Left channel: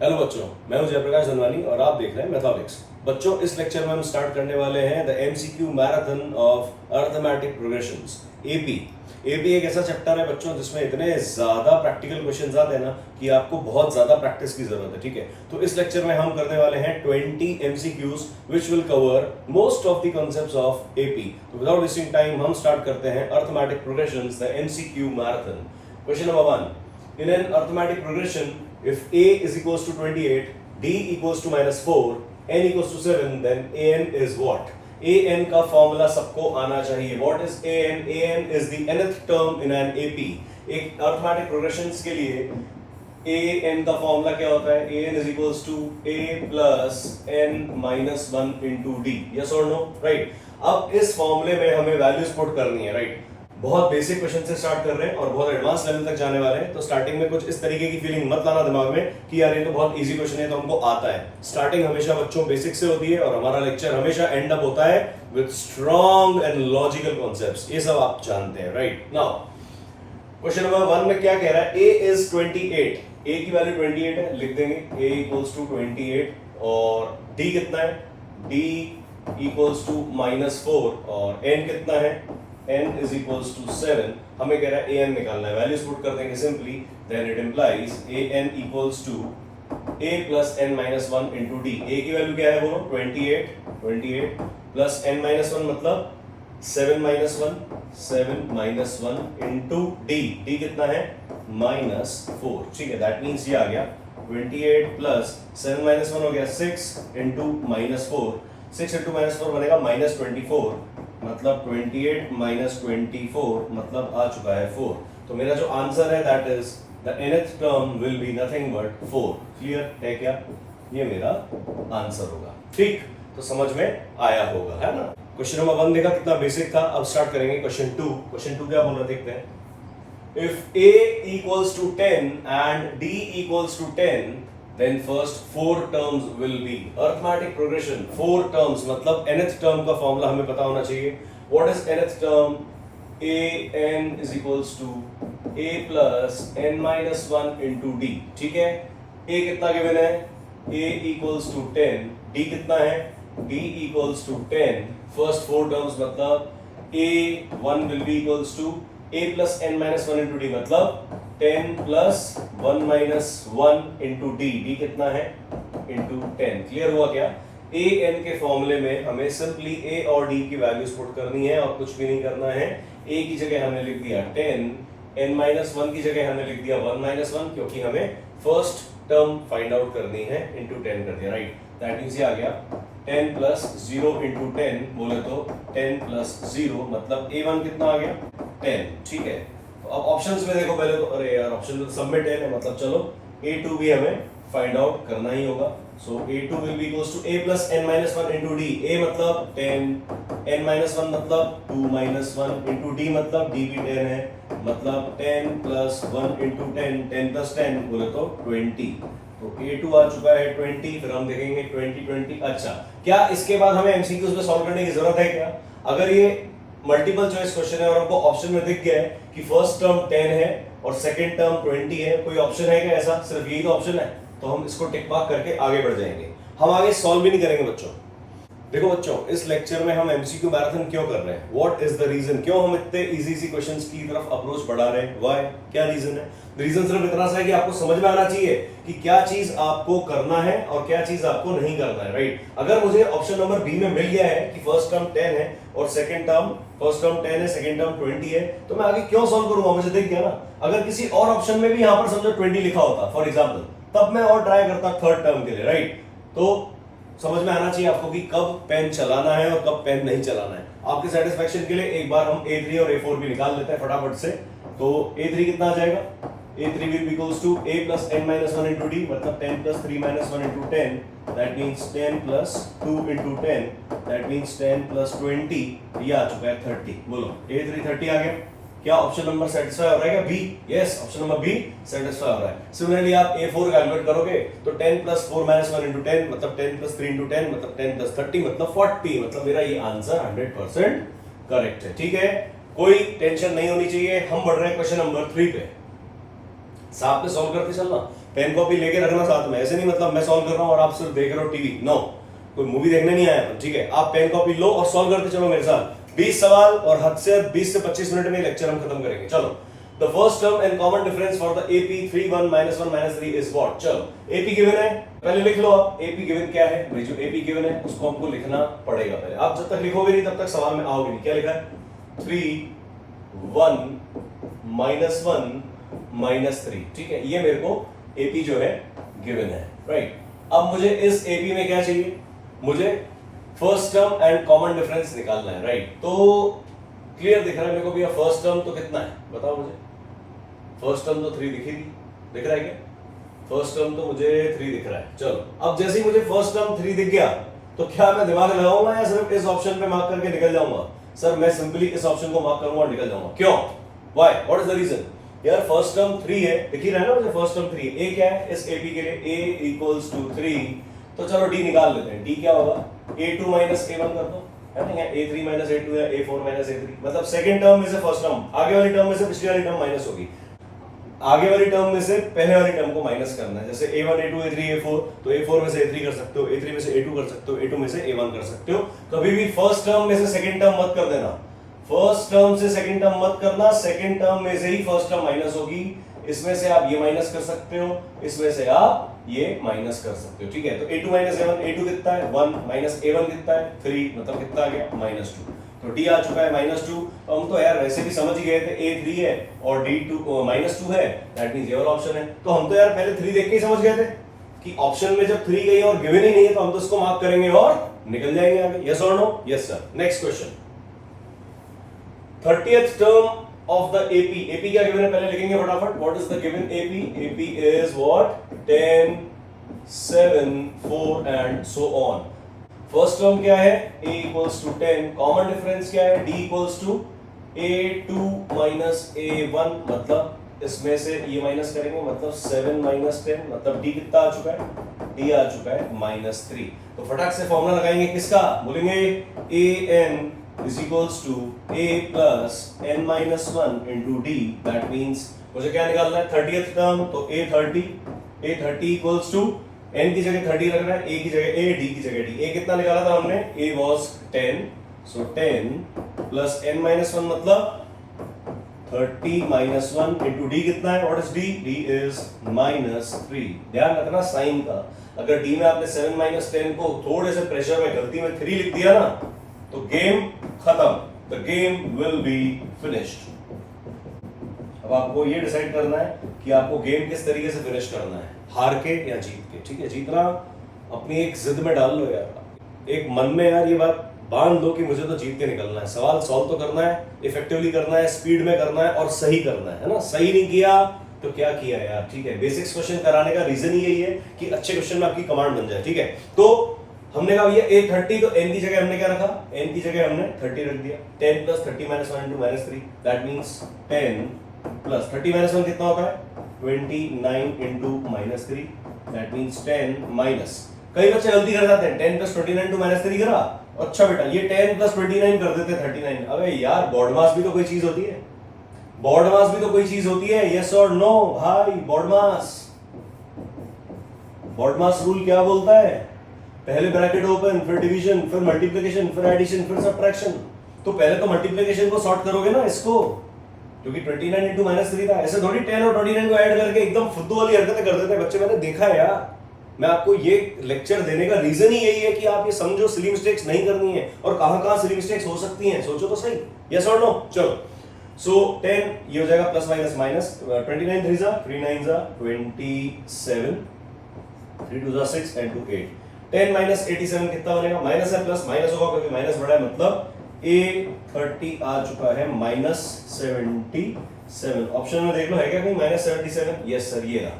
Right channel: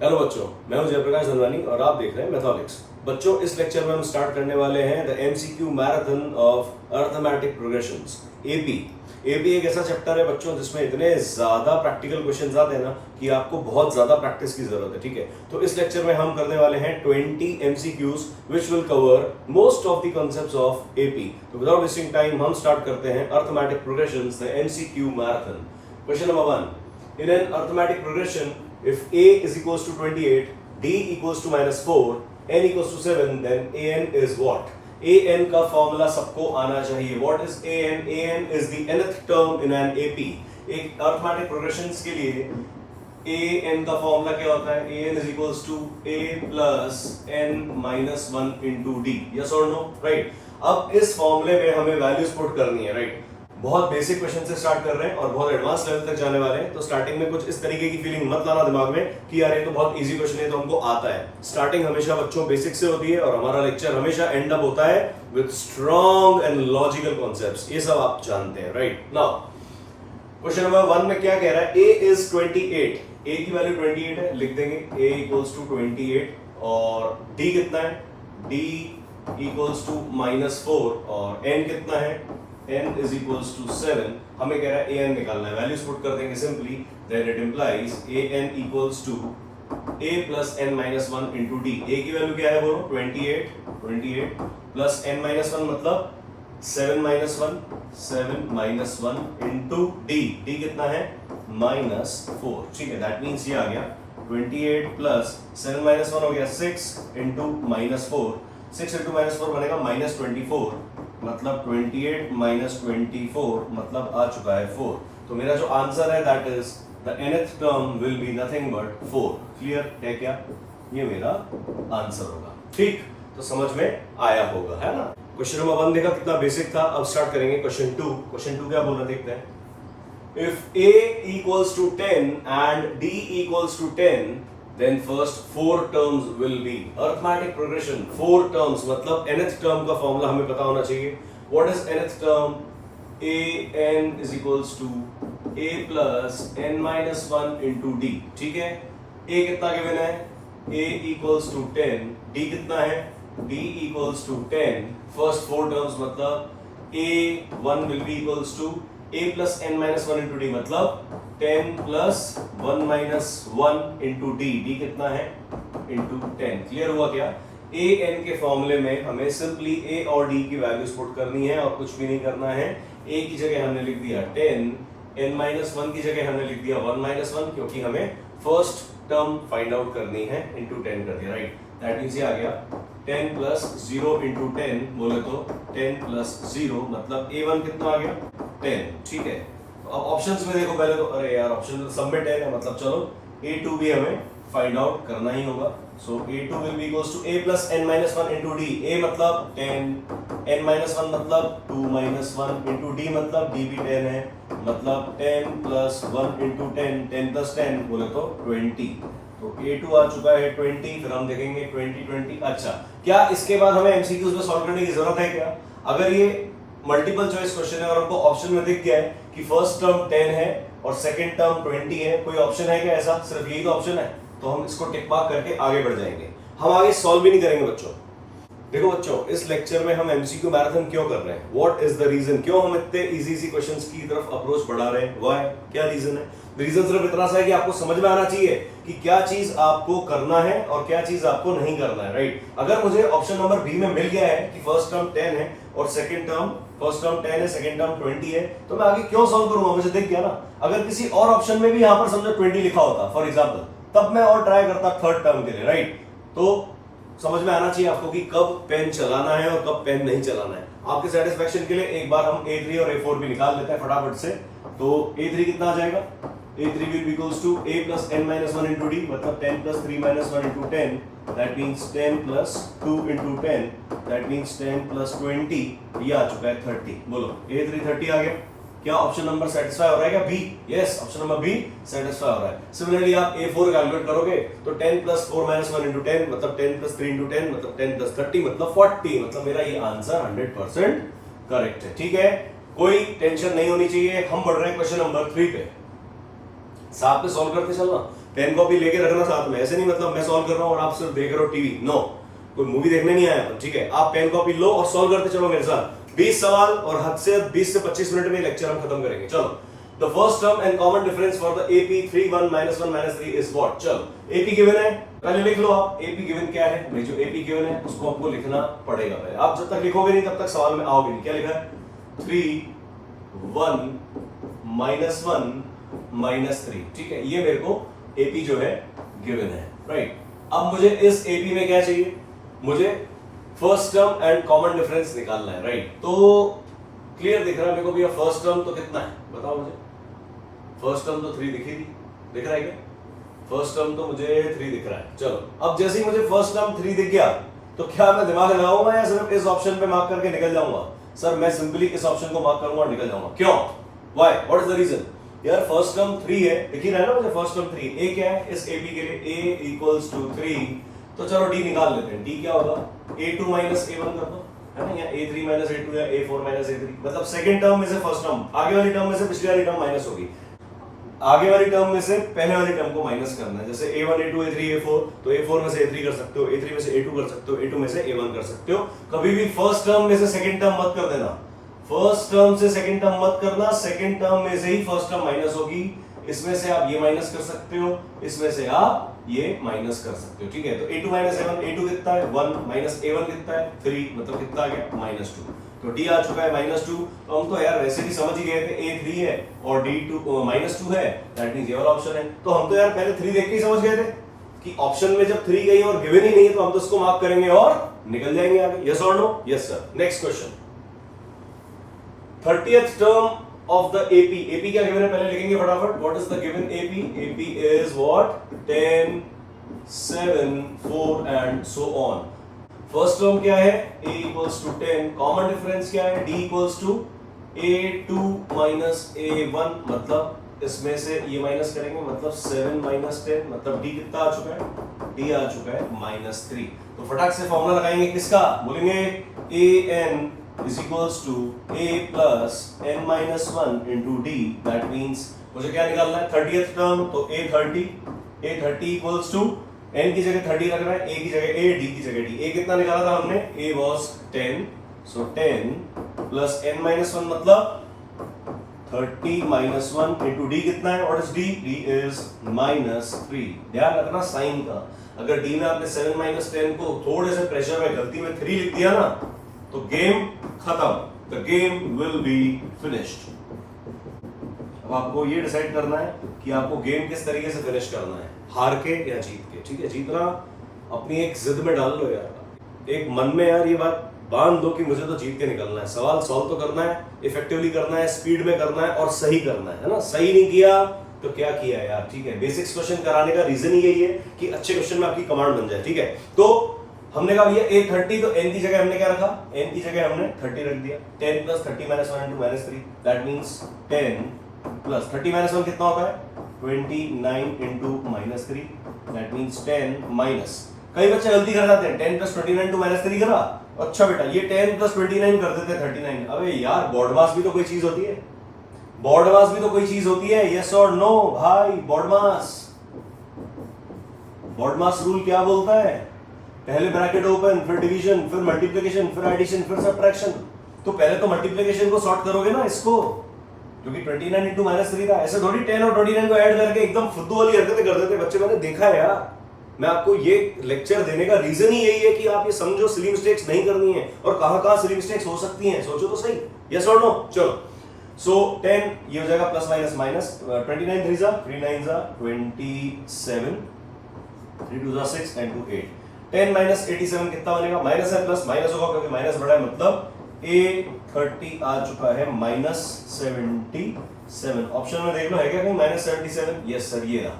Hello बच्चों, मैं हूं जयप्रकाश धनवानी और आप देख रहे हैं मैथमेटिक्स। बच्चों, इस लेक्चर में हम स्टार्ट करने वाले हैं the MCQ marathon of arithmetic progressions, AP. AP एक ऐसा चैप्टर है बच्चों जिसमें इतने ज्यादा प्रैक्टिकल क्वेश्चंस आते हैं ना कि आपको बहुत ज्यादा प्रैक्टिस की जरूरत है। ठीक है, तो इस लेक्चर में हम करने वाले हैं 20 MCQs which will cover most of the concepts of AP. तो विदाउट वेस्टिंग टाइम हम स्टार्ट करते हैं arithmetic progressions, the MCQ marathon. Question number 1, in an arithmetic progression if a is equals to 28, d equals to -4, n equals to 7, then an is what? an का formula सबको आना चाहिए। What is an? an is the nth term in an AP। एक arithmetic progressions के लिए an का formula क्या होता है? an is equals to a plus n minus 1 into d। Yes or no? Right। अब इस फॉर्मूले में हमें वैल्यूज पुट करनी है, राइट। बहुत बेसिक क्वेश्चन से स्टार्ट कर रहे हैं और बहुत एडवांस लेवल तक जाने वाले हैं। तो स्टार्टिंग में कुछ इस तरीके की फीलिंग मत लाना दिमाग में कि यार ये तो बहुत इजी क्वेश्चन है, तो हमको आता है। स्टार्टिंग हमेशा बच्चों बेसिक से होती है और हमारा लेक्चर हमेशा एंड अप होता है with strong and logical concepts. ये सब आप जानते हैं, राइट। नाउ क्वेश्चन नंबर 1 में क्या कह रहा है? a is 28, a की वैल्यू 28 है, लिख देंगे a equals to 28। और d कितना है? d equals to -4 और n कितना है? n is equals to 7। हमें कह रहा है an निकालना है, वैल्यूज पुट कर देंगे simply. Then it implies an equals to a plus n minus 1 into d। a की वैल्यू क्या है बोलो? 28 plus n minus 1 मतलब 7 minus 1 into d। d कितना है? -4। ठीक है, दैट मीन्स ये आ गया 28 plus 7 minus 1 हो गया 6 into -4। 6 into -4 बनेगा -24, मतलब 28 minus 24 मतलब आ चुका है 4। तो मेरा जो आंसर है that is the nth term will be nothing but 4। Clear है क्या? ये मेरा आंसर होगा। ठीक, तो समझ में आया होगा, है ना। क्वेश्चन नंबर 1 देखा कितना बेसिक था। अब स्टार्ट करेंगे क्वेश्चन 2। क्वेश्चन 2 क्या बोल रहा देखते हैं। If a equals to 10 and d equals to 10, then first 4 terms will be arithmetic progression। 4 terms मतलब nth term का फॉर्मूला हमें पता होना चाहिए। What is nth term? an is equals to a plus n minus 1 into d। ठीक है, a कितना given है? a equals to 10, d कितना है? d equals to 10। first 4 terms मतलब a1 will be equals to a plus n minus 1 into d मतलब 10 plus 1 minus 1 into d। d कितना है? into 10। क्लियर हुआ क्या? a n के फॉर्मूले में हमें सिंपली a और d की वैल्यूज पुट करनी है और कुछ भी नहीं करना है। a की जगह हमने लिख दिया 10, n minus 1 की जगह हमने लिख दिया 1 minus 1, क्योंकि हमें फर्स्ट टर्म फाइंड आउट करनी है। into 10 कर दिया, राइट। दैट मींस ये आ गया 10 plus 0 into 10 बोले तो 10 plus 0 मतलब a1 कितना आ गया? 10। ठीक है, तो अब ऑप्शंस में देखो पहले तो, अरे यार ऑप्शन तो सब में 10 है, मतलब चलो a2 भी हमें फाइंड आउट करना ही होगा। सो a2 will be equals to a plus n minus 1 into d। a मतलब 10, n minus 1 मतलब 2 minus 1 into d मतलब d भी 10 है, मतलब 10 plus 1 into 10, 10 plus 10 बोले तो 20। तो a2 आ चुका है 20। फिर हम देखेंगे 20। अच्छा, क्या इसके बाद हमें एमसीक्यूज में सॉल्व करने की जरूरत है क्या? अगर ये मल्टीपल चॉइस क्वेश्चन है और आपको ऑप्शन में दिख गया है कि फर्स्ट टर्म 10 है और सेकंड टर्म 20 है, कोई ऑप्शन है क्या ऐसा? सिर्फ यही तो ऑप्शन है, तो हम इसको टिक मार्क करके आगे बढ़ जाएंगे। हम आगे सॉल्व भी नहीं करेंगे बच्चों। देखो बच्चों, इस लेक्चर में हम एमसीक्यू मैराथन क्यों कर रहे हैं? What is the reason? क्यों हम इतने इजी क्वेश्चंस की तरफ अप्रोच बढ़ा रहे हैं? व्हाई? क्या रीजन है? रीजन सिर्फ इतना सा है कि आपको समझ में आना चाहिए कि क्या चीज आपको करना है और क्या चीज आपको नहीं करना है, राइट। अगर मुझे ऑप्शन नंबर बी में मिल गया है कि फर्स्ट टर्म 10 है और सेकंड टर्म, फर्स्ट टर्म 10 है, सेकंड टर्म 20 है, तो मैं आगे क्यों सॉल्व करूंगा? मुझे दिख गया ना। अगर किसी और ऑप्शन में भी यहां पर समझो 20 लिखा होता फॉर एग्जांपल, तब मैं और ट्राई करता थर्ड टर्म के लिए, राइट। तो समझ में आना चाहिए आपको कि कब पेन चलाना है और कब पेन नहीं चलाना है। आपके सेटिस्फेक्शन के लिए एक बार हम a3 और a4 भी निकाल लेते हैं फटाफट से। तो a3 कितना आ जाएगा? a3 will be equals to a plus n minus 1 into d मतलब 10 plus 3 minus 1 into 10, that means 10 plus 2 into 10, that means 10 plus 20। ये आ चुका है 30। बोलो a3 30 आ गया। क्या ऑप्शन नंबर सेटिस्फाई हो रहा है क्या? B. Yes, option number B satisfy हो रहा है। सिमिलरली आप a4 कैलकुलेट करोगे तो 10 plus 4 minus 1 into 10 मतलब 10 plus 3 into 10 मतलब 10 plus 30 मतलब 40। मतलब मेरा ये आंसर 100% करेक्ट है। ठीक है, कोई टेंशन नहीं होनी चाहिए। हम बढ़ रहे हैं क्वेश्चन नंबर 3 पे। साथ में सॉल्व करते चलना। पेन कॉपी लेके रखना साथ में, ऐसे नहीं मतलब मैं सॉल्व कर रहा हूँ और आप सिर्फ देख रहे हो टीवी, नो, कोई मूवी देखने नहीं आया, ठीक है, आप पेन कॉपी लो और सॉल्व करते चलो मेरे साथ। 20 सवाल और हद से 20 से 25 मिनट में लेक्चर हम खत्म करेंगे। चलो, the first term and common difference for the AP 3 1 -1 -3 is what. चलो, AP गिवन है, पहले लिख लो आप AP गिवन क्या है भाई। जो AP गिवन है उसको हमको लिखना पड़ेगा पहले। आप जब तक लिखोगे नहीं तब तक सवाल में आओगे नहीं। क्या लिखा है? 3 1 -1 -3, ठीक है, ये मेरे को AP जो है गिवन है, राइट। अब मुझे इस AP में क्या चाहिए? मुझे first term and common difference निकालना है, राइट। तो क्लियर दिख रहा है मेरे को भैया, फर्स्ट टर्म तो कितना है बताओ मुझे। फर्स्ट टर्म तो 3 दिखेगी, दिख रहा है क्या? फर्स्ट टर्म तो मुझे 3 दिख रहा है। चलो, अब जैसे ही मुझे फर्स्ट टर्म 3 दिख गया तो क्या मैं दिमाग लगाऊंगा या सिर्फ इस ऑप्शन पे मार्क करके निकल जाऊंगा? सर मैं सिंपली इस ऑप्शन को मार्क करूंगा और निकल जाऊंगा। क्यों? Why? What is the reason? यार फर्स्ट टर्म 3 है, दिख ही रहा है ना मुझे फर्स्ट टर्म 3। ए क्या है इस AP के लिए? A equals to 3। तो चलो D निकाल लेते हैं। D क्या होगा? A2 माइनस A1 कर दो, है ना, या A3 माइनस A2 या A4 माइनस A3, मतलब सेकंड टर्म में से फर्स्ट टर्म, आगे वाली टर्म में से पिछली वाली टर्म माइनस होगी, आगे वाली टर्म में से पहले वाली टर्म को माइनस करना है। जैसे A1 A2 A3 A4, तो A4 में से A3 कर सकते हो, A3 में से A2 कर सकते हो, A2 में से A1 कर सकते हो। कभी भी फर्स्ट टर्म में से सेकंड टर्म मत कर देना, फर्स्ट टर्म से सेकंड टर्म मत करना, सेकंड टर्म में से ही फर्स्ट टर्म माइनस होगी। इसमें से आप ये माइनस कर सकते हो, इसमें से आप ये माइनस कर सकते हो, ठीक है। तो A2 माइनस A1, A2 कितना है 1, माइनस A1 कितना है 3, मतलब कितना आ गया -2। तो D आ चुका है -2। हम तो यार वैसे भी समझ ही गए थे A3 है और D2 -2 है, दैट मींस ये वाला ऑप्शन है। तो हम तो यार पहले 3 देख के ही समझ गए थे कि ऑप्शन में जब 3 गई और गिवन ही नहीं है तो हम तो इसको मार्क करेंगे और निकल जाएंगे आगे। यस और no? Yes sir. Next question, 30th term of the AP क्या गिवन है पहले लिखेंगे फटाफट। What is the given AP? AP is what? 10 7 4 and so on। First term क्या है? A equals to 10। Common difference क्या है? D equals to A2 minus A1, मतलब इसमें से ये माइनस करेंगे, मतलब 7 minus 10, मतलब D कितना आ चुका है? D आ चुका है -3। तो फटाक से फॉर्मूला लगाएंगे किसका? बोलेंगे AN is equals to A plus N minus 1 into D। That means मुझे क्या निकालना है? 30th टर्म, तो A30 equals to N की जगह 30 रखना है, A की जगह A, D की जगह D। A कितना निकाला था हमने? A was 10, so 10 plus N minus 1 मतलब 30 minus 1 into D कितना है? What is D? D is -3। ध्यान रखना साइन का, अगर D में आपने 7 minus 10 को थोड़े से प्रेशर में गलती में 3 लिख दिया ना तो गेम खत्म, the game will be finished. अब आपको ये डिसाइड करना है कि आपको गेम किस तरीके से फिनिश करना है, हार के या जीत के, ठीक है। जीतना अपनी एक जिद में डाल लो यार, एक मन में यार ये बात बांध दो कि मुझे तो जीत के निकलना है। सवाल सॉल्व तो करना है, इफेक्टिवली करना है, स्पीड में करना है और सही करना है ना। सही नहीं किया तो क्या किया यार, ठीक है। बेसिक्स क्वेश्चन कराने का रीजन ही यही है कि अच्छे क्वेश्चन में आपकी कमांड बन जाए, ठीक है। तो हमने कहा भैया A30, तो N की जगह हमने क्या रखा? N की जगह हमने 30 रख दिया। 10 plus 30 minus 1 into -3, that means 10 plus 30 minus 1 कितना होता है? 29 into -3, that means 10 minus। कई बच्चे गलती कर जाते हैं, 10 plus 29 into -3 करा, अच्छा बेटा ये 10 plus 29 कर देते 39। अबे यार बोर्ड मास भी तो कोई चीज होती है, बोर्ड मास भी तो कोई चीज होती है। यस और नो भाई? बोर्ड मास रूल क्या बोलता है? पहले ब्रैकेट ओपन, फिर डिवीजन, फिर मल्टीप्लिकेशन, फिर एडिशन, फिर सब्ट्रैक्शन। तो पहले तो मल्टीप्लिकेशन को सॉर्ट करोगे ना इसको, क्योंकि 29 into -3 था। ऐसे थोड़ी 10 और 29 को ऐड करके एकदम फुद्दू वाली हरकतें कर देते बच्चे, मैंने देखा है यार। मैं आपको ये लेक्चर देने का रीजन ही यही है कि आप ये समझो सिली मिस्टेक्स नहीं करनी है, और कहां-कहां सिली मिस्टेक्स हो सकती हैं सोचो तो सही। यस और नो? चलो, सो 10 ये हो जाएगा प्लस माइनस माइनस, 29 3 जा 3 9 जा 27, 3 2 जा 6 and 2 8। 10 minus 87 कितना बनेगा? माइनस है प्लस माइनस होगा क्योंकि माइनस बड़ा है, मतलब A30 आ चुका है -77। ऑप्शन में देख लो है क्या कहीं -77? यस सर, ये रहा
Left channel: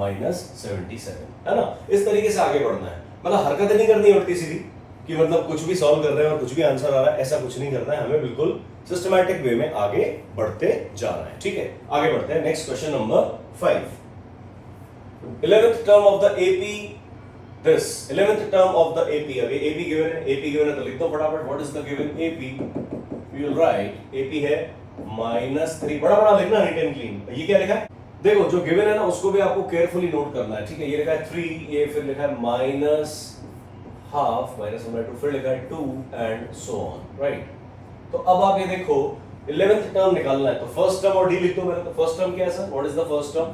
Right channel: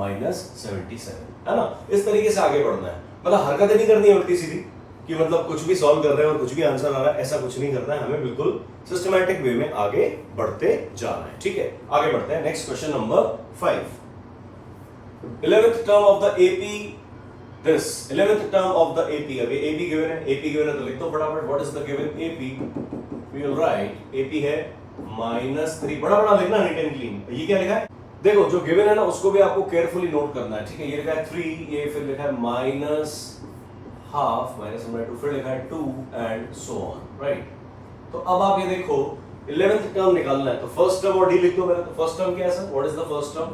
-77, है ना। इस तरीके से आगे बढ़ना है, मतलब हरकतें नहीं करनी है उल्टी सीधी कि मतलब कुछ भी सॉल्व कर रहे हैं और कुछ भी आंसर आ रहा है, ऐसा कुछ नहीं करना है। हमें बिल्कुल सिस्टमैटिक वे में आगे बढ़ते जाना है, ठीक है। आगे बढ़ते हैं, next question number 5। 11th term of the AP, this 11th term of the AP। अभी AP given है, AP given है तो लिख दो फटाफट। what is the given AP? we will write AP है -3, बड़ा बड़ा लिखना नीट एंड क्लीन। ये क्या लिखा है? देखो जो गिवन है ना उसको भी आपको केयरफुली नोट करना है, ठीक है। ये लिखा है 3, ये फिर लिखा है माइनस हाफ, माइनस 1/2, फिर लिखा है 2 एंड सो ऑन, राइट। तो अब आप ये देखो 11th टर्म निकालना है, तो फर्स्ट टर्म और डी लिख दो मेरे। तो फर्स्ट टर्म क्या है sir, what is the first term,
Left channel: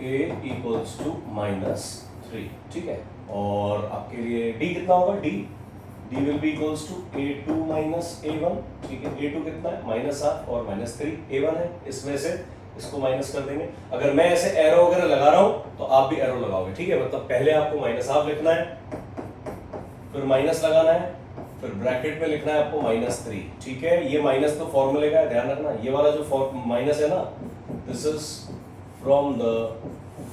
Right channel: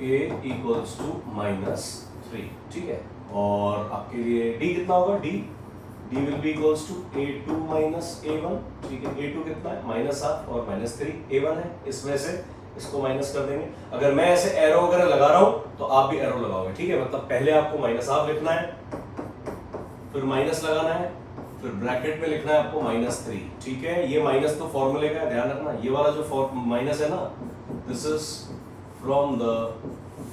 a equals to -3, ठीक है। और आपके लिए d कितना होगा, d will be equals to a2 minus a1, ठीक है। a2 कितना है, -1/2 और -3, a1 है, इस वजह से इसको माइनस कर देंगे। अगर मैं ऐसे एरो वगैरह लगा रहा हूं तो आप भी एरो लगाओगे, ठीक है। मतलब पहले आपको -1/2 लिखना है, फिर माइनस लगाना है, फिर ब्रैकेट में लिखना है आपको -3, ठीक है। ये माइनस तो फॉर्मूले का है, ध्यान रखना। ये वाला जो माइनस है ना, this is from the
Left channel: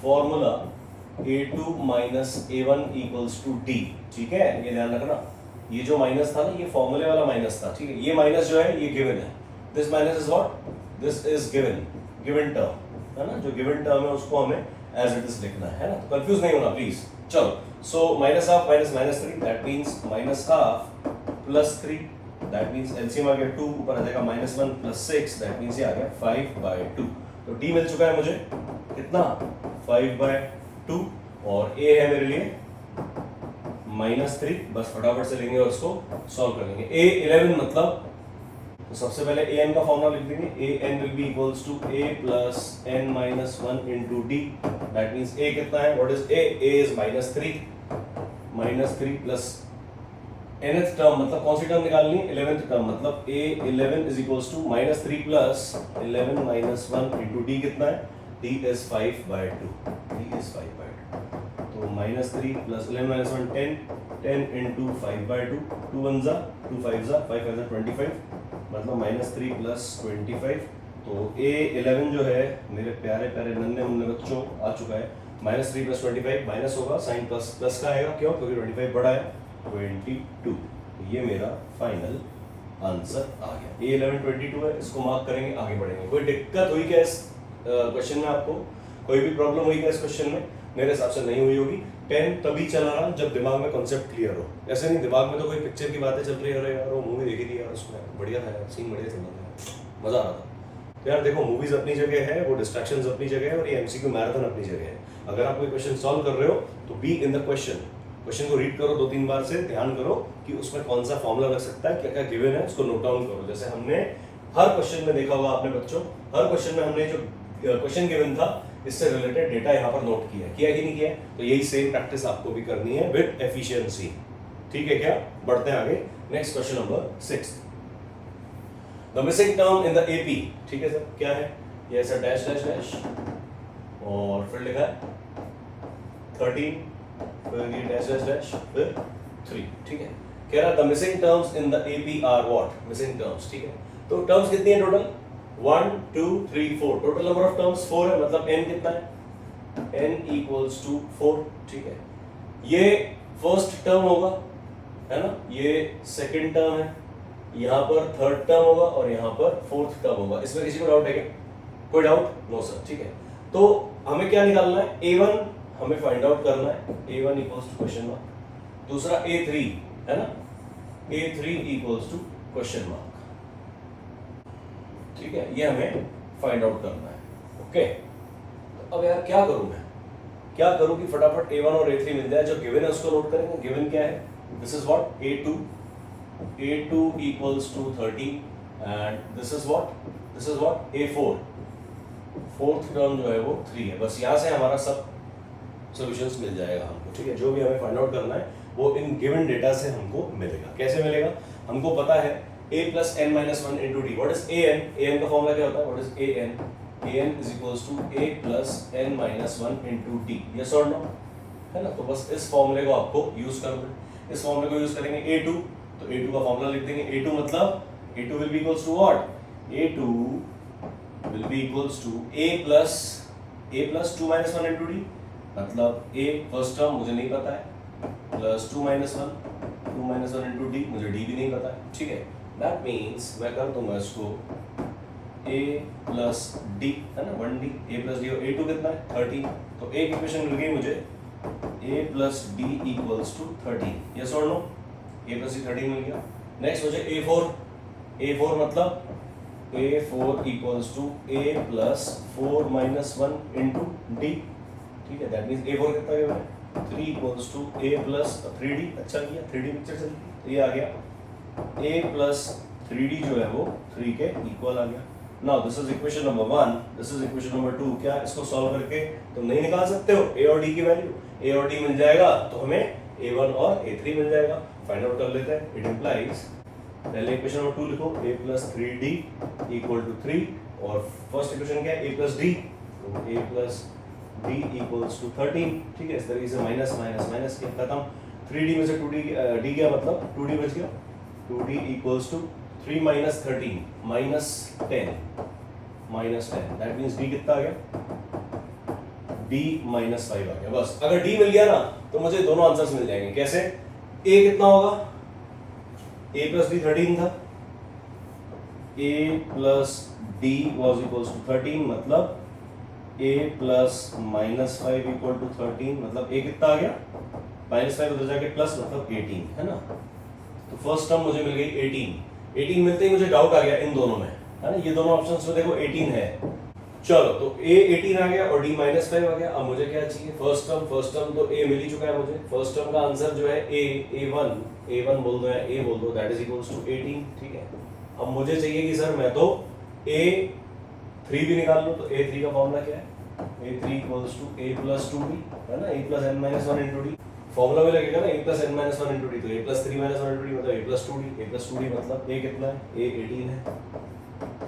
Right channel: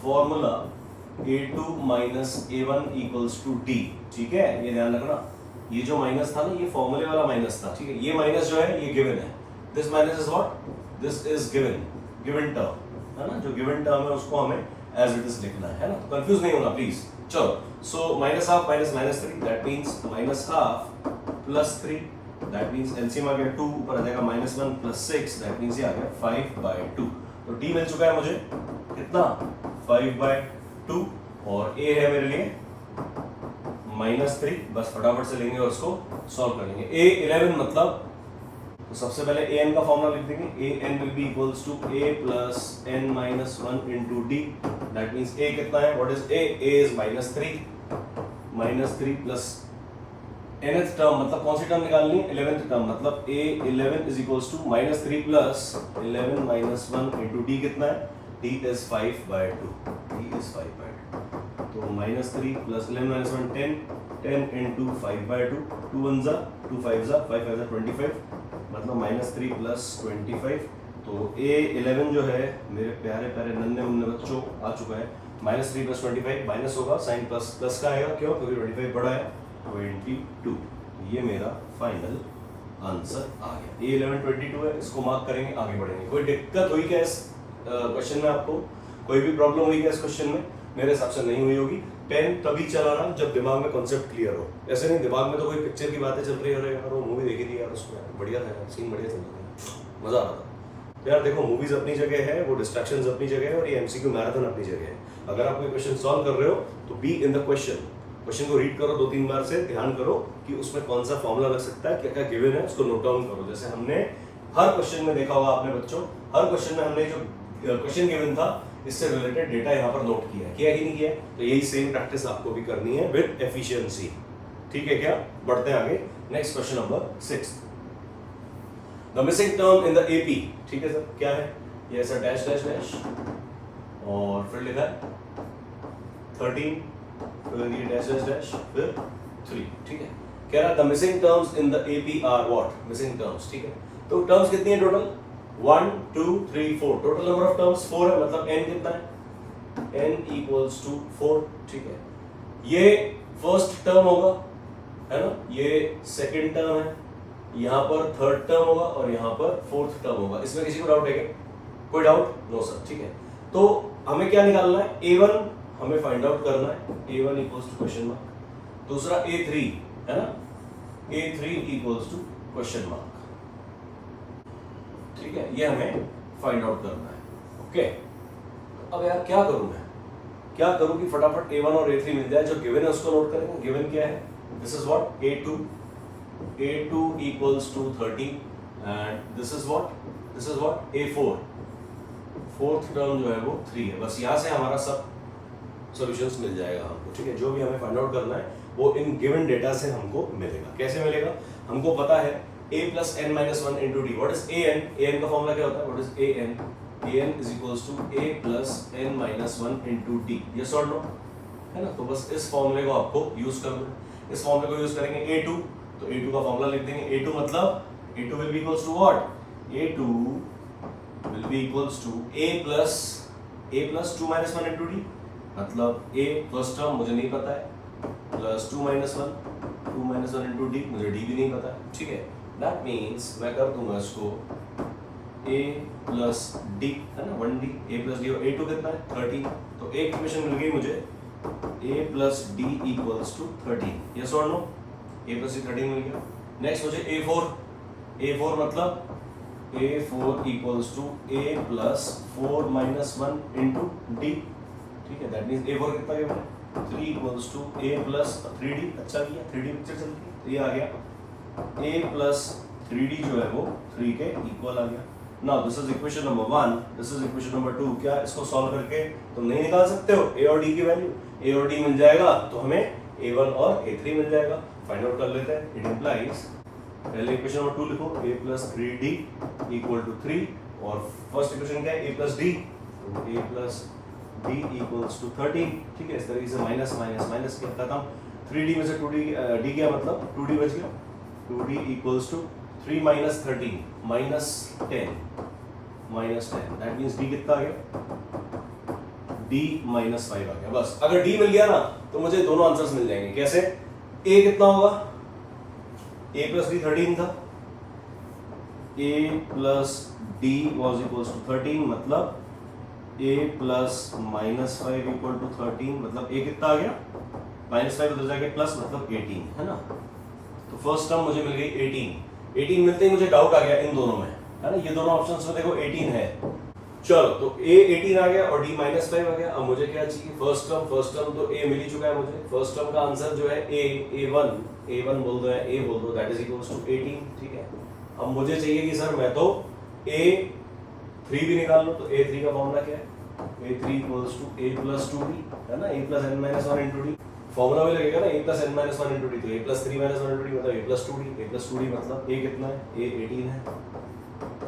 formula a2 minus a1 equals to d, ठीक है। ये ध्यान रखना, ये जो माइनस था ना ये फॉर्मूले वाला माइनस था, ठीक है। ये माइनस जो है ये गिवन है, this minus is what, this is given term, है ना। जो गिवन टर्म है उसको हमें एज इट इज लिखना है ना। तो कंफ्यूज नहीं होना प्लीज। चलो, so -1/2 minus -3, that means -1/2 plus 3, that means LCM आ गया 2, ऊपर आ जाएगा -1 प्लस 6, दैट मींस ये आ गया 5/2। तो d मिल चुका है मुझे कितना, 5/2, और a है मेरे लिए -3। बस फटाफट से लेंगे और उसको सॉल्व करेंगे। a11 मतलब, तो सबसे पहले an का फॉर्मूला लिख देंगे, an will be equals to a plus n minus 1 into d, that means a कितना है, what is a is -3 plus nth term, मतलब कौन सी टर्म निकालनी है, 11th टर्म, मतलब a11 is equals to -3 plus 11 minus 1 into d कितना है, d is 5/2, d is 5/2। तो -3 plus 11 minus 1 10 into 5/2, 2 1 जा 2 5 जा 5 5 जा 25, मतलब -3 plus 25। तो a11 जो है मेरे प्यारे प्यारे नन्हे मुन्ने बच्चों आ चुका है, -3 plus 25 माइनस होगा, साइन प्लस का आएगा, क्यों, क्योंकि 25 बड़ा है, 22। ये मेरा फाइनल आंसर आ गया। a11 22 है, इसको मार्क करेंगे, आगे बढ़ेंगे। कोई दिक्कत हुई क्या इस क्वेश्चन में, आपको कोई भी प्रॉब्लम हुई क्या इस क्वेश्चन में? मेरे हिसाब से नहीं हुई होगी। पेन तभी चलाना जब दिमाग में कॉन्सेप्ट क्लियर हो, ऐसे नहीं दिमाग में तो कोई पिक्चर की बातें चल रही है, अरे यार वो मूवी देखी थी यार, उसमें बढ़िया था, सीन बढ़िया चल रहा था, मजा आ रहा था। तो यार देखो, मूवीज अपनी जगह है, वो डिस्ट्रैक्शंस अपनी जगह है, और ये एमसीक्यू मैराथन अपनी जगह है। अगर आप कोई क्वेश्चन सॉल्व कर रहे हो तो बी इन द क्वेश्चन को रीड करो 2-3 बार से, ध्यान करो कि उसमें कौन सा फॉर्मूला लग सकता है, क्या क्या गिवन है, उसको नोट डाउन करो। जैसे हमने हर क्वेश्चन में देखा होगा आपने बच्चों, हर क्वेश्चन में हमने जो क्वेश्चन गिवन था इससे रिलेटेड डेटा यहाँ पर नोट किया कि नहीं किया। तो यही सेम प्रैक्टिस आपको भी करनी है विद एफिशिएंसी, ठीक है क्या। बढ़ते हैं आगे, next question number 6, the missing term in the AP, ठीक है सर, क्या है ये, ऐसा डैश डैश डैश और फिर लिखा है 13, फिर ये डैश डैश डैश, फिर 3, ठीक है। कह रहा the missing terms in the AP are what, missing terms, ठीक है। तो टर्म्स कितनी है total, 1 2 3 4, total number of terms 4 है, मतलब n कितना है, n इक्वल्स टू 4, ठीक है। ये फर्स्ट टर्म होगा, है ना, ये सेकंड टर्म है, यहाँ पर थर्ड टर्म होगा और यहाँ पर फोर्थ टर्म होगा। इसमें किसी को डाउट है क्या, कोई डाउट, नो सर, ठीक है। तो हमें क्या निकालना है, a1 हमें फाइंड आउट करना है, a1 equals to question mark, दूसरा a3 है ना, a3 equals to question mark, ठीक है। ये हमें फाइंड आउट करना है, ओके। अब यार क्या करूं मैं, क्या करूं कि फटाफट a1 और a3 मिल जाए, जो गिवन है उसको नोट करेंगे। गिवन क्या है, this is what, a2 equals to 30 and this is what a4, fourth term जो है वो 3 है। बस यहाँ से हमारा सब सॉल्यूशंस मिल जाएगा हमको, ठीक है। जो भी हमें फाइंड आउट करना है वो इन गिवन डेटा से हमको मिलेगा। कैसे मिलेगा, हमको पता है a plus n minus 1 into d, what is an, an का फॉर्मूला क्या होता है, what is an is equals to a plus n minus 1 into d, yes or no, है ना। तो बस इस फॉर्मूले को आपको यूज करना है, इस फॉर्मूले को यूज करेंगे a2, तो a2 का फॉर्मूला लिख देंगे, a2 मतलब a2 will be equals to what, a2 will be equals to a plus 2 minus 1 into d, मतलब a फर्स्ट टर्म मुझे नहीं पता है, प्लस 2 minus 1 into d, मुझे d भी नहीं पता है, ठीक है। That means मैं कर दूंगा इसको a plus d, है ना, 1d, a plus d, और a2 कितना है 30, तो एक इक्वेशन मिल गई मुझे, a plus d equals to 13, yes or no, a plus d 13 मिल गया। नेक्स्ट मुझे a4 मतलब A4 equals to A plus 4 minus 1 into D, ठीक है, दैट मीन्स A4 कितना गया 3 equals to A plus 3D, अच्छा किया 3D पिक्चर चल रही है, ये आ गया A प्लस 3D जो है वो 3 के इक्वल आ गया। Now this is equation number 1, this is equation number 2। क्या इसको सॉल्व करके तुम नहीं निकाल सकते हो A और D की वैल्यू? A और D मिल जाएगा तो हमें A1 और A3 मिल जाएगा, फाइंड आउट कर लेते हैं। इट इंप्लाइज, पहले इक्वेशन नंबर 2 लिखो, A plus 3D equal to 3, और फर्स्ट इक्वेशन क्या है A प्लस D, तो A plus D equals to 13, ठीक है, इस तरीके से माइनस माइनस माइनस के खत्म। 3D में से 2D D गया, मतलब 2D बच गया, 2D equals to 3 minus 13 minus 10, that means D कितना आ गया, D माइनस 5 आ गया। बस अगर D मिल गया ना तो मुझे दोनों आंसर्स मिल जाएंगे। कैसे? A कितना होगा, A प्लस D 13 था, A plus D was equals to 13, मतलब A plus minus 5 equal to 13, मतलब A कितना आ गया, माइनस 5 उधर जाके प्लस, मतलब 18, है ना। तो फर्स्ट टर्म मुझे मिल गई 18 मिलते ही मुझे डाउट आ गया इन दोनों में, है ना, ये दोनों ऑप्शंस में देखो 18 है। चलो तो A 18 आ गया और D माइनस 5 आ गया। अब मुझे क्या चाहिए, फर्स्ट टर्म तो A मिल ही चुका है मुझे। फर्स्ट टर्म का आंसर जो है A1 बोल दो या A बोल दो, दैट इज इक्वल्स टू 18, ठीक है। अब मुझे चाहिए कि सर मैं तो A3 भी निकाल लो, तो A3 का फॉर्मूला क्या है, A3 equals to A plus 2D, है ना, A plus n minus 1 into D, formula में लगेगा ना A plus n minus 1 into D, तो A plus 3 minus 1 into D मतलब A प्लस 2D, मतलब A कितना है, A 18 है,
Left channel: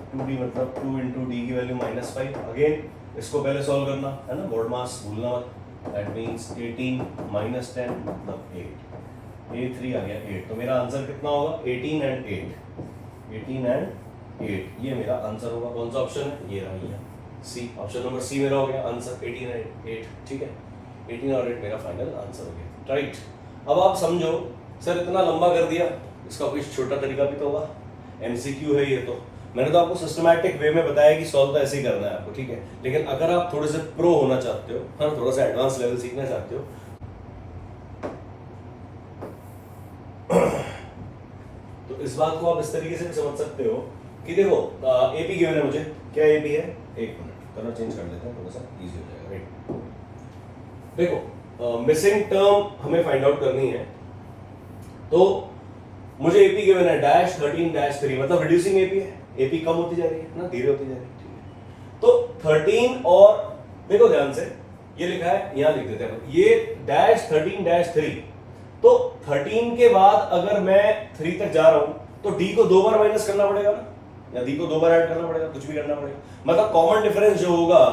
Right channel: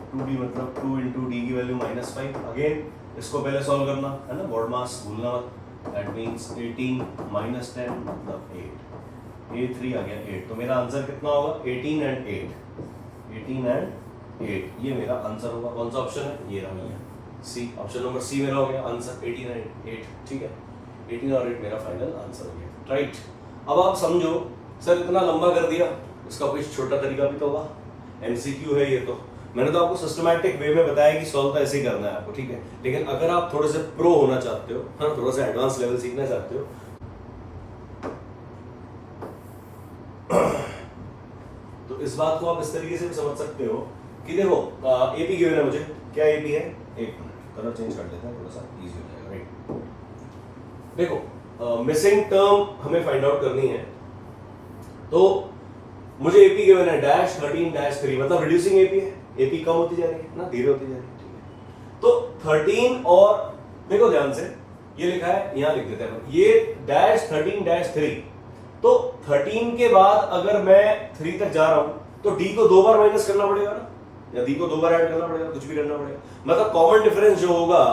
2D मतलब 2 इंटू D की वैल्यू माइनस 5। अगेन इसको पहले सॉल्व करना, है ना, बोर्ड मास भूलना मत, दैट मीन्स 18 माइनस 10 मतलब 8, A3 आ गया 8, तो मेरा आंसर कितना होगा, 18 एंड 8, ये मेरा आंसर होगा। कौन सा ऑप्शन है, ये रहा, ये सी, ऑप्शन नंबर सी मेरा हो गया आंसर, 18 एंड 8, ठीक है, 18 और 8 मेरा फाइनल आंसर हो गया, राइट। अब आप समझो सर इतना लंबा कर दिया, इसका कोई छोटा तरीका भी तो होगा, एमसीक्यू है ये, तो मैंने तो आपको सिस्टमैटिक वे में बताया कि सॉल्व तो ऐसे ही करना है आपको, ठीक है। लेकिन अगर आप थोड़े से प्रो होना चाहते हो, हाँ, थोड़ा सा एडवांस लेवल सीखना चाहते हो, तो इस बात को आप इस तरीके से भी समझ सकते हो कि देखो एपी गिवन है मुझे, क्या एपी है, एक मिनट कलर चेंज कर लेते हैं, थोड़ा सा इजी हो जाएगा, राइट। देखो मिसिंग टर्म हमें फाइंड आउट करनी है, तो मुझे एपी गिवन है डैश 13 डैश 3, मतलब रिड्यूसिंग एपी है, एपी कम होती जा रही है ना, धीरे होती जा रही है, ठीक है। तो 13 और देखो ध्यान से, ये लिखा है, यहां लिख देते हैं, ये डैश 13 डैश 3, तो 13 के बाद अगर मैं 3 तक जा रहा हूं तो D को 2 बार माइनस करना पड़ेगा ना, या D को 2 बार ऐड करना पड़ेगा, कुछ भी करना पड़ेगा, मतलब कॉमन डिफरेंस जो होगा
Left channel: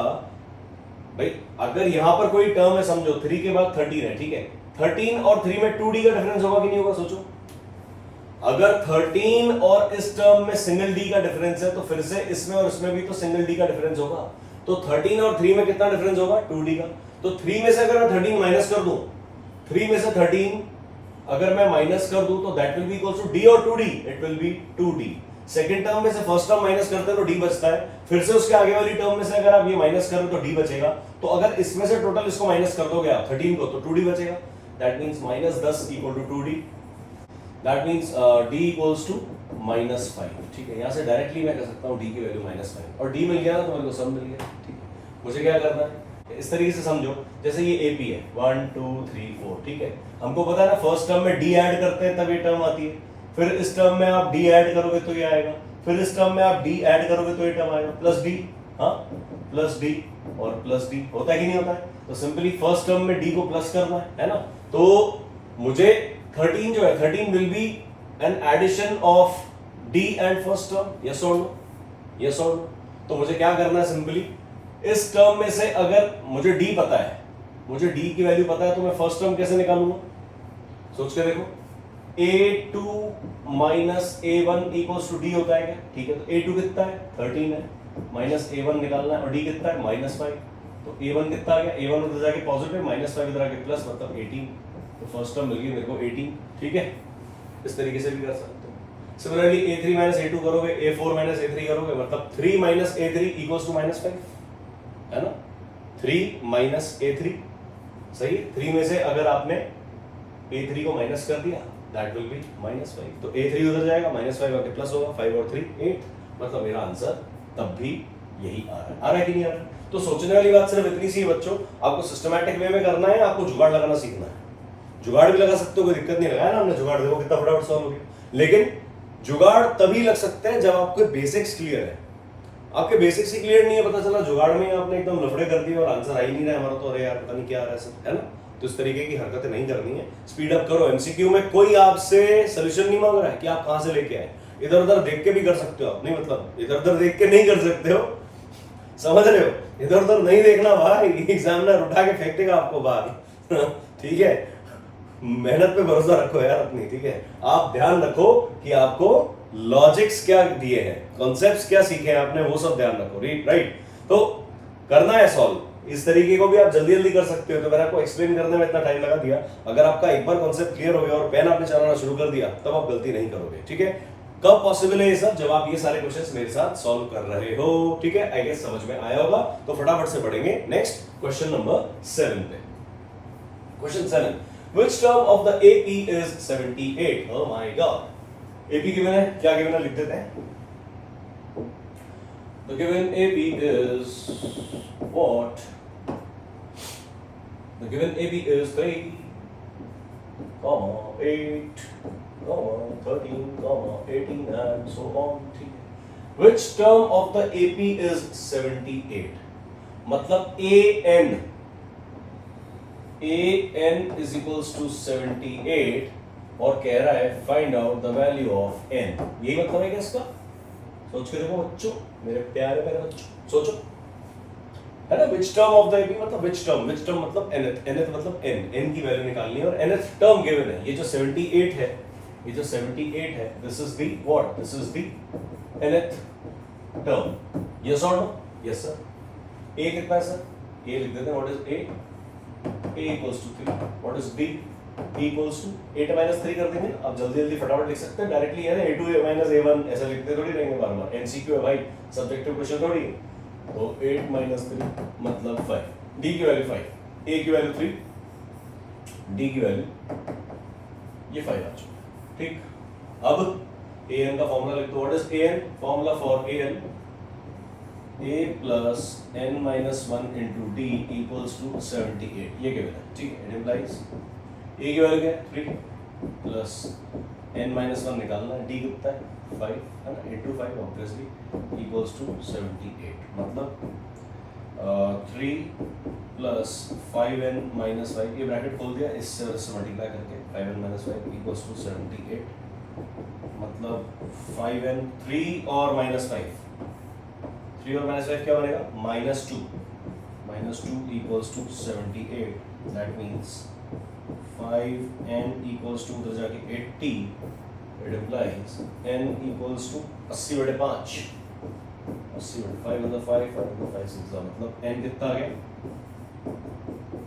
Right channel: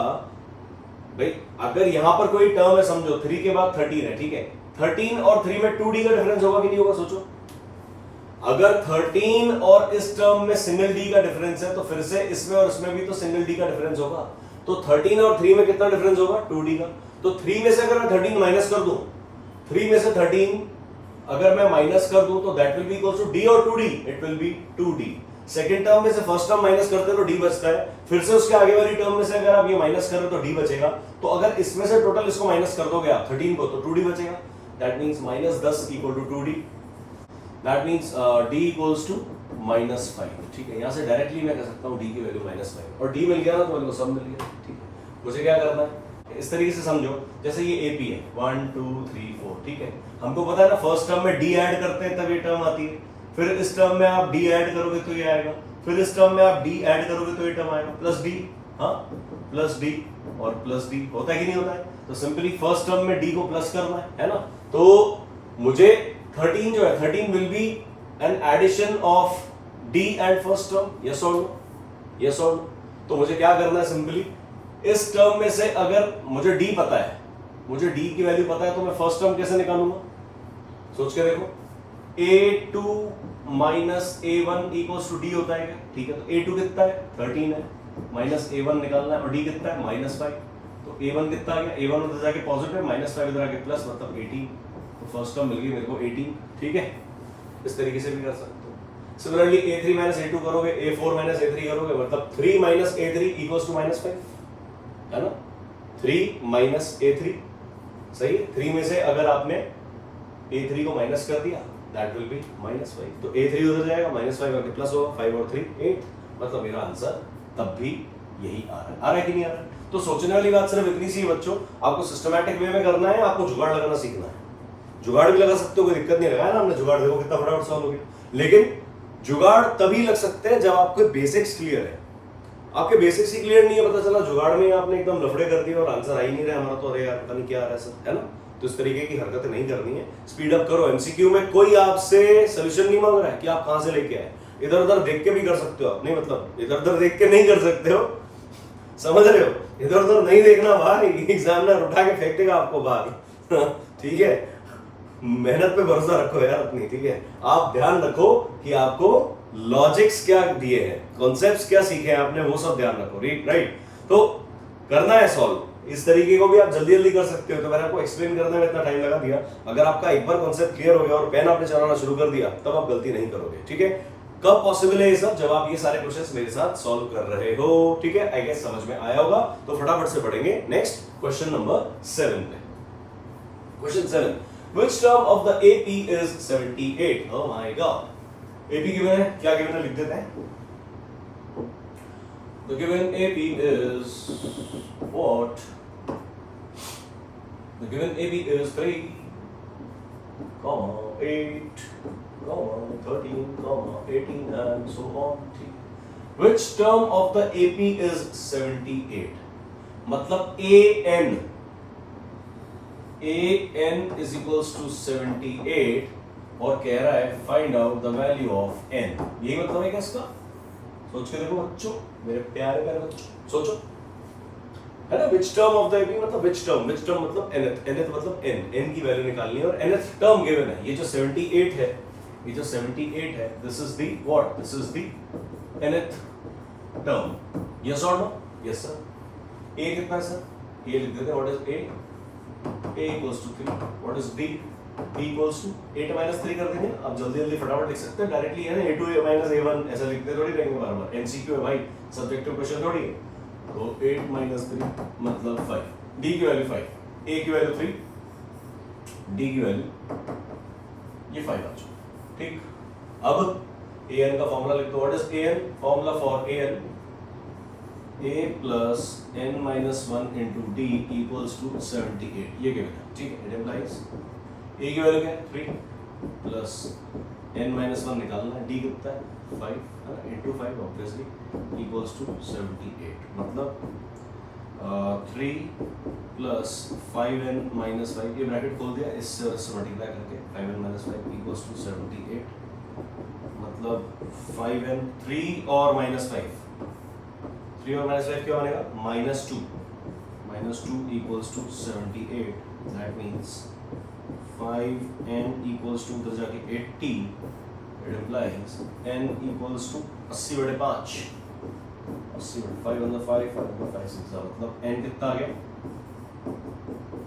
भाई, अगर यहां पर कोई टर्म है, समझो 3 के बाद 13 है, ठीक है, 13 और 3 में 2D का डिफरेंस होगा कि नहीं होगा, सोचो। अगर 13 और इस टर्म में सिंगल D का डिफरेंस है, तो फिर से इसमें और इसमें भी तो सिंगल D का डिफरेंस होगा, तो 13 और 3 में कितना डिफरेंस होगा, 2D का। तो 3 में से अगर मैं 13 माइनस कर दूं, 3 में से 13 अगर मैं माइनस कर दूं, तो that will be equals to D और 2D, it will be 2D। Second term में से फर्स्ट टर्म माइनस करते हैं तो D बचता है, फिर से उसके आगे वाली टर्म में से अगर आप ये माइनस करो तो D बचेगा, तो अगर इसमें से टोटल इसको माइनस कर दोगे आप 13 को, तो 2D बचेगा, that means minus 10 equal to 2D, that means D equals to minus 5, ठीक है। यहां से डायरेक्टली मैं कह सकता हूं D की वैल्यू माइनस 5, और D मिल गया ना तो मेरे को सब मिल गया, ठीक है। मुझे क्या करना है, इस तरीके से समझो, जैसे ये AP है 1 2 3 4, ठीक है, हमको पता है ना फर्स्ट टर्म में D ऐड करते हैं तब ये टर्म आती है, फिर इस टर्म में आप D ऐड करोगे तो ये आएगा, फिर इस टर्म में आप D ऐड करोगे तो ये टर्म आएगा, प्लस D, हाँ, प्लस D और प्लस D, होता है कि नहीं होता है। तो सिंपली फर्स्ट टर्म में D को प्लस करना है ना, तो मुझे 13 जो है, 13 will be an addition of D and first term, yes और नो, यस और नो। तो मुझे क्या करना है, सिंपली इस टर्म में से अगर मुझे D पता है, मुझे D की वैल्यू पता है, तो मैं फर्स्ट टर्म कैसे निकालूंगा, सोच के देखो, A2 minus A1 equals to D होता है क्या, ठीक है, तो A2 कितना है 13 है, माइनस A1 निकालना है, और D कितना है माइनस 5, तो A1 कितना आ गया, A1 उधर जाके पॉजिटिव, माइनस 5 इधर आके प्लस, मतलब 18, तो फर्स्ट टर्म मिल गई मेरे को 18, ठीक है। इस तरीके से भी कर सकते हो। सिमिलरली A3 माइनस A2 करोगे, A4 माइनस A3 करोगे, मतलब 3 minus A3 equals to minus 5, है ना, 3 माइनस A3, सही है। 3 में से अगर आपने A3 को माइनस कर दिया, दैट विल बी माइनस 5, तो A3 उधर जाएगा, माइनस 5 आके प्लस होगा, 5 और 3 8, मतलब मेरा आंसर तब भी यही आ रहा है कि नहीं आ रहा है? तो सोचने वाली बात सिर्फ इतनी सी बच्चों, आपको सिस्टमैटिक वे में करना है, आपको जुगाड़ लगाना सीखना है। जुगाड़ भी लगा सकते हो, कोई दिक्कत नहीं, लगाया ना हमने जुगाड़, देखो कितना फटाफट सॉल्व हो गया। लेकिन जुगाड़ तभी लग सकते हैं जब आपके बेसिक्स क्लियर है। आपके बेसिक्स ही क्लियर नहीं है, पता चला जुगाड़ में आपने एकदम लफड़े कर दिए और आंसर आ ही नहीं रहा है हमारा, तो अरे यार पता नहीं क्या आ रहा है सर, है ना? तो इस तरीके की हरकतें नहीं करनी है, स्पीड अप करो। एमसीक्यू में कोई आपसे सोल्यूशन नहीं मांग रहा है कि आप कहां से लेके आए, इधर उधर देख के भी कर सकते हो आप, नहीं मतलब इधर उधर देख के नहीं कर सकते हो, समझ रहे हो? इधर उधर नहीं देखना भाई, एग्जामिनर उठा के फेंक देगा आपको बाहर ठीक है, मेहनत पे भरोसा रखो यार अपनी, ठीक है? आप ध्यान रखो कि आपको लॉजिक्स क्या दिए हैं, कॉन्सेप्ट्स क्या सीखे हैं आपने, वो सब ध्यान रखो, राइट? तो करना है सॉल्व, इस तरीके को भी आप जल्दी जल्दी कर सकते हो। तो मैंने आपको एक्सप्लेन करने में इतना टाइम लगा दिया, अगर आपका एक बार कॉन्सेप्ट क्लियर हो गया और पेन आपने चलाना शुरू कर दिया, तब आप गलती नहीं करोगे, ठीक है? कब पॉसिबल है ये सब, जब आप ये सारे क्वेश्चंस मेरे साथ सॉल्व कर रहे हो, ठीक है? आई गेस समझ में आया होगा, तो फटाफट से बढ़ेंगे नेक्स्ट क्वेश्चन नंबर 7 पे। Question 7, which term of the AP is 78? oh my god, AP given है, क्या गिवन है लिख देते हैं। The given AP is what? The given AP is 3, 8, 13, 18 and so on. Which term of the AP is 78? मतलब AN is equals to 78 और कह रहा है find out the value of n। यही मतलब है क्या इसका? सोच के देखो बच्चों, मेरे प्यारे प्यारे बच्चों, सोचो, है ना? which term of the AP मतलब which term मतलब nth मतलब n की वैल्यू निकालनी है और nth टर्म गिवन है। ये जो 78 है, ये जो 78 है, this is the what? This is the nth term, yes or no? yes sir। a कितना है सर? a लिख देते हैं, what is a? a equals to 3, what is b? b equals to 8 minus 3 कर देंगे। अब जल्दी जल्दी फटाफट लिख सकते हैं डायरेक्टली, है ना? a2 minus a1 ऐसा लिखते थोड़ी रहेंगे बार बार, एमसीक्यू है भाई, सब्जेक्टिव क्वेश्चन थोड़ी है। तो 8 minus 3 मतलब 5, d की वैल्यू 5, a की वैल्यू 3, d की वैल्यू ये 5 आ चुका, ठीक? अब an का फॉर्मूला लिख दो, what is an? Formula for an, a plus n minus 1 into d equals to 78, ये गिवन है, ठीक है? इट इम्प्लाइज a की वैल्यू क्या है? 3 प्लस n minus 1 निकालना है, d कितना है? 5, है ना? into 5 ऑब्वियसली equals to 78, मतलब 3 प्लस 5n minus 5, ये ब्रैकेट खोल दिया, इससे मल्टीप्लाई करके 5n minus 5 equals to 78, मतलब 5n 3 और minus 5, 3 और minus 5 क्या बनेगा? -2 equals to 78, that means 5n equals to उधर जाके 80, it implies n equals to 80/5, 80/5 मतलब 5 और 5 6 मतलब n कितना आ गया?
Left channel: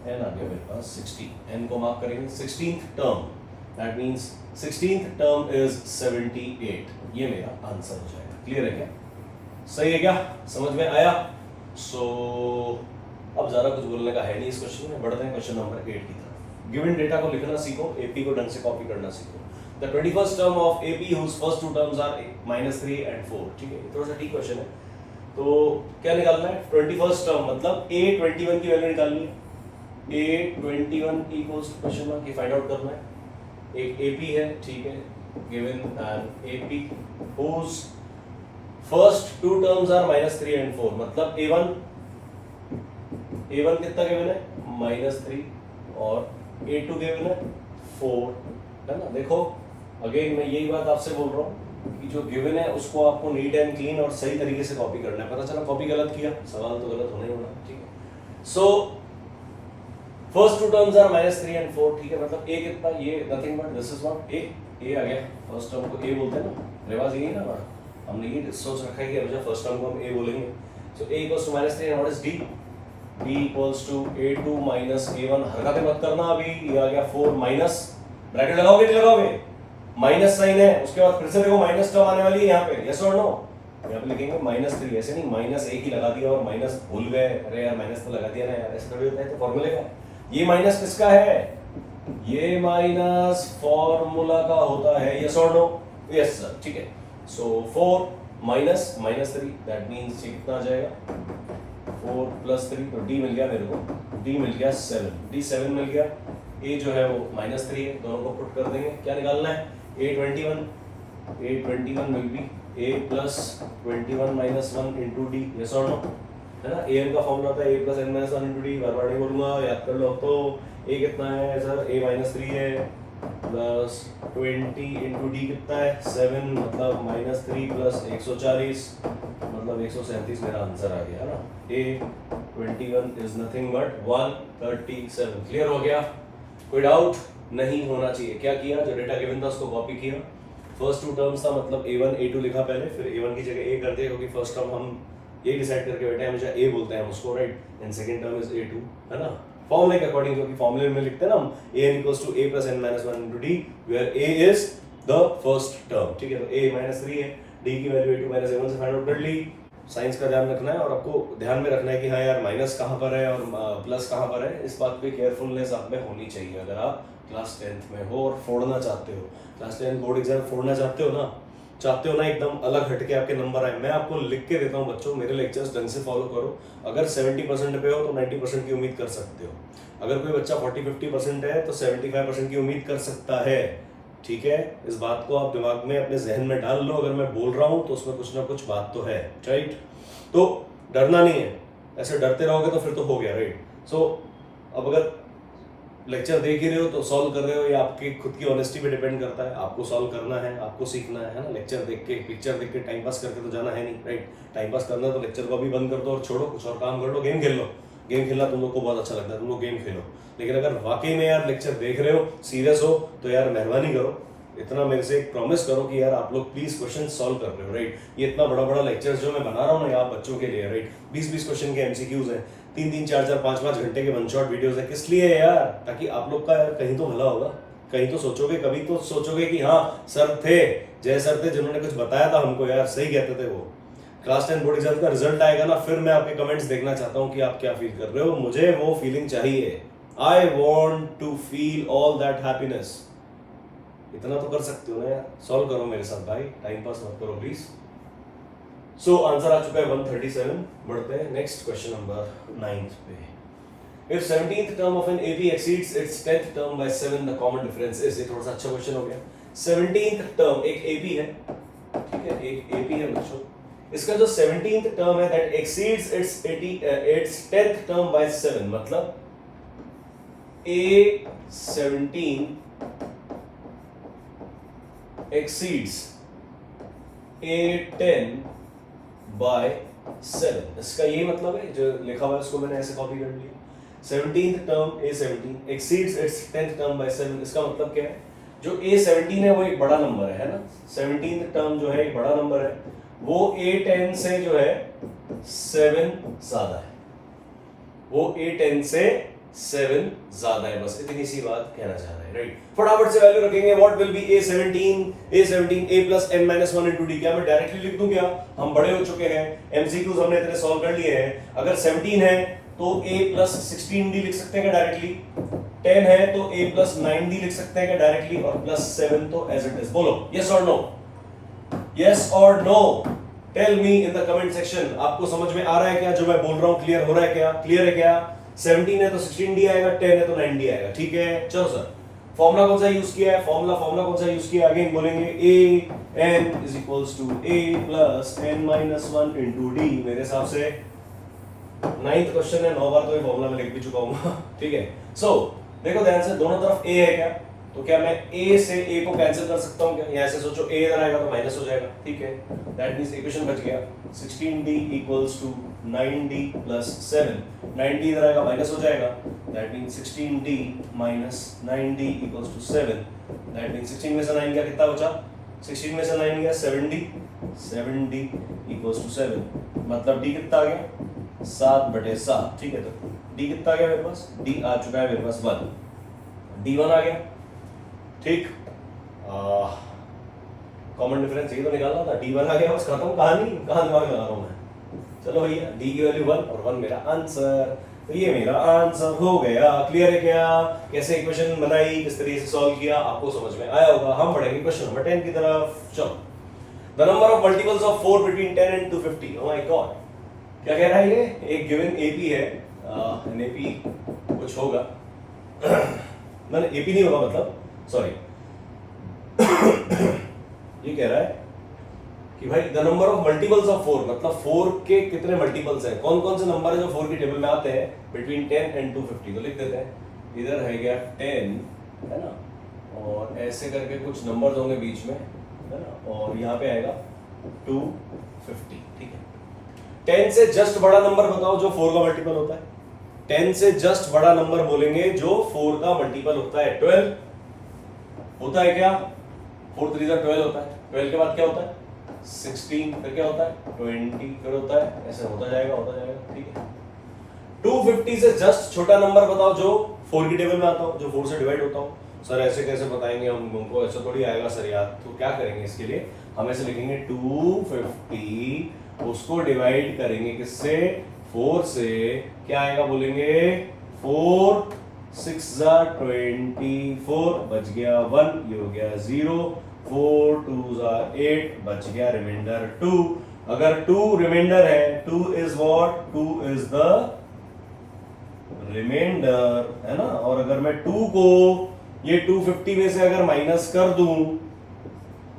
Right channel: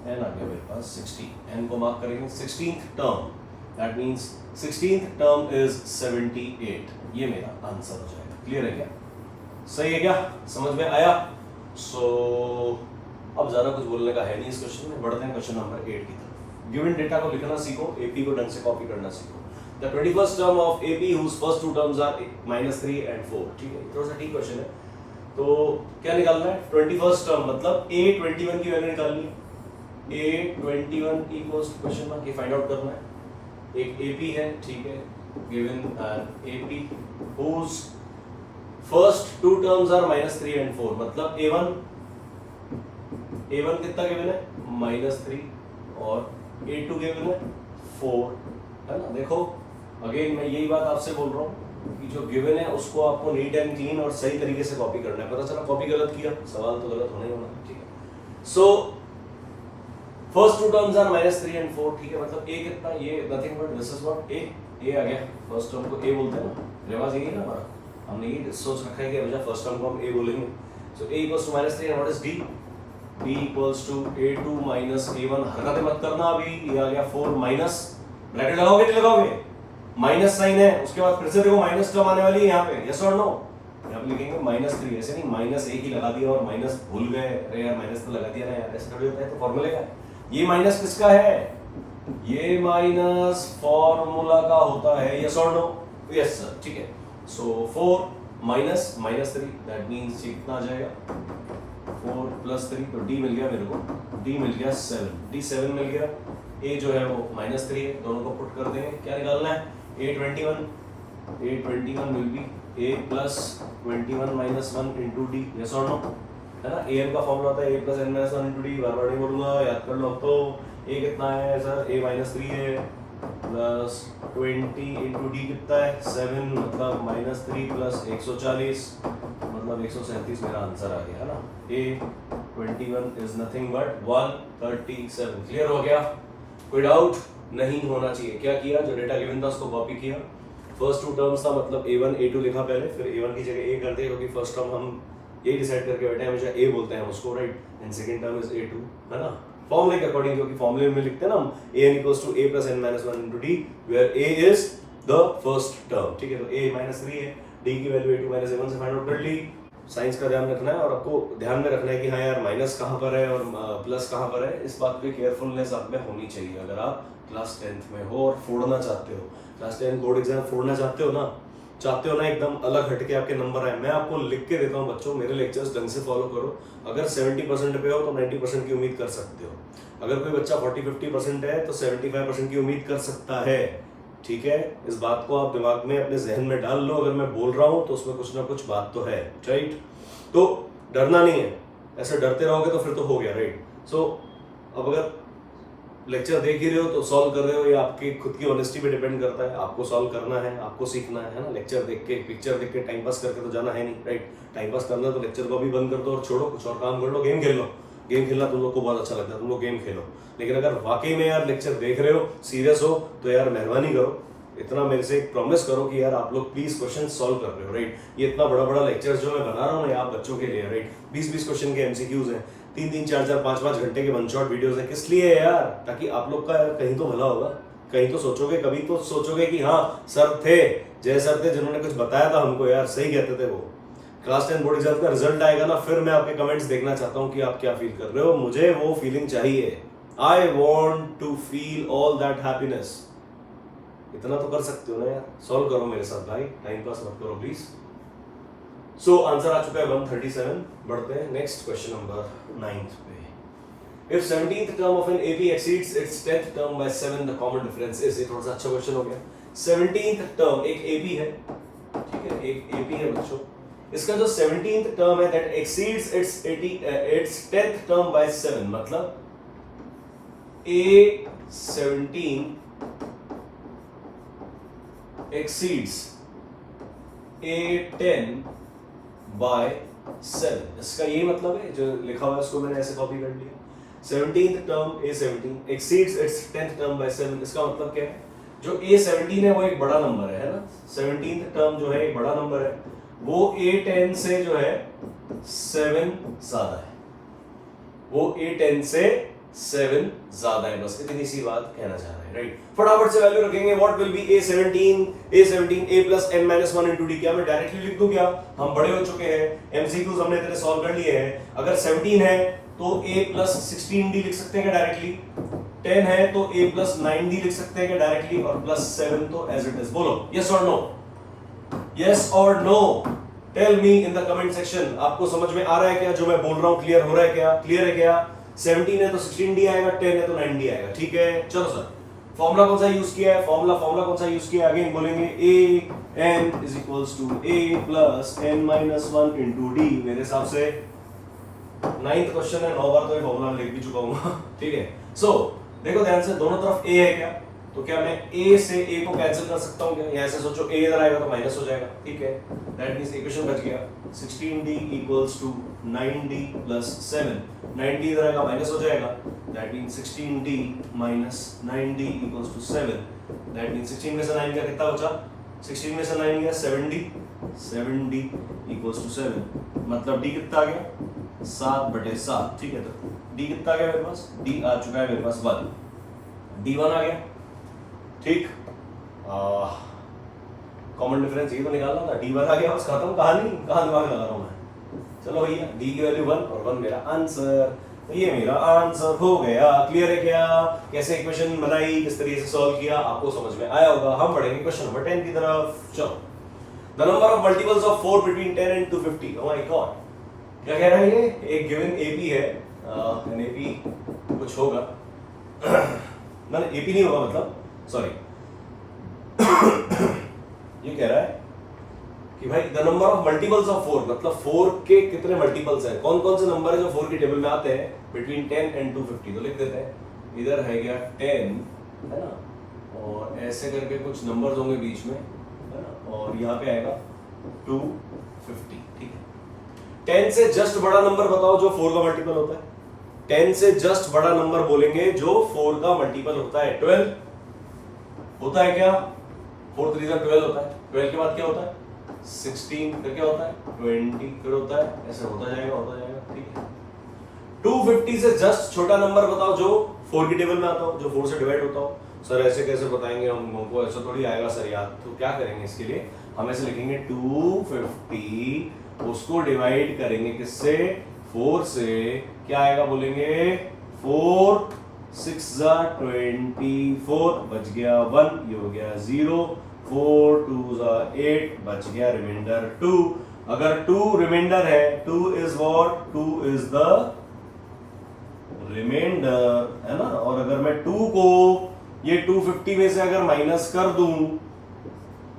n आ गया मेरे पास 60, n को मार्क करेंगे 16th term, that means 16th term is 78, ये मेरा आंसर हो जाएगा। क्लियर है क्या? सही है क्या? समझ में आया? अब ज्यादा कुछ बोलने का है नहीं इस क्वेश्चन में, बढ़ते हैं क्वेश्चन नंबर 8 की तरफ। गिवन डेटा को लिखना सीखो, एपी को ढंग से कॉपी करना सीखो। The 21st term of AP whose first two terms are -3 and 4, ठीक है? थोड़ा सा ठीक क्वेश्चन है, तो क्या निकालना है? 21st टर्म मतलब a21 की वैल्यू निकालनी है, a21 इक्वल्स क्वेश्चन मार्क, ये फाइंड आउट करना है। एक एपी है, ठीक है, given an AP whose first two terms are -3 and 4, मतलब a1 कितना गिवन है? -3 और a2 गिवन है 4, है ना? देखो अगेन मैं यही बात आपसे बोल रहा हूँ कि जो गिवन है उसको आपको नीट एंड क्लीन और सही तरीके से कॉपी करना है। पता चला कॉपी गलत किया, सवाल तो गलत होना ही होना, ठीक है? So first two terms are -3 and 4, ठीक है? मतलब a कितना? ये nothing but this is what a आ गया, फर्स्ट टर्म को a बोलते हैं ना, रिवाज यही ना हमारा, हमने ये सोच रखा है कि हमेशा फर्स्ट टर्म को हम a बोलेंगे। सो a equals to -3 and what is d? d equals to a2 minus a1, हरकतें मत करना अभी, ये आ गया 4 माइनस, ब्रैकेट लगाओगे नहीं लगाओगे? माइनस साइन है, उसके बाद फिर से देखो माइनस टर्म आने वाली है यहाँ पे, यस और नो? यहाँ पे लिखेंगे -3, ऐसे नहीं -1 ही लगा दिया और माइनस भूल गए, अरे यार माइनस तो लगा दिया ना यार, ऐसे थोड़ी होता है। तो फॉर्मूले का ये माइनस किसका है? ये माइनस फॉर्मूला का होता है, यस और नो? यस सर, ठीक है। सो 4 माइनस माइनस 3, दैट मीन्स ये कितना आ जाएगा 4 + 3, तो d मिल गया मेरे को, d मिल गया 7, d 7 मिल गया, a जो है वो -3 है, दोनों को पुट कर देंगे, क्या निकालना है a21 will be a + 21 - 1 into d, yes और नो, है ना। an का फॉर्मूला होता है a + n - 1 into d, बार बार नहीं बोलूंगा, याद कर लो। तो a कितना है सर, a -3 है प्लस 20 into d कितना है 7, मतलब -3 + 140, मतलब 137 मेरा आंसर आ गया ना। a21 is nothing but 137। Clear हो गया, कोई डाउट नहीं होना चाहिए। क्या किया, जो डेटा गिवन था उसको कॉपी किया, फर्स्ट 2 टर्म्स था मतलब a1 a2 लिखा पहले, फिर a1 की जगह a कर दिया, क्योंकि फर्स्ट टर्म हम ये डिसाइड करके बैठे हैं हमेशा a बोलते हैं हम उसको, right, and second term is a2, है ना, फॉर्मूले के अकॉर्डिंग, क्योंकि फॉर्मूले में लिखते हैं ना हम an = a + n - 1 into d, where a is the first term, ठीक है। तो a -3 है, d की वैल्यू a2 - a1 से फाइंड आउट कर ली। साइंस का ध्यान रखना है, और आपको ध्यान में रखना है कि हाँ यार माइनस कहाँ पर है और प्लस कहाँ पर है, इस बात पे केयरफुलनेस आप में होनी चाहिए। अगर आप क्लास 10th में हो और फोड़ना चाहते हो, क्लास 10 बोर्ड एग्जाम फोड़ना चाहते हो ना एकदम अलग हटके आपके नंबर आए, मैं आपको लिख के देता हूँ बच्चों, मेरे लेक्चर्स ढंग से फॉलो करो। अगर 70% पे हो तो 90% की उम्मीद कर सकते हो। अगर कोई बच्चा 40-50% है तो 75% की उम्मीद कर सकता है, ठीक है। इस बात को आप दिमाग में अपने जहन में डाल लो, अगर मैं बोल रहा हूँ तो उसमें कुछ ना कुछ बात तो है, राइट। तो डरना नहीं है, ऐसे डरते रहोगे तो फिर तो हो गया, राइट। सो अब अगर लेक्चर देख ही रहे हो तो सॉल्व कर रहे हो, या आपकी खुद की ऑनेस्टी पे डिपेंड करता है। आपको सॉल्व करना है, आपको सीखना है ना। लेक्चर देख के, पिक्चर देख के टाइम पास करके तो जाना है नहीं, राइट। टाइम पास करना है तो लेक्चर को भी बंद कर दो और छोड़ो, कुछ और काम कर लो, गेम खेल लो। गेम खेलना तुम लोग को बहुत अच्छा लगता है, तुम लोग गेम खेलो। लेकिन अगर वाकई में यार लेक्चर देख रहे हो, सीरियस हो, तो यार मेहरबानी करो, इतना मेरे से एक प्रॉमिस करो कि यार आप लोग प्लीज क्वेश्चन सॉल्व कर रहे हो, राइट। ये इतना बड़ा बड़ा लेक्चर जो मैं बना रहा हूँ ना आप बच्चों के लिए, राइट, 20-20 क्वेश्चन के एमसीक्यूज हैं, 3-3, 4-4, 5-5 घंटे के वन शॉट वीडियोस है। किस लिए है यार, ताकि आप लोग का यार कहीं तो भला होगा, कहीं तो सोचोगे, कभी तो सोचोगे कि हाँ सर थे, जय सर थे जिन्होंने कुछ बताया था हमको, यार सही कहते थे वो। क्लास 10 बोर्ड एग्जाम का रिजल्ट आएगा ना, फिर मैं आपके कमेंट्स देखना चाहता हूँ कि आप क्या फील कर रहे हो। मुझे वो फीलिंग चाहिए, I want to feel all that happiness. इतना तो कर सकते हो ना यार, सॉल्व करो मेरे साथ भाई, टाइम पास मत करो प्लीज। सो आंसर आ चुका है 137। बढ़ते हैं नेक्स्ट क्वेश्चन नंबर 9th पे। If 17th term of an AP exceeds its 10th term by 7, the common difference is, ये थोड़ा सा अच्छा क्वेश्चन हो गया। 17th टर्म एक AP है, ठीक है, एक AP है बच्चों। इसका जो 17th टर्म है that exceeds its 10th term by 7, मतलब A17 exceeds A10 by 7, इसका यही मतलब है, जो लिखा हुआ है उसको मैंने ऐसे कॉपी कर लिया। 17th term A17 exceeds its 10th term by 7, इसका मतलब क्या है, जो A17 है वो एक बड़ा नंबर है ना। 17th टर्म जो है एक बड़ा नंबर है, वो A10 से जो है 7 ज्यादा है, वो A10 से 7 ज्यादा है, बस इतनी सी बात कहना चाह रहा है, राइट। फटाफट से वैल्यू रखेंगे, what will be A17 A plus n minus 1 into d। क्या मैं डायरेक्टली लिख दूं क्या, हम बड़े हो चुके हैं, एमसीक्यूज हमने इतने सॉल्व कर लिए हैं। अगर 17 है तो A plus 16d लिख सकते हैं क्या डायरेक्टली, 10 है तो A plus 9d लिख सकते हैं क्या डायरेक्टली, और प्लस 7 तो एज इट इज। बोलो यस और नो, यस और no, tell me in the comment section. आपको समझ में आ रहा है क्या जो मैं बोल रहा हूं, क्लियर हो रहा है क्या, क्लियर है क्या। 17 है तो 16d आएगा, 10 है तो 9d आएगा, ठीक है। चलो सर, फॉर्मूला कौन सा यूज किया है, फॉर्मूला कौन सा यूज किया है, अगेन बोलेंगे an is equals to a plus n minus 1 into d। मेरे हिसाब से 9th क्वेश्चन है, 9 बार तो ये फॉर्मूला मैं लिख भी चुका हूँ ठीक है। सो देखो ध्यान से, दोनों तरफ a है क्या, तो क्या मैं a से a को कैंसिल कर सकता हूँ क्या, यहाँ से सोचो a इधर आएगा तो माइनस हो जाएगा, ठीक है। दैट मींस इक्वेशन बच गया 16d equals to 9d plus 7, 9d इधर आएगा माइनस हो जाएगा, that means 16d minus 9d equals to 7, that means 16 में से 9 का कितना बचा, 16 में से 9 गया 7d equals to 7, मतलब d कितना आ गया 7/7, ठीक है। तो d कितना आ गया मेरे पास, d आ चुका है मेरे पास 1, d1 आ गया, ठीक। कॉमन डिफरेंस ये तो निकालना था, d1 आ गया, बस खत्म कहानी, कहां दिमाग लगा रहा हूं मैं। चलो भैया, d की वैल्यू 1 और 1 मेरा आंसर, तो ये मेरा आंसर हो गया। क्लियर है क्या, कैसे इक्वेशन बनाई, किस तरीके से सॉल्व किया, आपको समझ में आया होगा। हम बढ़ेंगे क्वेश्चन नंबर 10 की तरफ। चलो the number of multiples of 4 between 10 and 250। Oh my God, क्या कह रहा है ये? एक गिवन एपी है, एनएपी कुछ होगा मतलब एपी नहीं होगा, मतलब सॉरी ये कह रहा है कि भाई the number of multiples of 4, मतलब 4 के कितने मल्टीपल्स हैं, कौन कौन से नंबर है जो 4 के टेबल में आते हैं बिटवीन 10 एंड 250। तो लिख देते हैं, इधर है गया 10 है ना, और ऐसे करके कुछ नंबर्स होंगे बीच में है ना, और यहाँ पे आएगा 250। ठीक है, 10 से जस्ट बड़ा नंबर बताओ जो 4 का मल्टीपल होता है। 10 से जस्ट बड़ा नंबर बोलेंगे जो 4 का मल्टीपल होता है। 12 होता है क्या? 4 3 12 होता है। 12 के बाद क्या होता है? 16, फिर क्या होता है? 20, फिर होता है, ऐसे होता जाएगा। ठीक है, 250 से जस्ट छोटा नंबर बताओ जो 4 की टेबल में आता हो, जो 4 से डिवाइड होता हो। सर ऐसे कैसे बताएंगे हम, हमको ऐसा थोड़ी आएगा सर यार। तो क्या करेंगे इसके लिए, हम ऐसे लिखेंगे 250, उसको डिवाइड करेंगे किससे? 4 से। क्या आएगा बोलेंगे? 4 6 24, बच गया 1, ये हो गया 0, 4 2 8, बच गया रिमाइंडर 2। अगर 2 रिमाइंडर है, 2 is what? 2 is the reminder है ना। और अगर मैं 2 को ये 250 में से अगर माइनस कर दूं,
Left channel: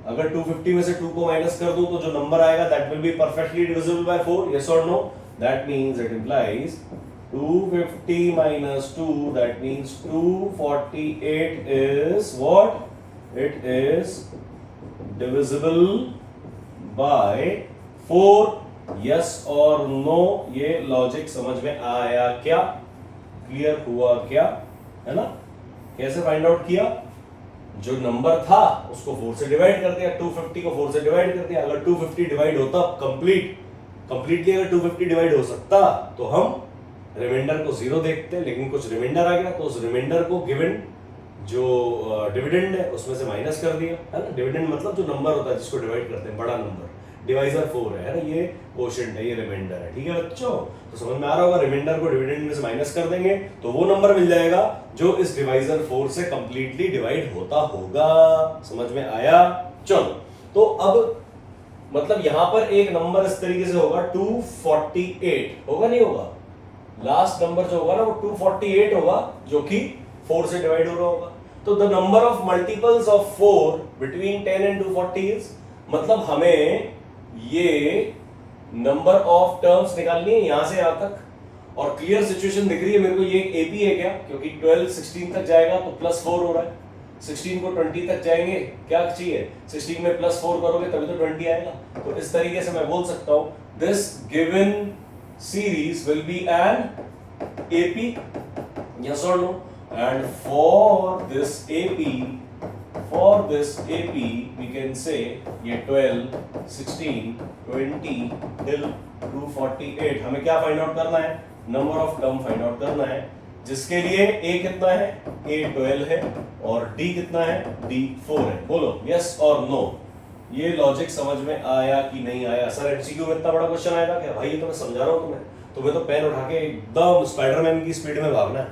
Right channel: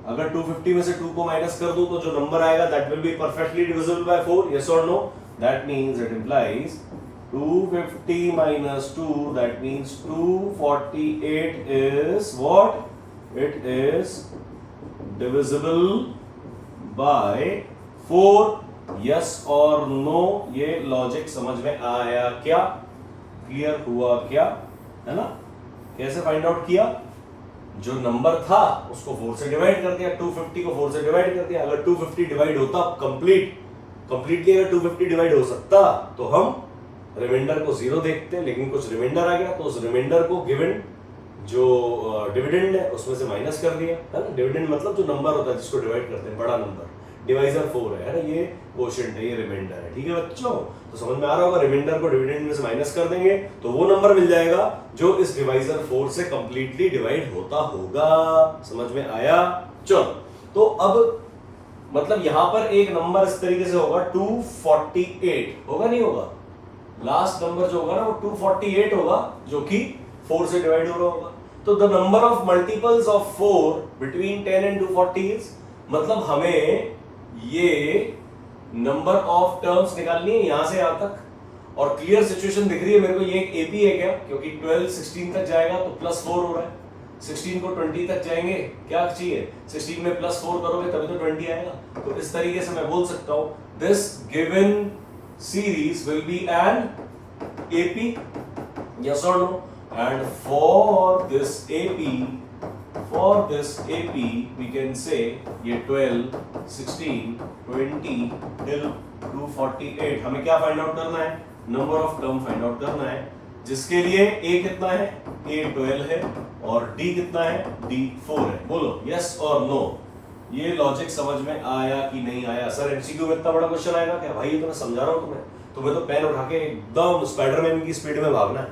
अगर 250 में से 2 को माइनस कर दूं तो जो नंबर आएगा that will be perfectly divisible by 4। Yes और no? That means it implies 250 minus 2, that means 248 is what? It is divisible by 4. Yes or no? ये लॉजिक समझ में आया क्या? क्लियर हुआ क्या? है ना? कैसे फाइंड आउट किया? जो नंबर था उसको 4 से डिवाइड कर दिया, 250 को 4 से डिवाइड कर दिया। अगर 250 डिवाइड होता कंप्लीटली अगर 250 डिवाइड हो सकता तो हम रिमाइंडर को 0 देखते हैं, लेकिन कुछ रिमाइंडर आ गया तो उस रिमाइंडर को गिवन जो डिविडेंड है उसमें से माइनस कर दिया, है ना। डिविडेंड मतलब जो नंबर होता है जिसको डिवाइड करते हैं, बड़ा नंबर, डिवाइजर 4 है ना, ये कोशेंट है, ये रिमाइंडर है। ठीक है बच्चों, तो समझ में आ रहा होगा, रिमाइंडर को डिविडेंड में से माइनस कर देंगे तो वो नंबर मिल जाएगा जो इस डिवाइजर 4 से कंप्लीटली डिवाइड होता होगा। समझ में आया? चलो, तो अब मतलब यहां पर एक नंबर इस तरीके से होगा 248, होगा नहीं होगा? लास्ट नंबर जो होगा ना वो 248 होगा, जो कि 4 से डिवाइड हो रहा होगा। तो the number of multiples of 4 between 10 and 240 is, मतलब हमें ये नंबर ऑफ टर्म्स निकालनी है यहां से यहां तक। और क्लियर सिचुएशन दिख रही है मेरे को, ये एक एपी है क्या? क्योंकि 12 16 तक जाएगा तो +4 हो रहा है, 16 को 20 तक जाएंगे, क्या चाहिए? 16 में +4 करोगे तभी तो 20 आएगा। तो इस तरीके से मैं बोल सकता हूं this given series will be an AP, yes or no? And for this AP we can say ये 12 16 20 till 248 हमें क्या फाइंड आउट करना है? Number of term find out करना है, जिसके लिए A कितना है? A 12 है, और D कितना है? D 4 है। बोलो yes और no। ये लॉजिक समझ में आया कि नहीं आया? सर एमसीक्यू में इतना बड़ा क्वेश्चन आएगा क्या? भाई ये तो मैं समझा रहा हूँ तुम्हें तो पेन उठा के एकदम स्पाइडरमैन की स्पीड में भागना है,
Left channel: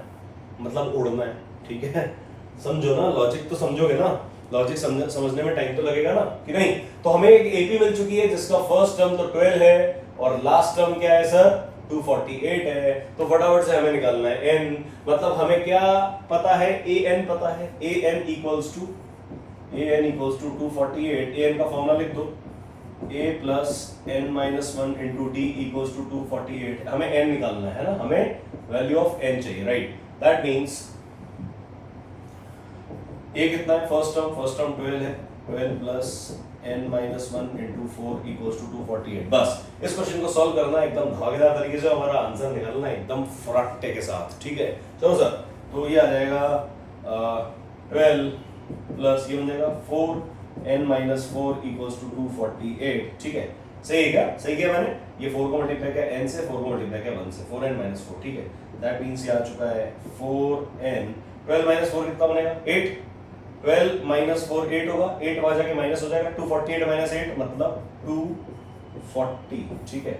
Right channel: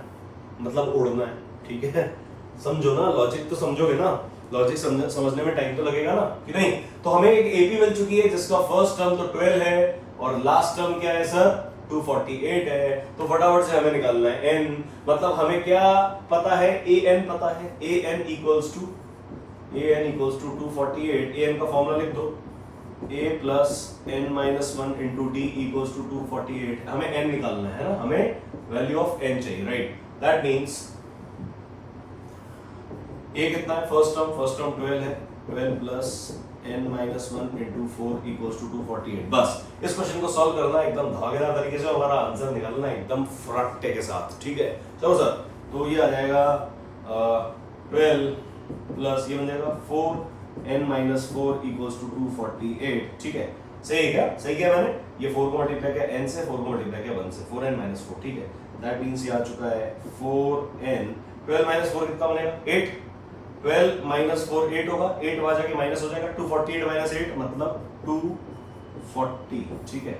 मतलब उड़ना है। ठीक है, समझो ना, लॉजिक तो समझोगे ना, लॉजिक समझने में टाइम तो लगेगा ना कि नहीं। तो हमें एक एपी मिल चुकी है जिसका फर्स्ट टर्म तो 12 है और लास्ट टर्म क्या है सर? 248 है। तो फटाफट से हमें निकालना है n, मतलब हमें क्या पता है? an पता है। an equals to 248। an का फॉर्मूला लिख दो, a plus n minus 1 into d equals to 248। हमें n निकालना है ना, हमें वैल्यू ऑफ n चाहिए, राइट। दैट मीन्स a कितना है? फर्स्ट टर्म 12 है, 12 plus n minus 1 into 4 equals to 248। बस इस क्वेश्चन को सॉल्व करना है एकदम धमाकेदार तरीके से, हमारा आंसर निकालना है एकदम फटाके के साथ। ठीक है, चलो सर, तो ये आ जाएगा 12 प्लस ये बन जाएगा 4n minus 4 equals to 248। ठीक है, सही है क्या? सही किया मैंने? ये 4 को मल्टीप्लाई किया n से, 4 को मल्टीप्लाई किया 1 से, 4n minus 4। ठीक है, दैट मींस ये आ चुका है 4n। 12 minus 4 कितना बनेगा? 8। 12 minus 4 8 होगा, 8 वहां जाके माइनस हो जाएगा, 248 minus 8 मतलब 240। ठीक है,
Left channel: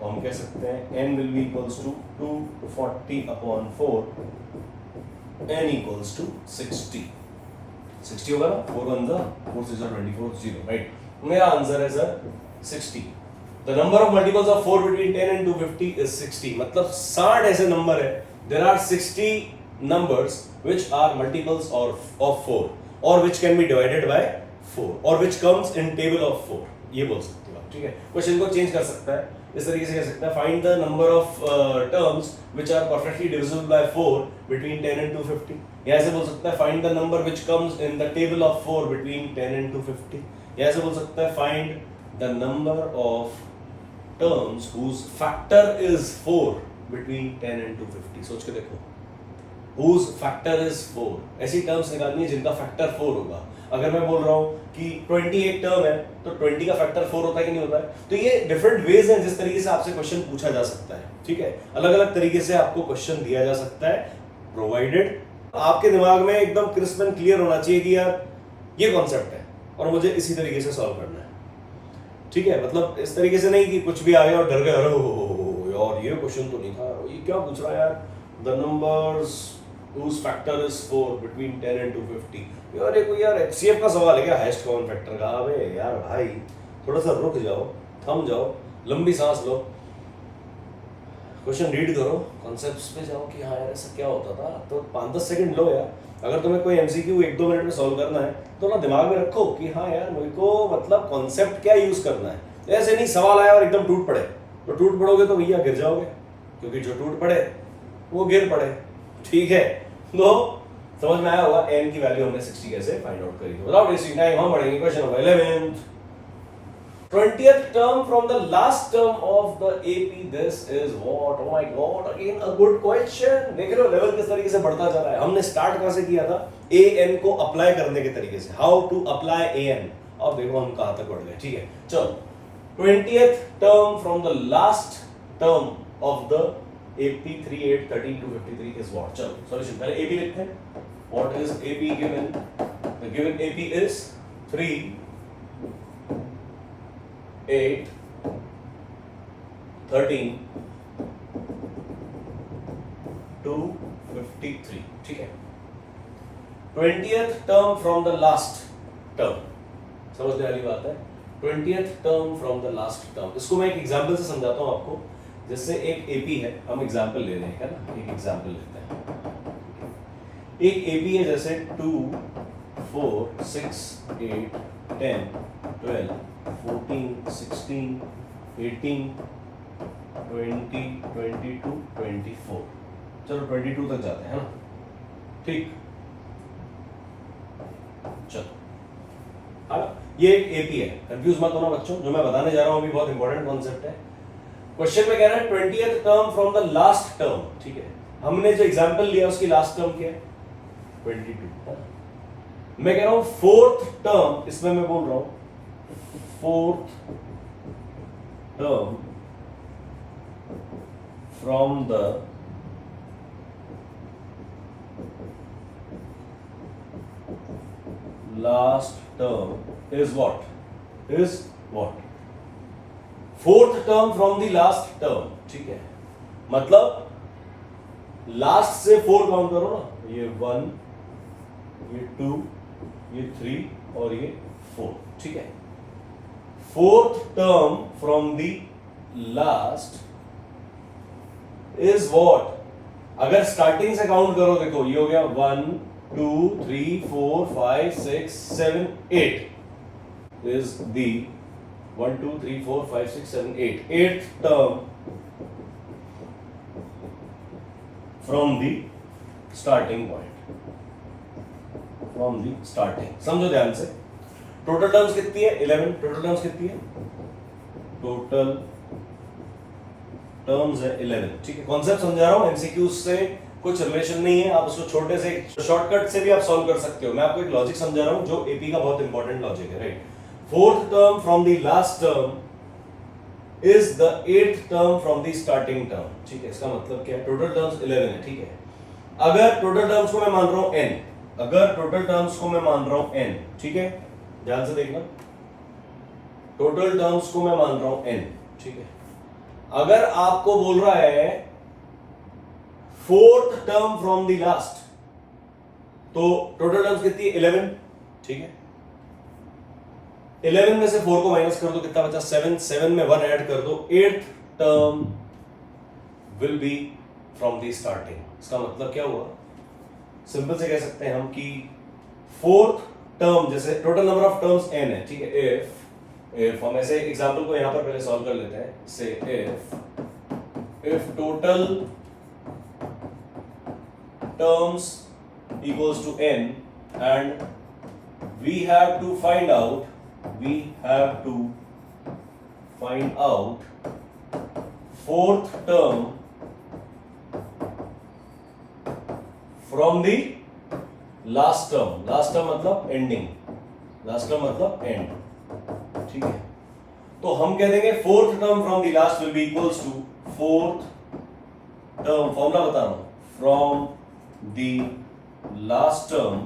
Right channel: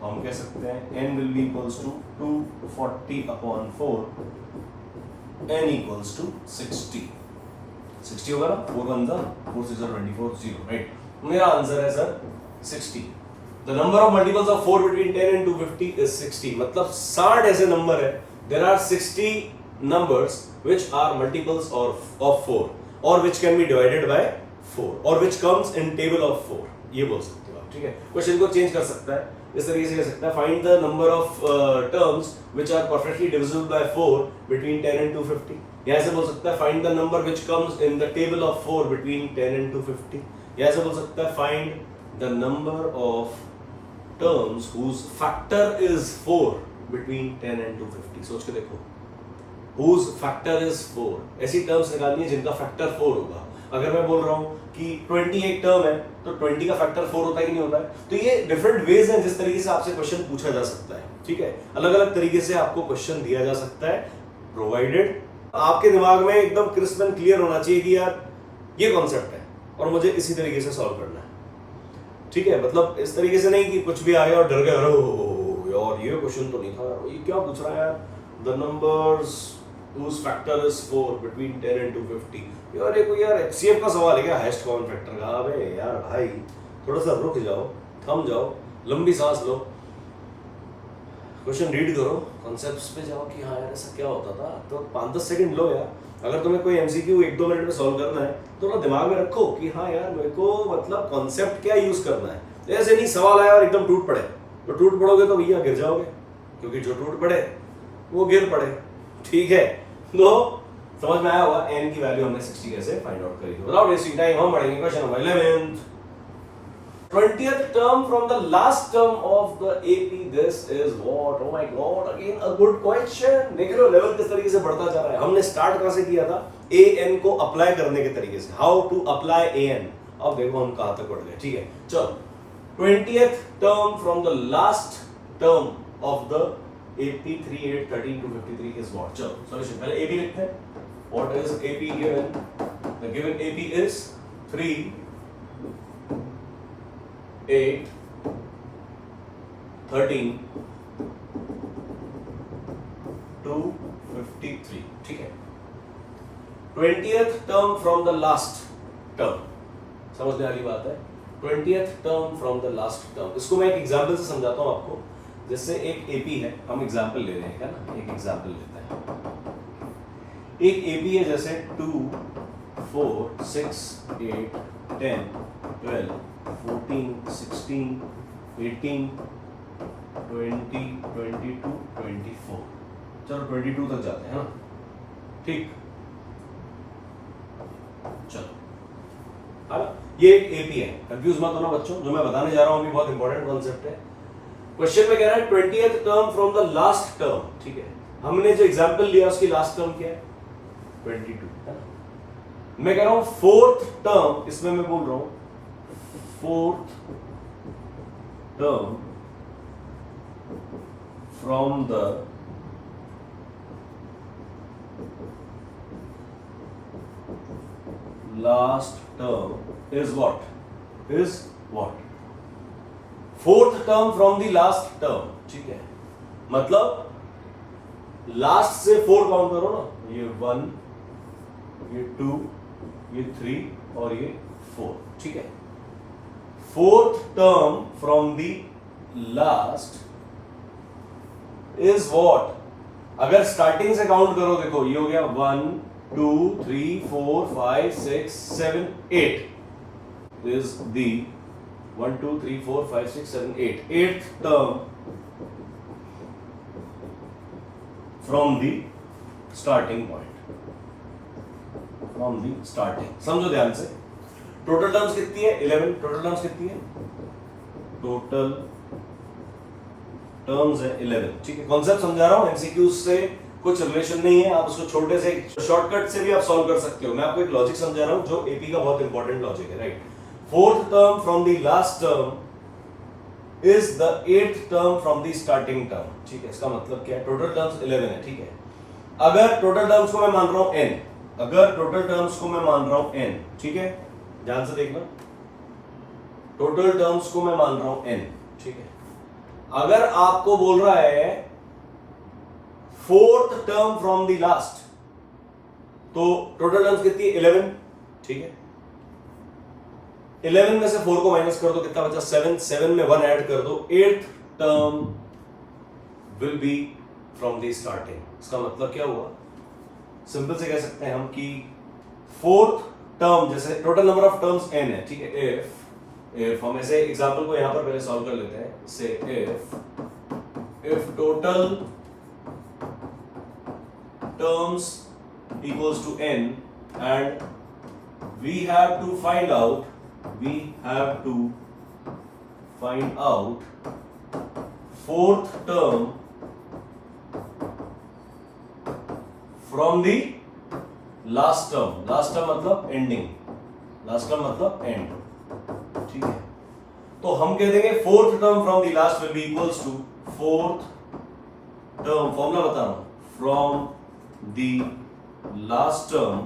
तो हम कह सकते हैं n will be equals to 240 upon 4, n equals to 60 होगा ना, 4 1 4 6 24 0, राइट। मेरा आंसर है sir 60। The number of multiples of 4 between 10 and 250 is 60। मतलब 60 ऐसे नंबर है, there are 60 numbers which are multiples of 4 or which can be divided by 4 or which comes in table of 4, ये बोल सकते हो आप, ठीक है। क्वेश्चन को चेंज कर सकता है, इस तरीके से कह सकता है find the number of terms which are perfectly divisible by 4 between 10 and 250, या ऐसे बोल सकता है find the number which comes in the table of 4 between 10 and 250, या ऐसे बोल सकता है find the number of terms whose factor is 4 between 10 and 250। सोच के देखो, whose factor is 4, ऐसी टर्म्स निकालनी है जिनका फैक्टर 4 होगा। अगर मैं बोल रहा हूं कि 20 एक टर्म है तो 20 का फैक्टर 4 होता है कि नहीं होता है। तो ये डिफरेंट वेज हैं जिस तरीके से आपसे क्वेश्चन पूछा जा सकता है, ठीक है। अलग अलग तरीके से आपको क्वेश्चन दिया जा सकता है, प्रोवाइडेड आपके दिमाग में एकदम क्रिस्प एंड क्लियर होना चाहिए कि यार ये कॉन्सेप्ट है और मुझे इसी तरीके से सॉल्व करना है, ठीक है। मतलब इस तरीके से नहीं कि कुछ भी आ गया और डर गए, अरे यार ये क्वेश्चन तो नहीं था, ये क्या पूछ रहा है यार, the numbers whose factor is 4 between 10 and 250। यार देखो यार HCF का सवाल है क्या, हाईएस्ट कॉमन फैक्टर का। अबे यार भाई थोड़ा सा रुक जाओ, थम जाओ, लंबी सांस लो, क्वेश्चन रीड करो, कॉन्सेप्ट्स पे जाओ कि हाँ यार ऐसा क्या होता था, तो 5-10 सेकंड लो यार। अगर तुम्हें कोई एमसीक्यू 1-2 मिनट में सॉल्व करना है तो ना दिमाग में रखो कि हाँ यार मेरे को मतलब कॉन्सेप्ट क्या यूज करना है। ऐसे नहीं सवाल आया और एकदम टूट पड़े, तो टूट पड़ोगे तो भैया गिर जाओगे, क्योंकि जो टूट पड़े वो गिर पड़े, ठीक है। तो समझ में आया होगा n की वैल्यू हमने 60 कैसे फाइंड आउट करी। विदाउट वेस्टिंग टाइम हम बढ़ेंगे question number 11th। 20th term from the last term of the AP, this is what, oh my god, again a good question। देख रहे हो लेवल किस तरीके से बढ़ता जा रहा है। हमने स्टार्ट कैसे किया था, an को अप्लाई करने के तरीके से, हाउ टू अप्लाई an। अब देखो हम कहां तक बढ़ गए, ठीक है। चलो 20th term from the last term of the AP 38 13 to 53 is what। चलो सॉल्यूशन पहले AP लिखते हैं। What is AP given? The given AP is 3 8 13 to 53, ठीक है। 20th term from the last term, समझने वाली बात है। 20th term from the last term, इसको मैं एक एग्जांपल से समझाता हूं आपको। जैसे एक AP है, हम एग्जांपल ले रहे हैं, है ना, एक एग्जांपल लेते हैं। एक AP है जैसे 2 4 6 8 10 12 14 16 18 20 22 24, चलो 22 तक जाते हैं ना, ठीक। चलो ये एक AP है, कंफ्यूज मत होना बच्चों, जो मैं बताने जा रहा हूं अभी बहुत इंपॉर्टेंट कॉन्सेप्ट है। क्वेश्चन में कह रहा है 20th term from the last term, ठीक है। हमने जो एग्जांपल लिया उसकी लास्ट टर्म क्या है, 22 है ना। मैं कह रहा हूं 4th टर्म, इसमें मैं बोल रहा हूं 4th term from the last term is what 4th term from the last term, ठीक है। मतलब लास्ट से 4 काउंट करो ना, ये 1 ये 2 ये 3 और ये 4, ठीक है। 4th term from the last is what, अगर स्टार्टिंग से काउंट करो, देखो ये हो गया 1 2 3 4 5 6 7 8 is the 1 2 3 4 5 6 7 8 8th term from the starting point, from the starting। समझो ध्यान से, टोटल टर्म्स कितनी है 11, टोटल टर्म्स कितनी है, टोटल टर्म्स है 11, ठीक है। कॉन्सेप्ट समझा रहा हूं, एमसीक्यू से कुछ रिलेशन नहीं है, आप उसको छोटे से शॉर्टकट से भी आप सॉल्व कर सकते हो। मैं आपको एक लॉजिक समझा रहा हूं जो एपी का बहुत इंपॉर्टेंट लॉजिक है, right. 4th term from the last term is the 8th term from the starting term, ठीक है। इसका मतलब क्या है, टोटल टर्म्स 11 है, ठीक है। अगर टोटल टर्म्स को मैं मान रहा हूं n, अगर टोटल टर्म्स को मैं मान रहा हूं n, ठीक है, ध्यान से देखना, टोटल टर्म्स को मैं मान रहा हूं n, ठीक है। अगर आपको बोल रहा है 4th term from the last, तो टोटल टर्म्स कितनी है 11, ठीक है। 11 में से 4 को माइनस कर दो, कितना बचा 7, 7 में 1 ऐड कर दो, 8th term will be from the starting. इसका मतलब क्या हुआ, सिंपल से कह सकते हैं हम कि 4th टर्म, जैसे total number of terms n है, ठीक है, इफ हम ऐसे एग्जांपल को यहां पर पहले सॉल्व कर लेते हैं, से if total terms equals to n and we have to find out 4th term from the last term मतलब ending, last term मतलब end, ठीक है। तो हम कह देंगे 4th term from the last will be equals to 4th term, formula बता रहा हूं, from the last term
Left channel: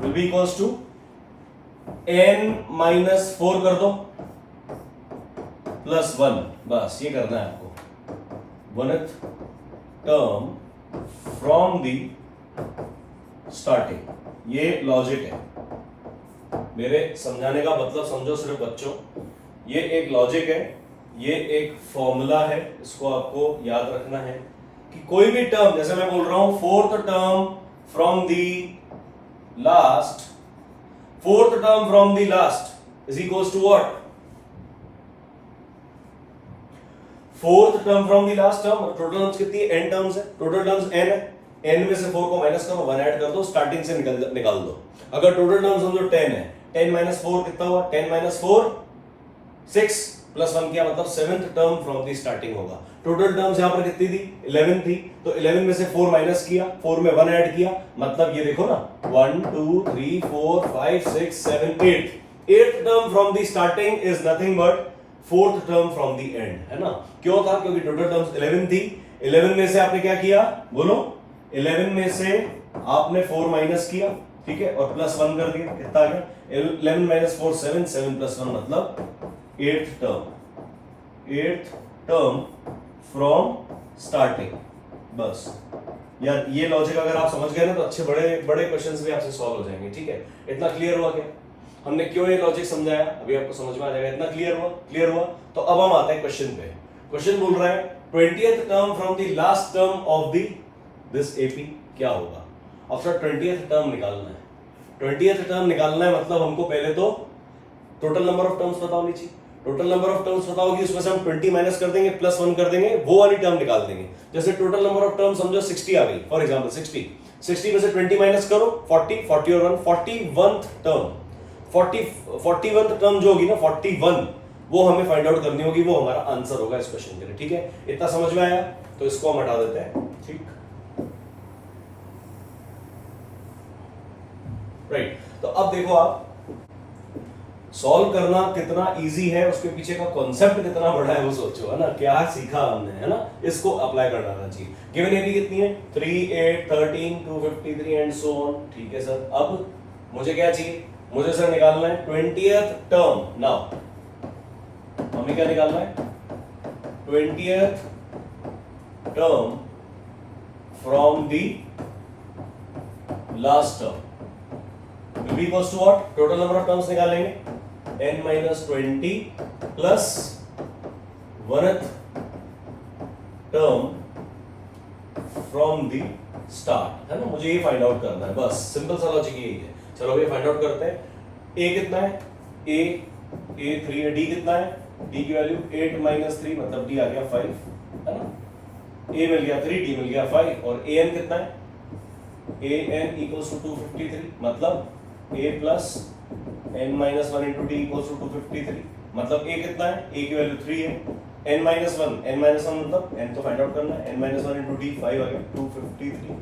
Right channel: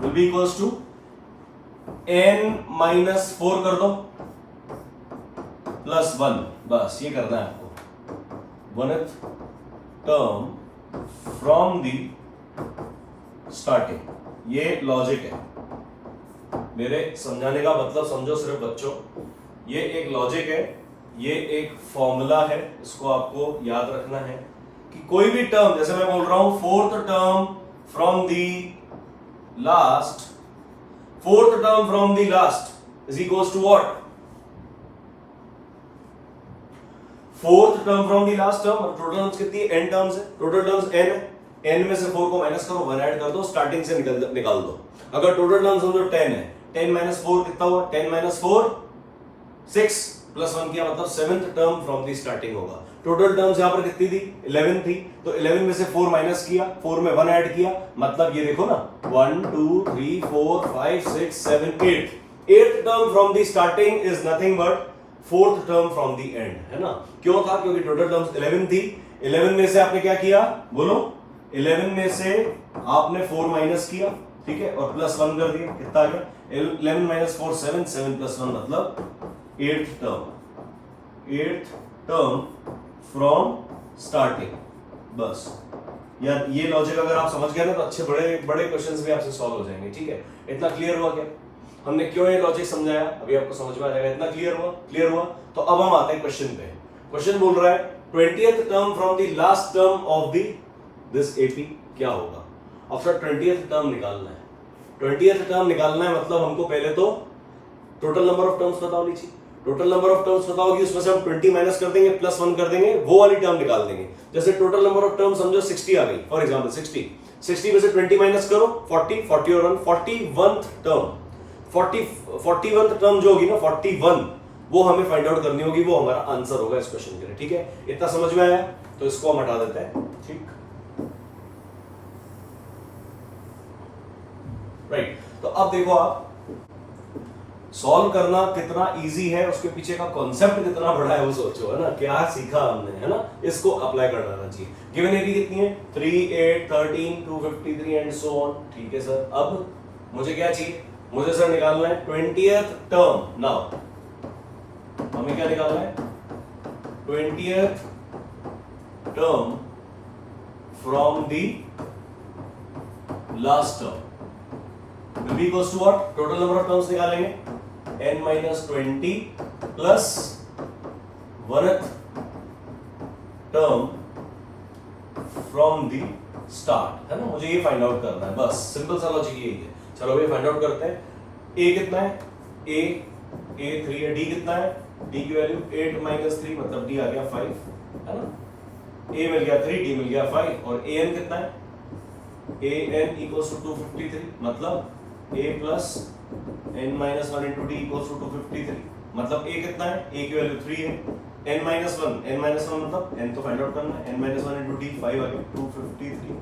will be equals to n minus 4 कर दो प्लस 1, बस ये करना है आपको, 1th term from the starting। ये लॉजिक है, मेरे समझाने का मतलब समझो सिर्फ बच्चों, ये एक लॉजिक है, ये एक फॉर्मूला है, इसको आपको याद रखना है कि कोई भी टर्म, जैसे मैं बोल रहा हूं 4th term from the last, 4th term from the last is equals to what, 4th term from the last term. Total terms कितनी है, n टर्म्स है, टोटल टर्म्स n है, n में से 4 को माइनस करो, 1 ऐड कर दो, स्टार्टिंग से निकाल दो। अगर टोटल टर्म्स समझो 10 है, 10 माइनस 4 कितना हुआ, 10 माइनस 4 6 प्लस 1 किया, मतलब 7th term from the starting होगा। टोटल टर्म्स यहां पर कितनी थी, 11 थी, तो 11 में से 4 माइनस किया, 4 में 1 ऐड किया, मतलब ये देखो ना 1 2 3 4 5 6 7 8, 8th term from the starting is nothing but 4th term from the and, है ना। क्यों था, क्योंकि टोटल टर्म्स 11 थी, 11 में से आपने क्या किया, बोलो, 11 में से आपने 4 माइनस किया, ठीक है, और प्लस 1 कर दिया, कितना आ गया 11 माइनस 4 7, 7 प्लस 1 मतलब 8th टर्म फ्रॉम स्टार्टिंग। बस यार ये लॉजिक अगर आप समझ गए ना तो अच्छे बड़े बड़े क्वेश्चंस भी आपसे सॉल्व हो जाएंगे, ठीक है। इतना क्लियर हुआ क्या, हमने क्यों ये लॉजिक समझाया, अभी आपको समझ में आ जाएगा। इतना क्लियर हुआ तो अब हम आते हैं क्वेश्चन पे। क्वेश्चन बोल रहा है 20th term from the last term of the this AP क्या होगा। अब सर 20th टर्म निकालना है, 20th टर्म निकालना है मतलब हमको पहले तो टोटल नंबर ऑफ टर्म्स पता होनी चाहिए। टोटल नंबर ऑफ टर्म्स पता होगी, उसमें से हम 20 माइनस कर देंगे, प्लस 1 कर देंगे, वो वाली टर्म निकाल देंगे। जैसे टोटल नंबर ऑफ टर्म्स समझो 60 आ गई, फॉर एग्जांपल 60 में से 20 माइनस करो, 40 और 1 41th टर्म, 41th टर्म जो होगी ना 41, वो हमें फाइंड आउट करनी होगी, वो हमारा आंसर होगा इस क्वेश्चन के लिए, ठीक है। इतना समझ में आया, तो इसको हम हटा देते हैं, ठीक, राइट। तो अब देखो आप सॉल्व करना कितना इजी है, उसके पीछे का कॉन्सेप्ट कितना बड़ा है वो सोचो, है ना, क्या सीखा हमने, है ना, इसको अप्लाई करना चाहिए। गिवन एपी कितनी है 3 8 13 253 एंड सो ऑन, ठीक है सर। अब मुझे क्या चाहिए, मुझे सर निकालना है 20th टर्म। नाउ हमें क्या निकालना है, 20th term from the last term will be equals to what, total number of terms निकालेंगे, n minus 20 plus 1th term from the start, है ना। मुझे ये फाइंड आउट करना है, बस सिंपल सा लॉजिक यही है। चलो ये फाइंड आउट करते हैं। a कितना है, a 3 है, d कितना है, d की वैल्यू 8 माइनस 3 मतलब d आ गया 5, है ना। a मिल गया 3, d मिल गया 5, और an कितना है, an equals to 253 मतलब a plus n minus 1 into d equals to 253 मतलब a कितना है, a की वैल्यू 3 है, n minus 1 मतलब n तो फाइंड आउट करना है, n minus 1 into d 5 आ गया 253,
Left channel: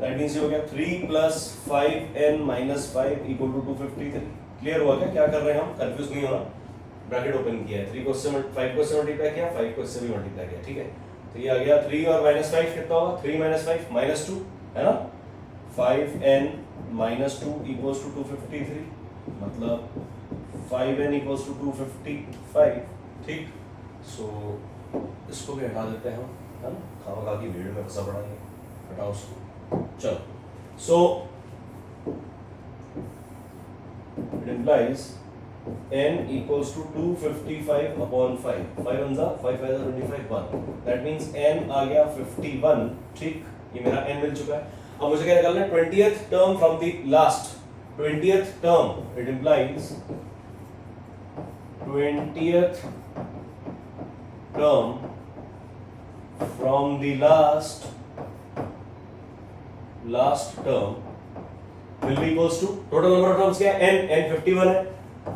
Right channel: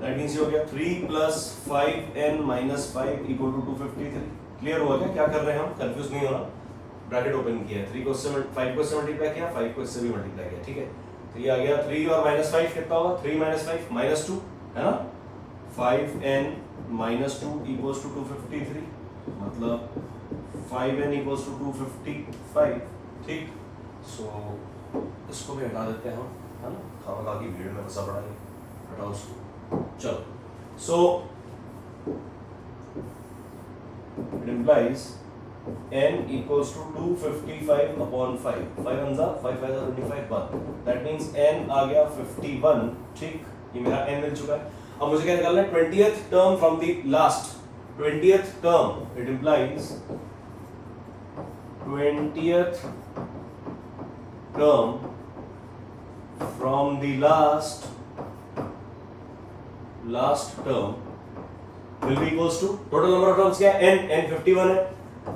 दैट मींस ये हो गया 3 plus 5n minus 5 equal to 253। Clear हुआ क्या कर रहे हैं हम, कंफ्यूज नहीं होना। ब्रैकेट ओपन किया, 3 को इससे 5 को इससे मल्टीप्लाई किया, 5 को इससे भी मल्टीप्लाई किया, ठीक है। तो ये आ गया 3 और माइनस 5 कितना होगा, 3 माइनस 5 माइनस 2, है ना। 5n माइनस 2 इक्वल्स टू 253 मतलब 5n इक्वल्स टू 255, ठीक। सो इसको भी हटा देते हैं हम, है ना, खामखा की भीड़ में फंसा पड़ा है, हटाओ उसको। चलो so it implies n equals to 255 upon 5. 5 1 5 5 25 1. That means n आ गया 51. ठीक, ये मेरा n मिल चुका है. अब मुझे क्या निकालना है? 20th term from the last. 20th term. It implies 20th term from the last term will be equals to total number of terms क्या है? n 51 है.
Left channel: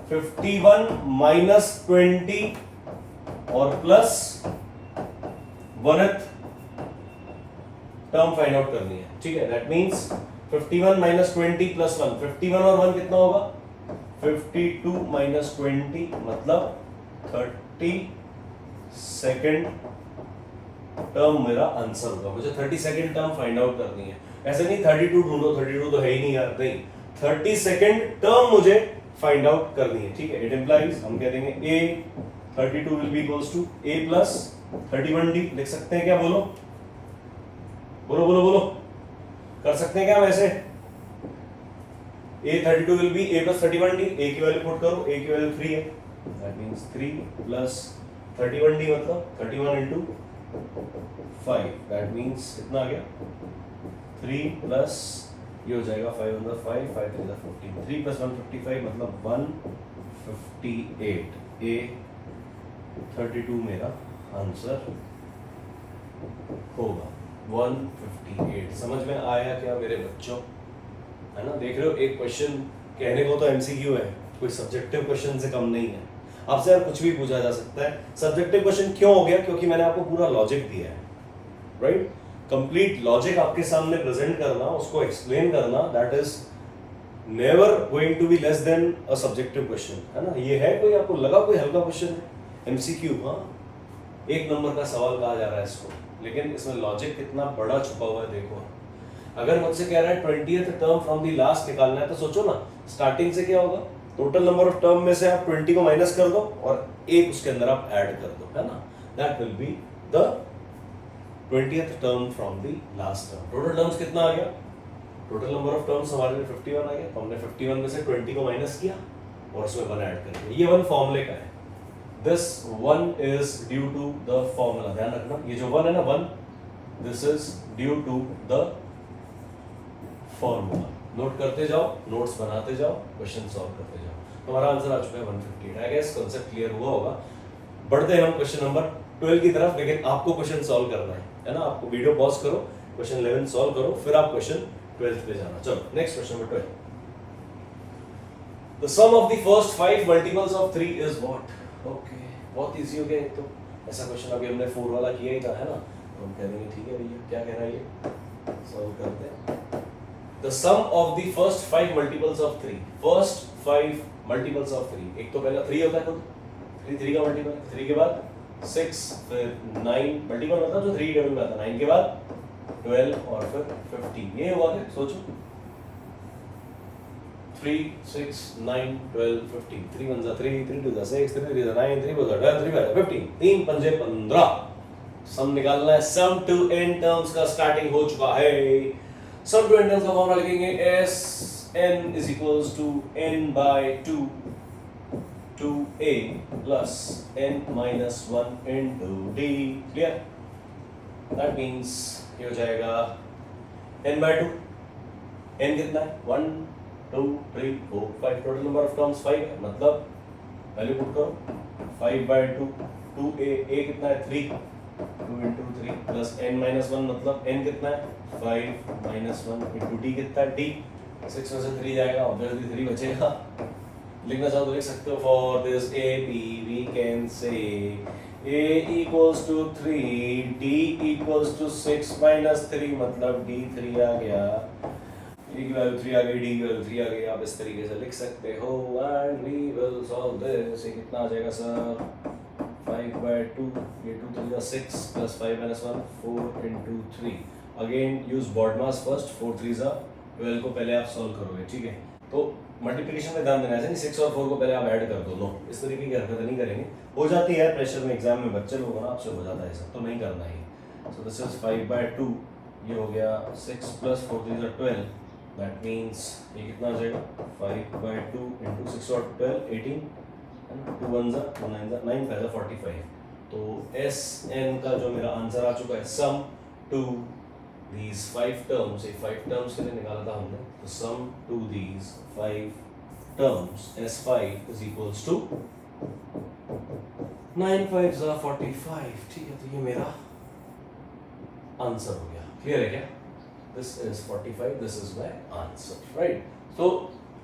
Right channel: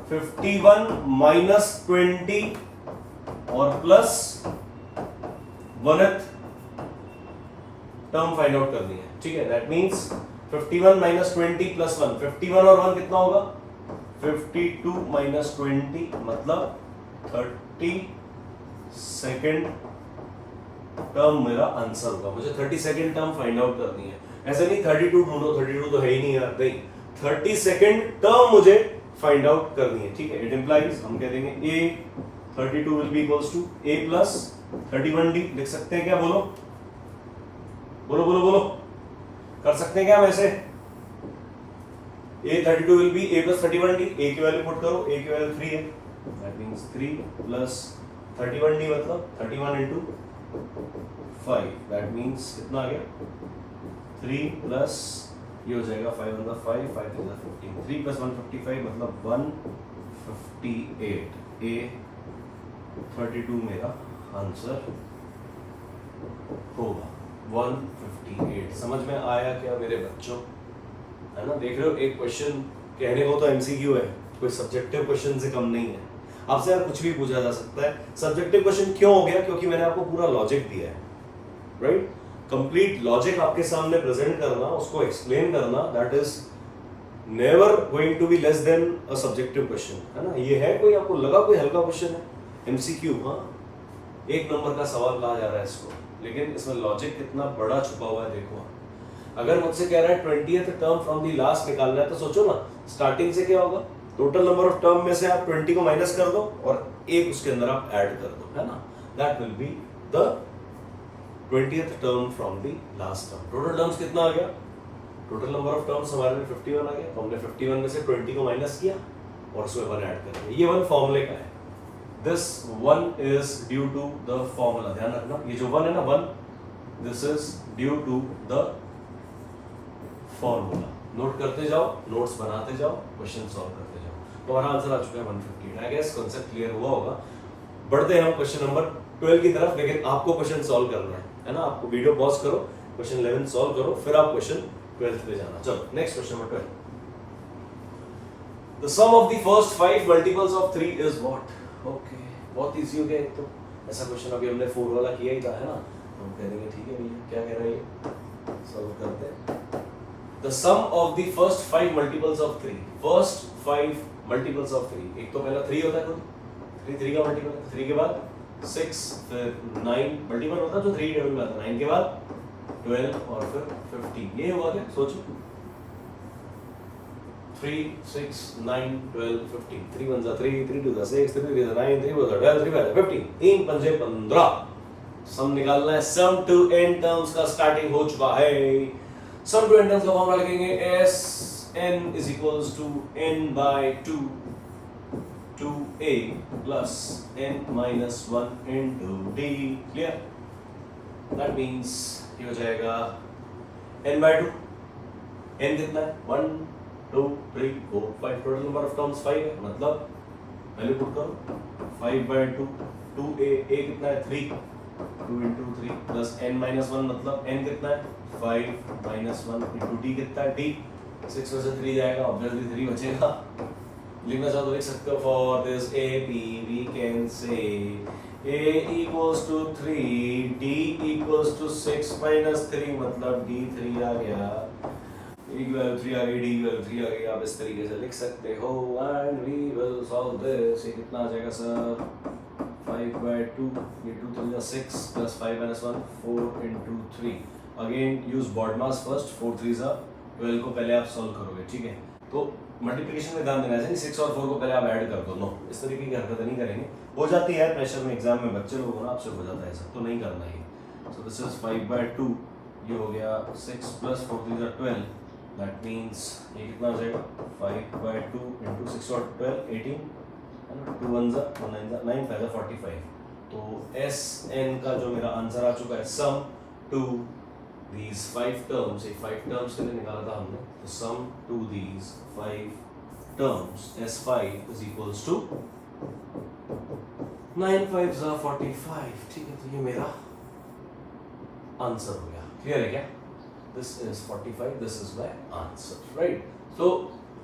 51 minus 20 और plus 1th term find out करनी है. ठीक है, दैट मींस 51 minus 20 plus 1. 51 और 1 कितना होगा? 52 minus 20 मतलब 32nd टर्म मेरा आंसर होगा. मुझे 32nd टर्म फाइंड आउट करनी है. ऐसे नहीं 32 ढूंढो, 32 तो है ही नहीं यार. नहीं, 32nd टर्म मुझे फाइंड आउट करनी है. ठीक है, इट इंप्लाइज हम कह देंगे a 32 will be equals to a plus 31d. लिख सकते हैं क्या? बोलो बोलो बोलो बोलो, कर सकते हैं क्या वैसे? a 32 will B a plus 31d. a की वैल्यू पुट करो, a की वैल्यू 3 है. दैट मींस 3 प्लस 31d मतलब 31 into 5. दैट मींस कितना आ गया? 3 प्लस ये हो जाएगा 5 on the 5 5 3 the 15. 3 plus 155 मतलब 158. A 32 मेरा आंसर होगा 158. समझ में आया क्या मेरे बच्चों? है ना, देख रहे हो, एक क्वेश्चन कहने को तो एमसीक्यू है, कोई सब्जेक्टिव क्वेश्चन से कम नहीं है. आपसे यार कुछ भी पूछा जा सकता है. सब्जेक्टिव क्वेश्चन क्यों हो गया? क्योंकि मैंने आपको पूरा लॉजिक दिया है. राइट, कंप्लीट लॉजिक आपके सामने प्रेजेंट करना, उसको एक्सप्लेन करना, that is never going to be less than a subjective question. है ना, ये है कोई आपको लगा कोई हल्का क्वेश्चन है? एमसीक्यू, हाँ, 1 नंबर का सवाल कहा जा रहा है इसको, लेकिन इसमें लॉजिक कितना बड़ा छुपा हुआ है. देखो, अगर मुझसे कह रहा है 20th term from the last निकालना है, तो सोचो ना, स्टार्टिंग से क्या होगा? टोटल नंबर ऑफ टर्म में से आप 20 को माइनस कर दो और एक उसके अंदर आप ऐड कर दो. है ना, that will be the 20th term from the last term. Total terms कितना आ गया? टोटल नंबर ऑफ टर्म्स हमारे में 51 आ गया. तो हमने 51 में से 20 को माइनस किया और उसमें 1 ऐड कर दिया. ये 1 फॉर्मूले का है. This 1 is due to the formula. ध्यान रखना, ये जो 1 है ना, 1, this is due to the formula. Note करते जाओ, नोट्स बनाते जाओ, क्वेश्चन सॉल्व करते जाओ. हमारा आंसर आ चुका है 158. आई गेस कांसेप्ट क्लियर हुआ होगा. बढ़ते हैं हम क्वेश्चन नंबर 12 की तरफ, लेकिन आपको क्वेश्चन सॉल्व करना है ना. आपको वीडियो पॉज करो, क्वेश्चन 11 सॉल्व करो, फिर आप क्वेश्चन 12 पे जाना. चलो next question number 12. The sum of the first 5 multiples of 3 is what? Okay, बहुत इजी हो गया. एक तो ऐसा क्वेश्चन अभी हमने 4 वाला किया ही था, है ना. तो हम कह देंगे ठीक है भैया, क्या कह रहा है ये, सॉल्व करते हैं. The sum of the first 5 multiples of 3. First 5 multiples of 3. एक तो पहला 3 होता है खुद, 3 का मल्टीपल. 3 के बाद 6, फिर 9 मल्टीपल होता है जो 3 टेबल में आता है. 9 के बाद 12 और फिर 15. ये हुआ क्या? सोचो, 3 6 9 12 15. 3 1 3, 3 2 6, 3 3 9, 3 4 12, 3 5 15. 3 5 15. सम निकालना है. सम टू n टर्म्स का स्टार्टिंग हो चुका है. सम टू n टर्म्स का फॉर्मूला लिखेंगे s n is equals to n by 2 2a plus n minus 1 into d. Clear? That means ये हो जाएगा n by 2. n कितना है? 1 2 3 4 5. टोटल नंबर ऑफ टर्म्स 5 है, मतलब वैल्यू पुट करो. 5 by 2 2a. a कितना है? 3. 2 into 3 plus n minus 1 मतलब n कितना है? 5 minus 1 into d कितना है? d. 6 में से 3 जाएगा, ऑब्वियसली 3 बचेगा. लिखना चाहो तो लिख सकते हो. For this AP we can say A equals to 3, D equals to 6 minus 3 मतलब D 3 आ गया. A की वैल्यू 3 आ गई, D की वैल्यू 3 आ गई. आप इस तरीके से लिख सकते हो. And we will solve this. ये कितना आ जाएगा सर? 5 by 2, ये 2 3 6 plus 5 minus 1 4 into 3. Again use BODMAS first. 4 3 12 को पहले आप सॉल्व करोगे. ठीक है, तो मल्टीप्लिकेशन में ध्यान देना है. 6 और 4 को पहले आप ऐड कर दो. नो, इस तरीके की हरकतें नहीं करेंगे. हो जाती है प्रेशर में, एग्जाम में बच्चे लोग ना, आपसे हो जाता है सब, तो नहीं करना है. So this is 5 by 2. ये हो गया 6 plus 4 3 12. दैट मीन्स ये कितना आ जाएगा 5/2 इंटू 6 और 12 18 है ना, 2 1 1 9 9 5 45। तो एस एन का जो मेरा आंसर आ चुका है सम टू दीज 5 टर्म्स, ये 5 टर्म्स के लिए निकाला था हमने, तो sum to these 5 terms S5 is equals to 9 5 45। ठीक है, तो ये मेरा आंसर हो गया। क्लियर है क्या? This is 45, this is my answer, right? तो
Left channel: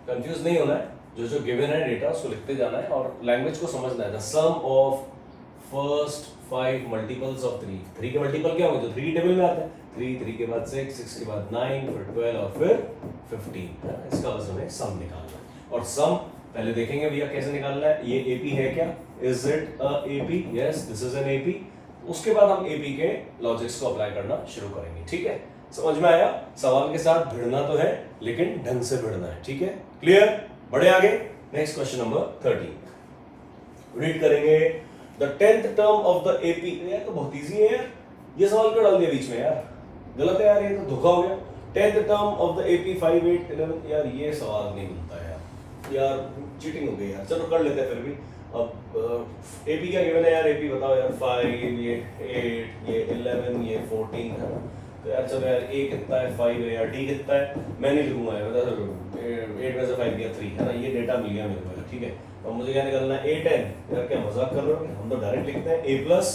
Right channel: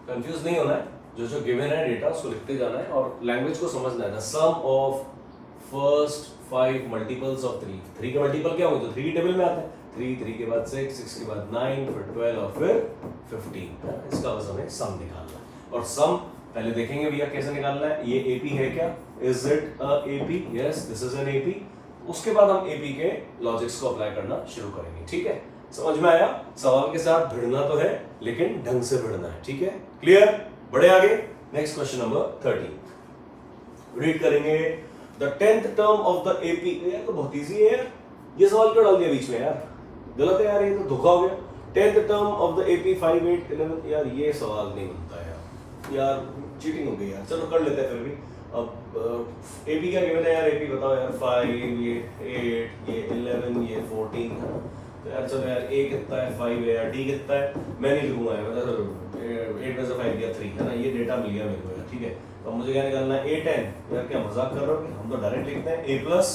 कंफ्यूज नहीं होना है, जो जो गिवन है डेटा उसको लिखते जाना है और लैंग्वेज को समझना है। The sum of first 5 multiples of 3, 3 के मल्टीपल क्या होंगे? तो 3 की टेबल में आते हैं, 3 के बाद 6 के बाद 9, फिर 12 और फिर 15। इसका बस हमें सम निकालना है और सम पहले देखेंगे भैया कैसे निकालना है। ये एपी है क्या? Is it a AP? Yes, this is an AP. उसके बाद हम एपी के लॉजिक्स को अप्लाई करना शुरू करेंगे। ठीक है, समझ में आया? सवाल के साथ भिड़ना तो है लेकिन ढंग से भिड़ना है। ठीक है, क्लियर? बढ़े आगे। नेक्स्ट क्वेश्चन नंबर 13 रीड करेंगे। The 10th term of the AP. यार तो बहुत इजी है यार, ये सवाल क्यों डाल दिया बीच में यार? गलत है यार, ये तो धोखा हो गया। 10th term of the AP 5 8 11। यार ये सवाल नहीं बनता यार, चीटिंग हो गई यार। चलो कर लेते हैं फिर भी। अब एपी क्या गिवन है यार? एपी बताओ यार। 5, ये 8, ये 11, ये 14 है ना। तो यार चलो यार, ए कितना है 5 है यार, डी कितना है मैं नहीं लिखूंगा यार, बता दो 8 में से 5 गया 3 है ना, ये डेटा मिल गया मेरे को। ठीक है, अब मुझे क्या निकालना है? 8 10। यार क्या मजाक कर रहे हो? हम तो डायरेक्ट लिखते हैं a प्लस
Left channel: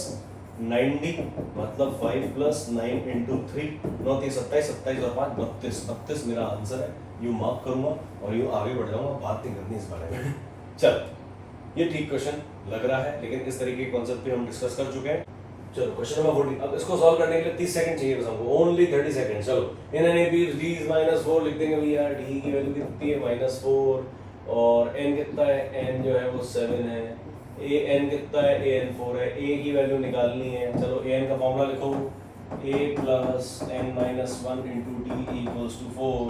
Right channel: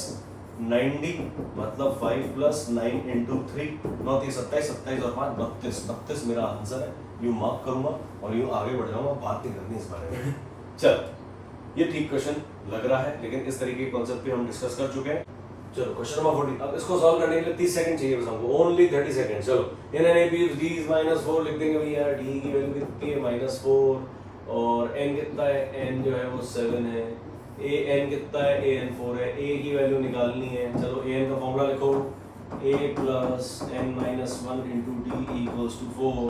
9d मतलब 5 प्लस 9 इंटू 3 9 3 27 27 और 5 32 32 मेरा आंसर है। यूं मार्क करूंगा और यूं आगे बढ़ जाऊंगा, बात नहीं करनी इस बारे में। चल, ये ठीक क्वेश्चन लग रहा है लेकिन इस तरीके के कॉन्सेप्ट पे हम डिस्कस कर चुके हैं। चलो क्वेश्चन नंबर 40। अब इसको सॉल्व करने के लिए 30 सेकंड चाहिए बस हमको, ओनली 30 सेकंड। चलो, in an AP d is -4 लिख देंगे भैया। d की वैल्यू कितनी है? -4। और n कितना है? n जो है वो 7 है। a n कितना है? a n 4 है। a की वैल्यू निकालनी है। चलो a n का फॉर्मूला लिखो, a plus n minus 1 into D equals to 4।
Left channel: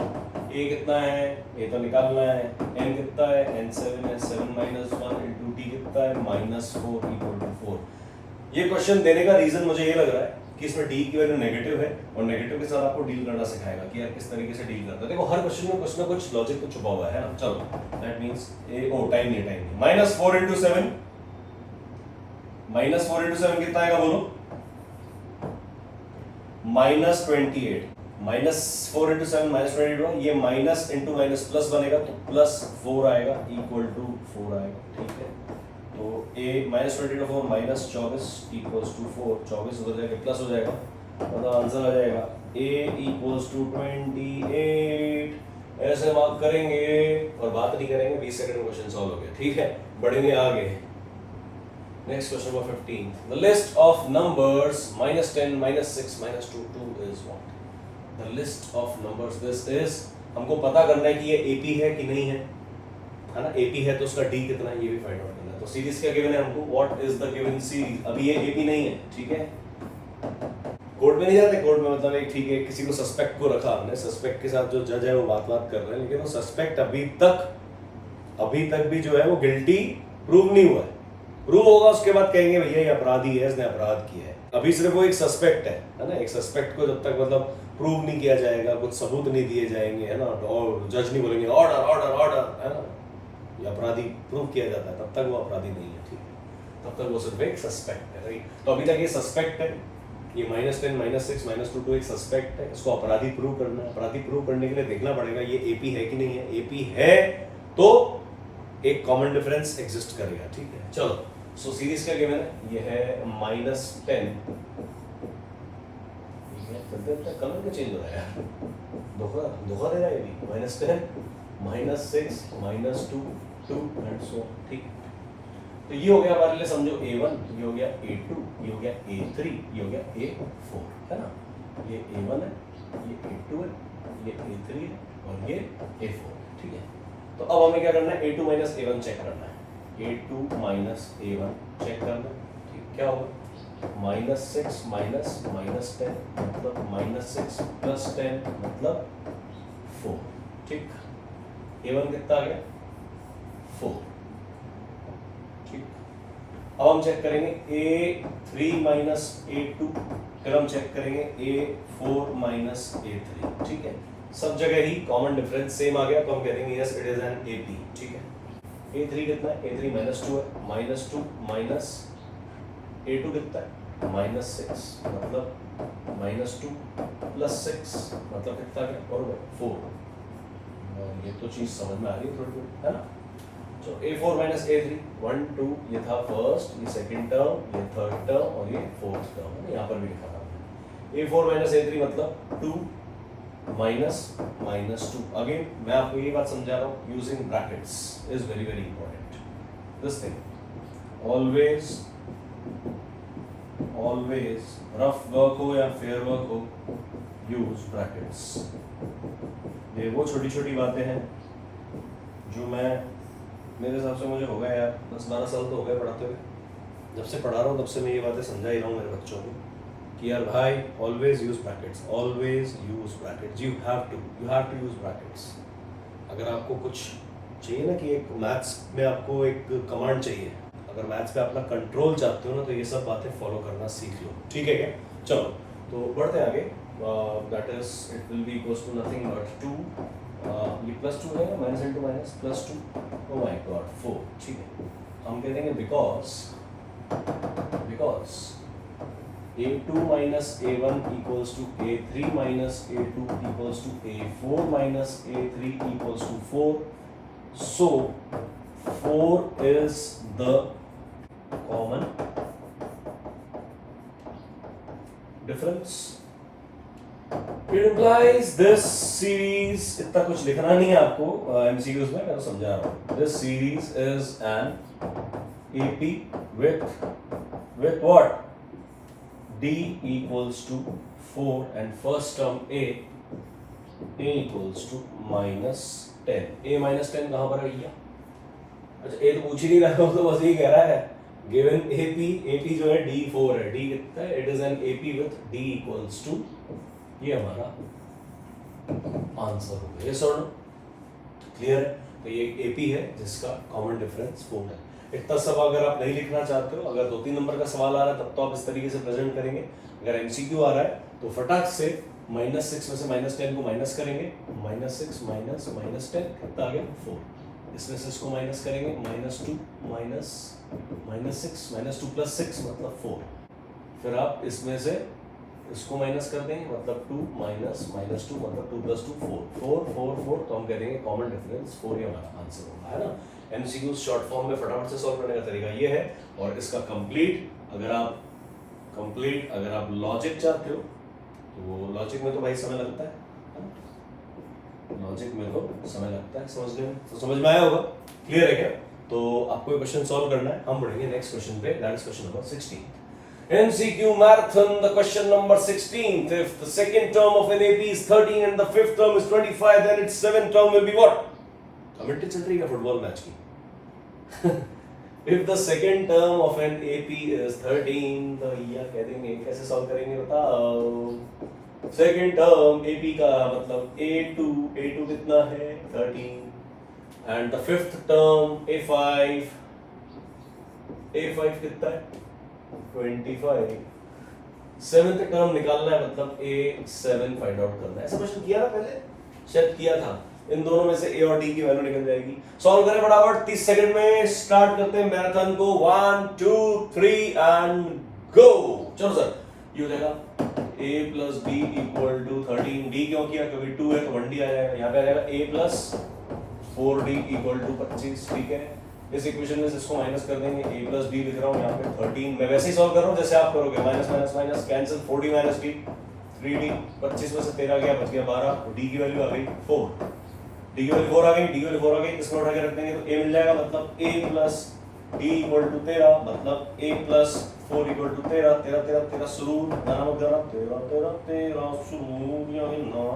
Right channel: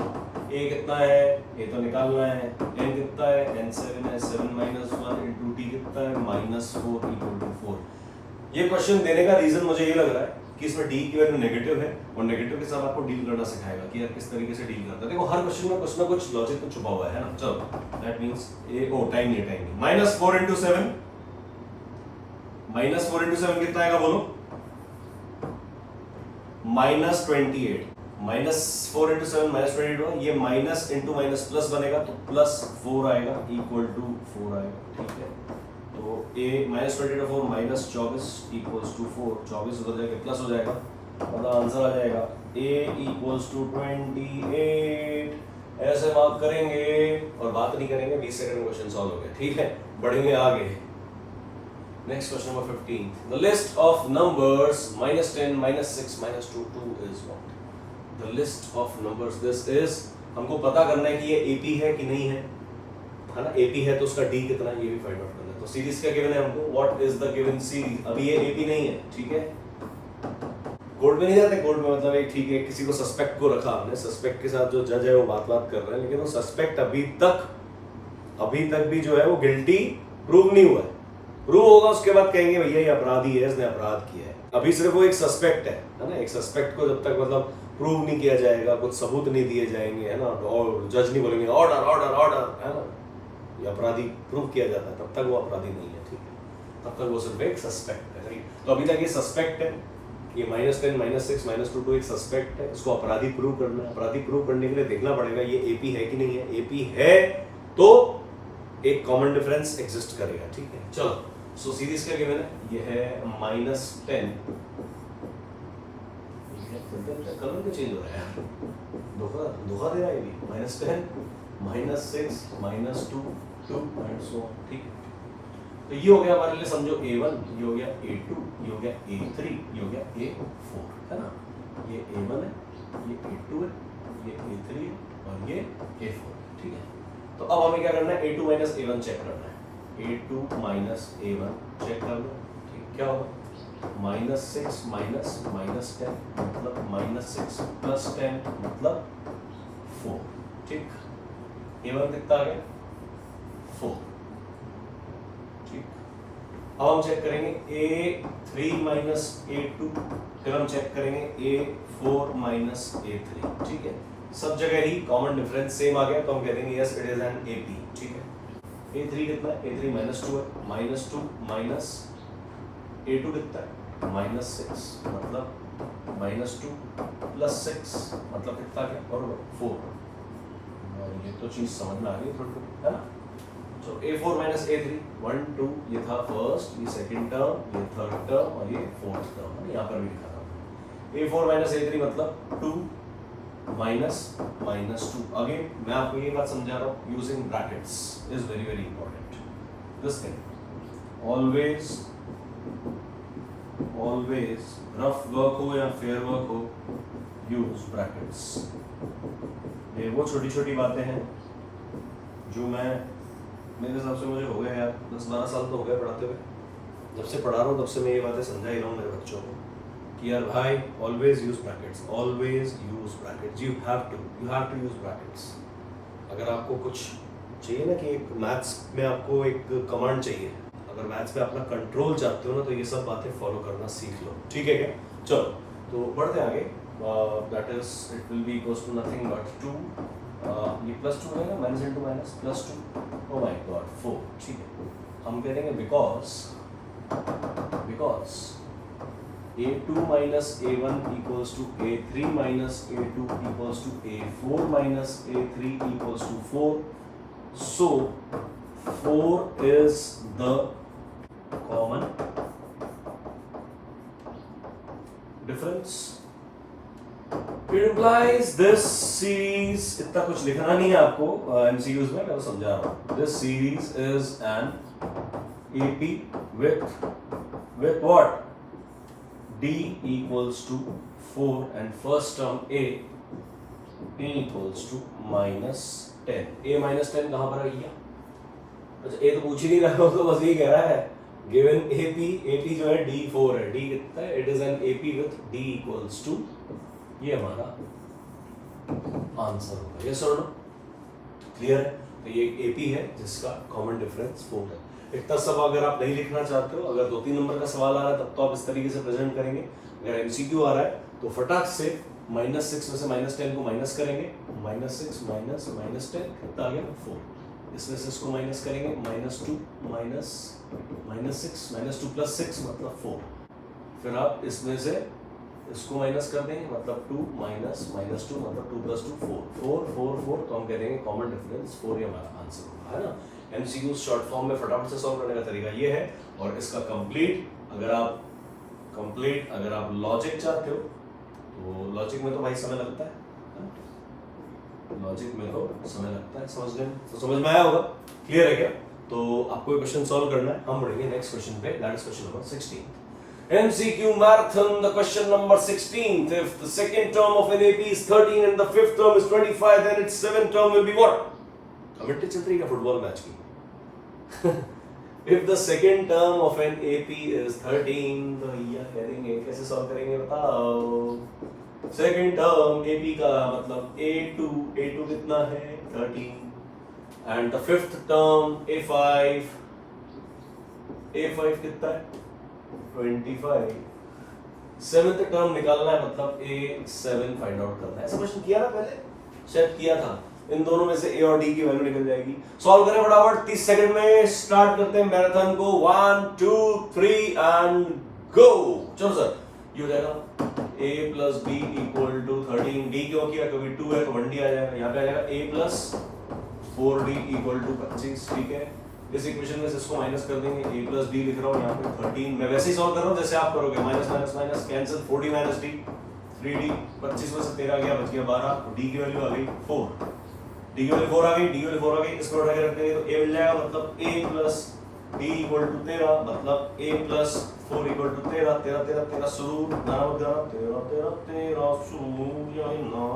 a कितना है? ये तो निकालना है। n कितना है? n 7 है। 7 माइनस 1 इंटू डी कितना है? -4 इक्वल टू 4। ये क्वेश्चन देने का रीजन मुझे ये लग रहा है कि इसमें डी की वैल्यू नेगेटिव है और नेगेटिव के साथ आपको डील करना सिखाएगा कि यार किस तरीके से डील करना है। देखो हर क्वेश्चन में कुछ ना कुछ लॉजिक तो छुपा हुआ है ना। चलो, that means a o time नहीं -4 इंटू 7 -4 इंटू 7 कितना आएगा बोलो? -28। -4 इंटू 7 -28। ये माइनस इंटू माइनस प्लस बनेगा तो +4 आएगा इक्वल टू 4 आएगा। ठीक है, तो a -24 माइनस 24 इक्वल्स टू 4। 24 उधर जाके प्लस हो जाएगा और आंसर आ जाएगा a इक्वल्स टू 28। ऐसे मार्क करेंगे और बात नहीं करेंगे। 20 सेकंड में क्वेश्चन सॉल्व हो गया। ठीक है, बढ़ेंगे आगे। Next question number 15। The list of numbers -10 -6 -2 2 is what? The list of numbers, this is, हमको पता करना है कि ये एपी है कि नहीं है ना। एपी है तो उसका डी कितना है ये भी फाइंड आउट करना है। तो सीरीज क्या गिवन है हमको? What is the given series? अभी ये एपी नहीं है। ठीक है, कोर्ट में नहीं जाते। कोर्ट में मतलब एक ठीक है, किसी को सस्पेक्ट को रखा हमने, सस्पेक्ट के साथ जो जज है वो बात कर रहे हैं, लेकिन वो सस्पेक्ट अभी तक भी जो है वो गिल्टी प्रूव नहीं हुआ है। प्रूव होगा उसके बाद कहेंगे भैया ये अपराधी है, इसने अपराध किया है। अभी सिर्फ वो एक सस्पेक्ट है ना। एक सस्पेक्ट को जब तक मतलब प्रूव नहीं किया जाएगा, कुछ सबूत नहीं दिए जाएंगे है ना, और जज नहीं बोलेंगे ऑर्डर ऑर्डर ऑर्डर है ना, ये अपराधी प्रूव किया जाता है, तब तक वो अपराधी नहीं है। ठीक है, तब तक वो सिर्फ एक सस्पेक्ट है। राइट, तो अभी तक ये सस्पेक्ट है। ये -10 -6 -2 तो एक सस्पेक्ट है, इसको अपराधी प्रूव करना है। अपराधी प्रूव करने के लिए देखना पड़ेगा ये एपी है कि नहीं है। एपी है तो एक कॉमन डिफरेंस एग्जिस्ट करेगा। ठीक है, चलो, सो सीरीज क्या गिवन है? ये है -10। कलर क्यों चेंज हो रहा है? धोखा दे रहा है ये भी। -10 -6 -2 2 एंड सो। ठीक, तो ये हो गया हमारे लिए, समझो A1, ये हो गया A2, ये हो गया A3, ये हो गया A4 है ना। ये A1 है, ये A2 है, ये A3 है और ये A4 है। ठीक है, तो अब हमें क्या करना है? A2 - A1 चेक करना है। A2 - A1 चेक करना है। ठीक, क्या होगा? -6 -10 मतलब -6 + 10 मतलब 4। ठीक, A1 कितना आ गया? 4। ठीक, अब हम चेक करेंगे A3 - A2, फिर हम चेक करेंगे A4 - A3। ठीक है, सब जगह ही कॉमन डिफरेंस सेम आ गया तो हम कह देंगे yes it is an AP, ठीक है। A3 कितना है? A3 -2 है, -2 माइनस A2 कितना है? -6, मतलब -2 + 6 मतलब कितना क्या? और 4। और ये तो चीज समझ में आ रही है थोड़ी थोड़ी, है ना? तो A4 - A3 1 2 ये था फर्स्ट, ये सेकंड टर्म, ये थर्ड टर्म और ये फोर्थ टर्म है, यहाँ पर भी लिखा था। A4 - A3 मतलब 2 -2। अगेन मैं आपको ये बात समझा रहा हूँ, using brackets is very very important. This thing always rough work हो या फेयर वर्क हो, यूज ब्रैकेट्स। ये वो छोटी छोटी बातें हैं जो मैं, मेरे हिसाब से मुझे हो गया यार 10-12 साल तो हो गए पढ़ाते हुए। जब से पढ़ा रहा हूँ तब से मैं ये बातें समझा ही रहा हूँ मेरे बच्चों को कि यार भाई always use brackets, always use brackets, you have to use brackets. अगर आपको कुछ चाहिए ना कि एक मैथ्स में आपको एक कमांड चाहिए, अगर मैथ्स पे अपना कंट्रोल चाहते हो ना तो ये सब बातें फॉलो करना सीख लो, ठीक है क्या? चलो तो बढ़ते आगे। That is it will be equals to nothing but 2, ये +2 है ना, minus into minus +2, oh my god 4, ठीक है। हम कह देंगे because A2 minus A1 equals to A3 minus A2 equals to A4 minus A3 equals to 4. So 4 is the common difference. It implies this series, इतना कुछ लिखना नहीं है आपको MCQs में, मैं तो समझा रहा हूँ। This series is an AP with what? D equals to 4 and first term A equals to -10. A -10 कहाँ पर है भैया? अच्छा A तो पूछ ही नहीं रहा हो तो बस ये कह रहा है given AP जो है D4 है, D कितना है? It is an AP with D equals to, ये हमारा आंसर होगा। ये सर क्लियर है? तो ये AP है जिसका कॉमन डिफरेंस 4 है। इतना सब अगर आप नहीं लिखना चाहते हो, अगर 2-3 नंबर का सवाल आ रहा है तब तो आप इस तरीके से प्रेजेंट करेंगे। अगर MCQ आ रहा है तो फटाक से -6 में से -10 को माइनस करेंगे, -6 माइनस -10 कितना आ गया? 4। इसमें से इसको माइनस करेंगे, -2 माइनस -6 -2 + 6 मतलब 4। फिर आप इसमें से इसको माइनस कर देंगे मतलब 2 माइनस -2 मतलब 2 + 2 4 तो हम कह देंगे कॉमन डिफरेंस 4 ही हमारा आंसर होगा, है ना? MCQ शॉर्ट फॉर्म में फटाफट से सॉल्व करने का तरीका ये है। और इसका कंप्लीट अगर आप लॉजिक चाहते हो तो लॉजिक में तो भाई समय लगता है, लॉजिक में तो समय लगता है समझने में। तो समझ में आया होगा, क्लियर है क्या? तो आपको ये क्वेश्चन सॉल्व करना है। हम बढ़ेंगे नेक्स्ट क्वेश्चन पे, that is question number 16। MCQ marathon, the question number 16. If the second term of an AP is 13 and the fifth term is 25, then its seventh term will be what? Commentary चल रही है football match की। If the second term of an AP is 13, तो ये कह देंगे, कैसे solve करेंगे बताओ? सेकंड टर्म AP का मतलब A2 कितना है? 13 and the fifth term A5 कितना है? 25। सेवेंथ टर्म निकालना है मतलब A7 फाइंड आउट करना है। ऐसा क्वेश्चन किया ना पहले, शायद किया था। इन दोनों में से A और D की वैल्यू निकल जाएगी। सॉल्व करें फटाफट, 30 सेकंड में स्टार्ट करते हैं मैराथन को। 1 2 3 एंड गो। चलो सर, ये हो जाएगा A + B = 13। D क्यों किया? क्योंकि 2 है तो 1D आ जाएगा। यहाँ पे आ जाएगा A + 4D = 25, ठीक है। इस इक्वेशन में से इसको माइनस कर देंगे, A + D लिख रहा हूँ यहाँ पे 13। मैं वैसे ही सॉल्व कर रहा हूँ जैसे आप करोगे, minus cancel, 4D - D 3D, 25 में से 13 गया, बच गया 12। D की वैल्यू आ गई 4, D की वैल्यू 4 आ गई, D की वैल्यू 4 आ गई। इसको उठा के रख देंगे तो A मिल जाएगा, मतलब A + D = 13, मतलब A + 4 = 13। 13 शुरू, गाना मत गाना, 13 शुरू, यही 9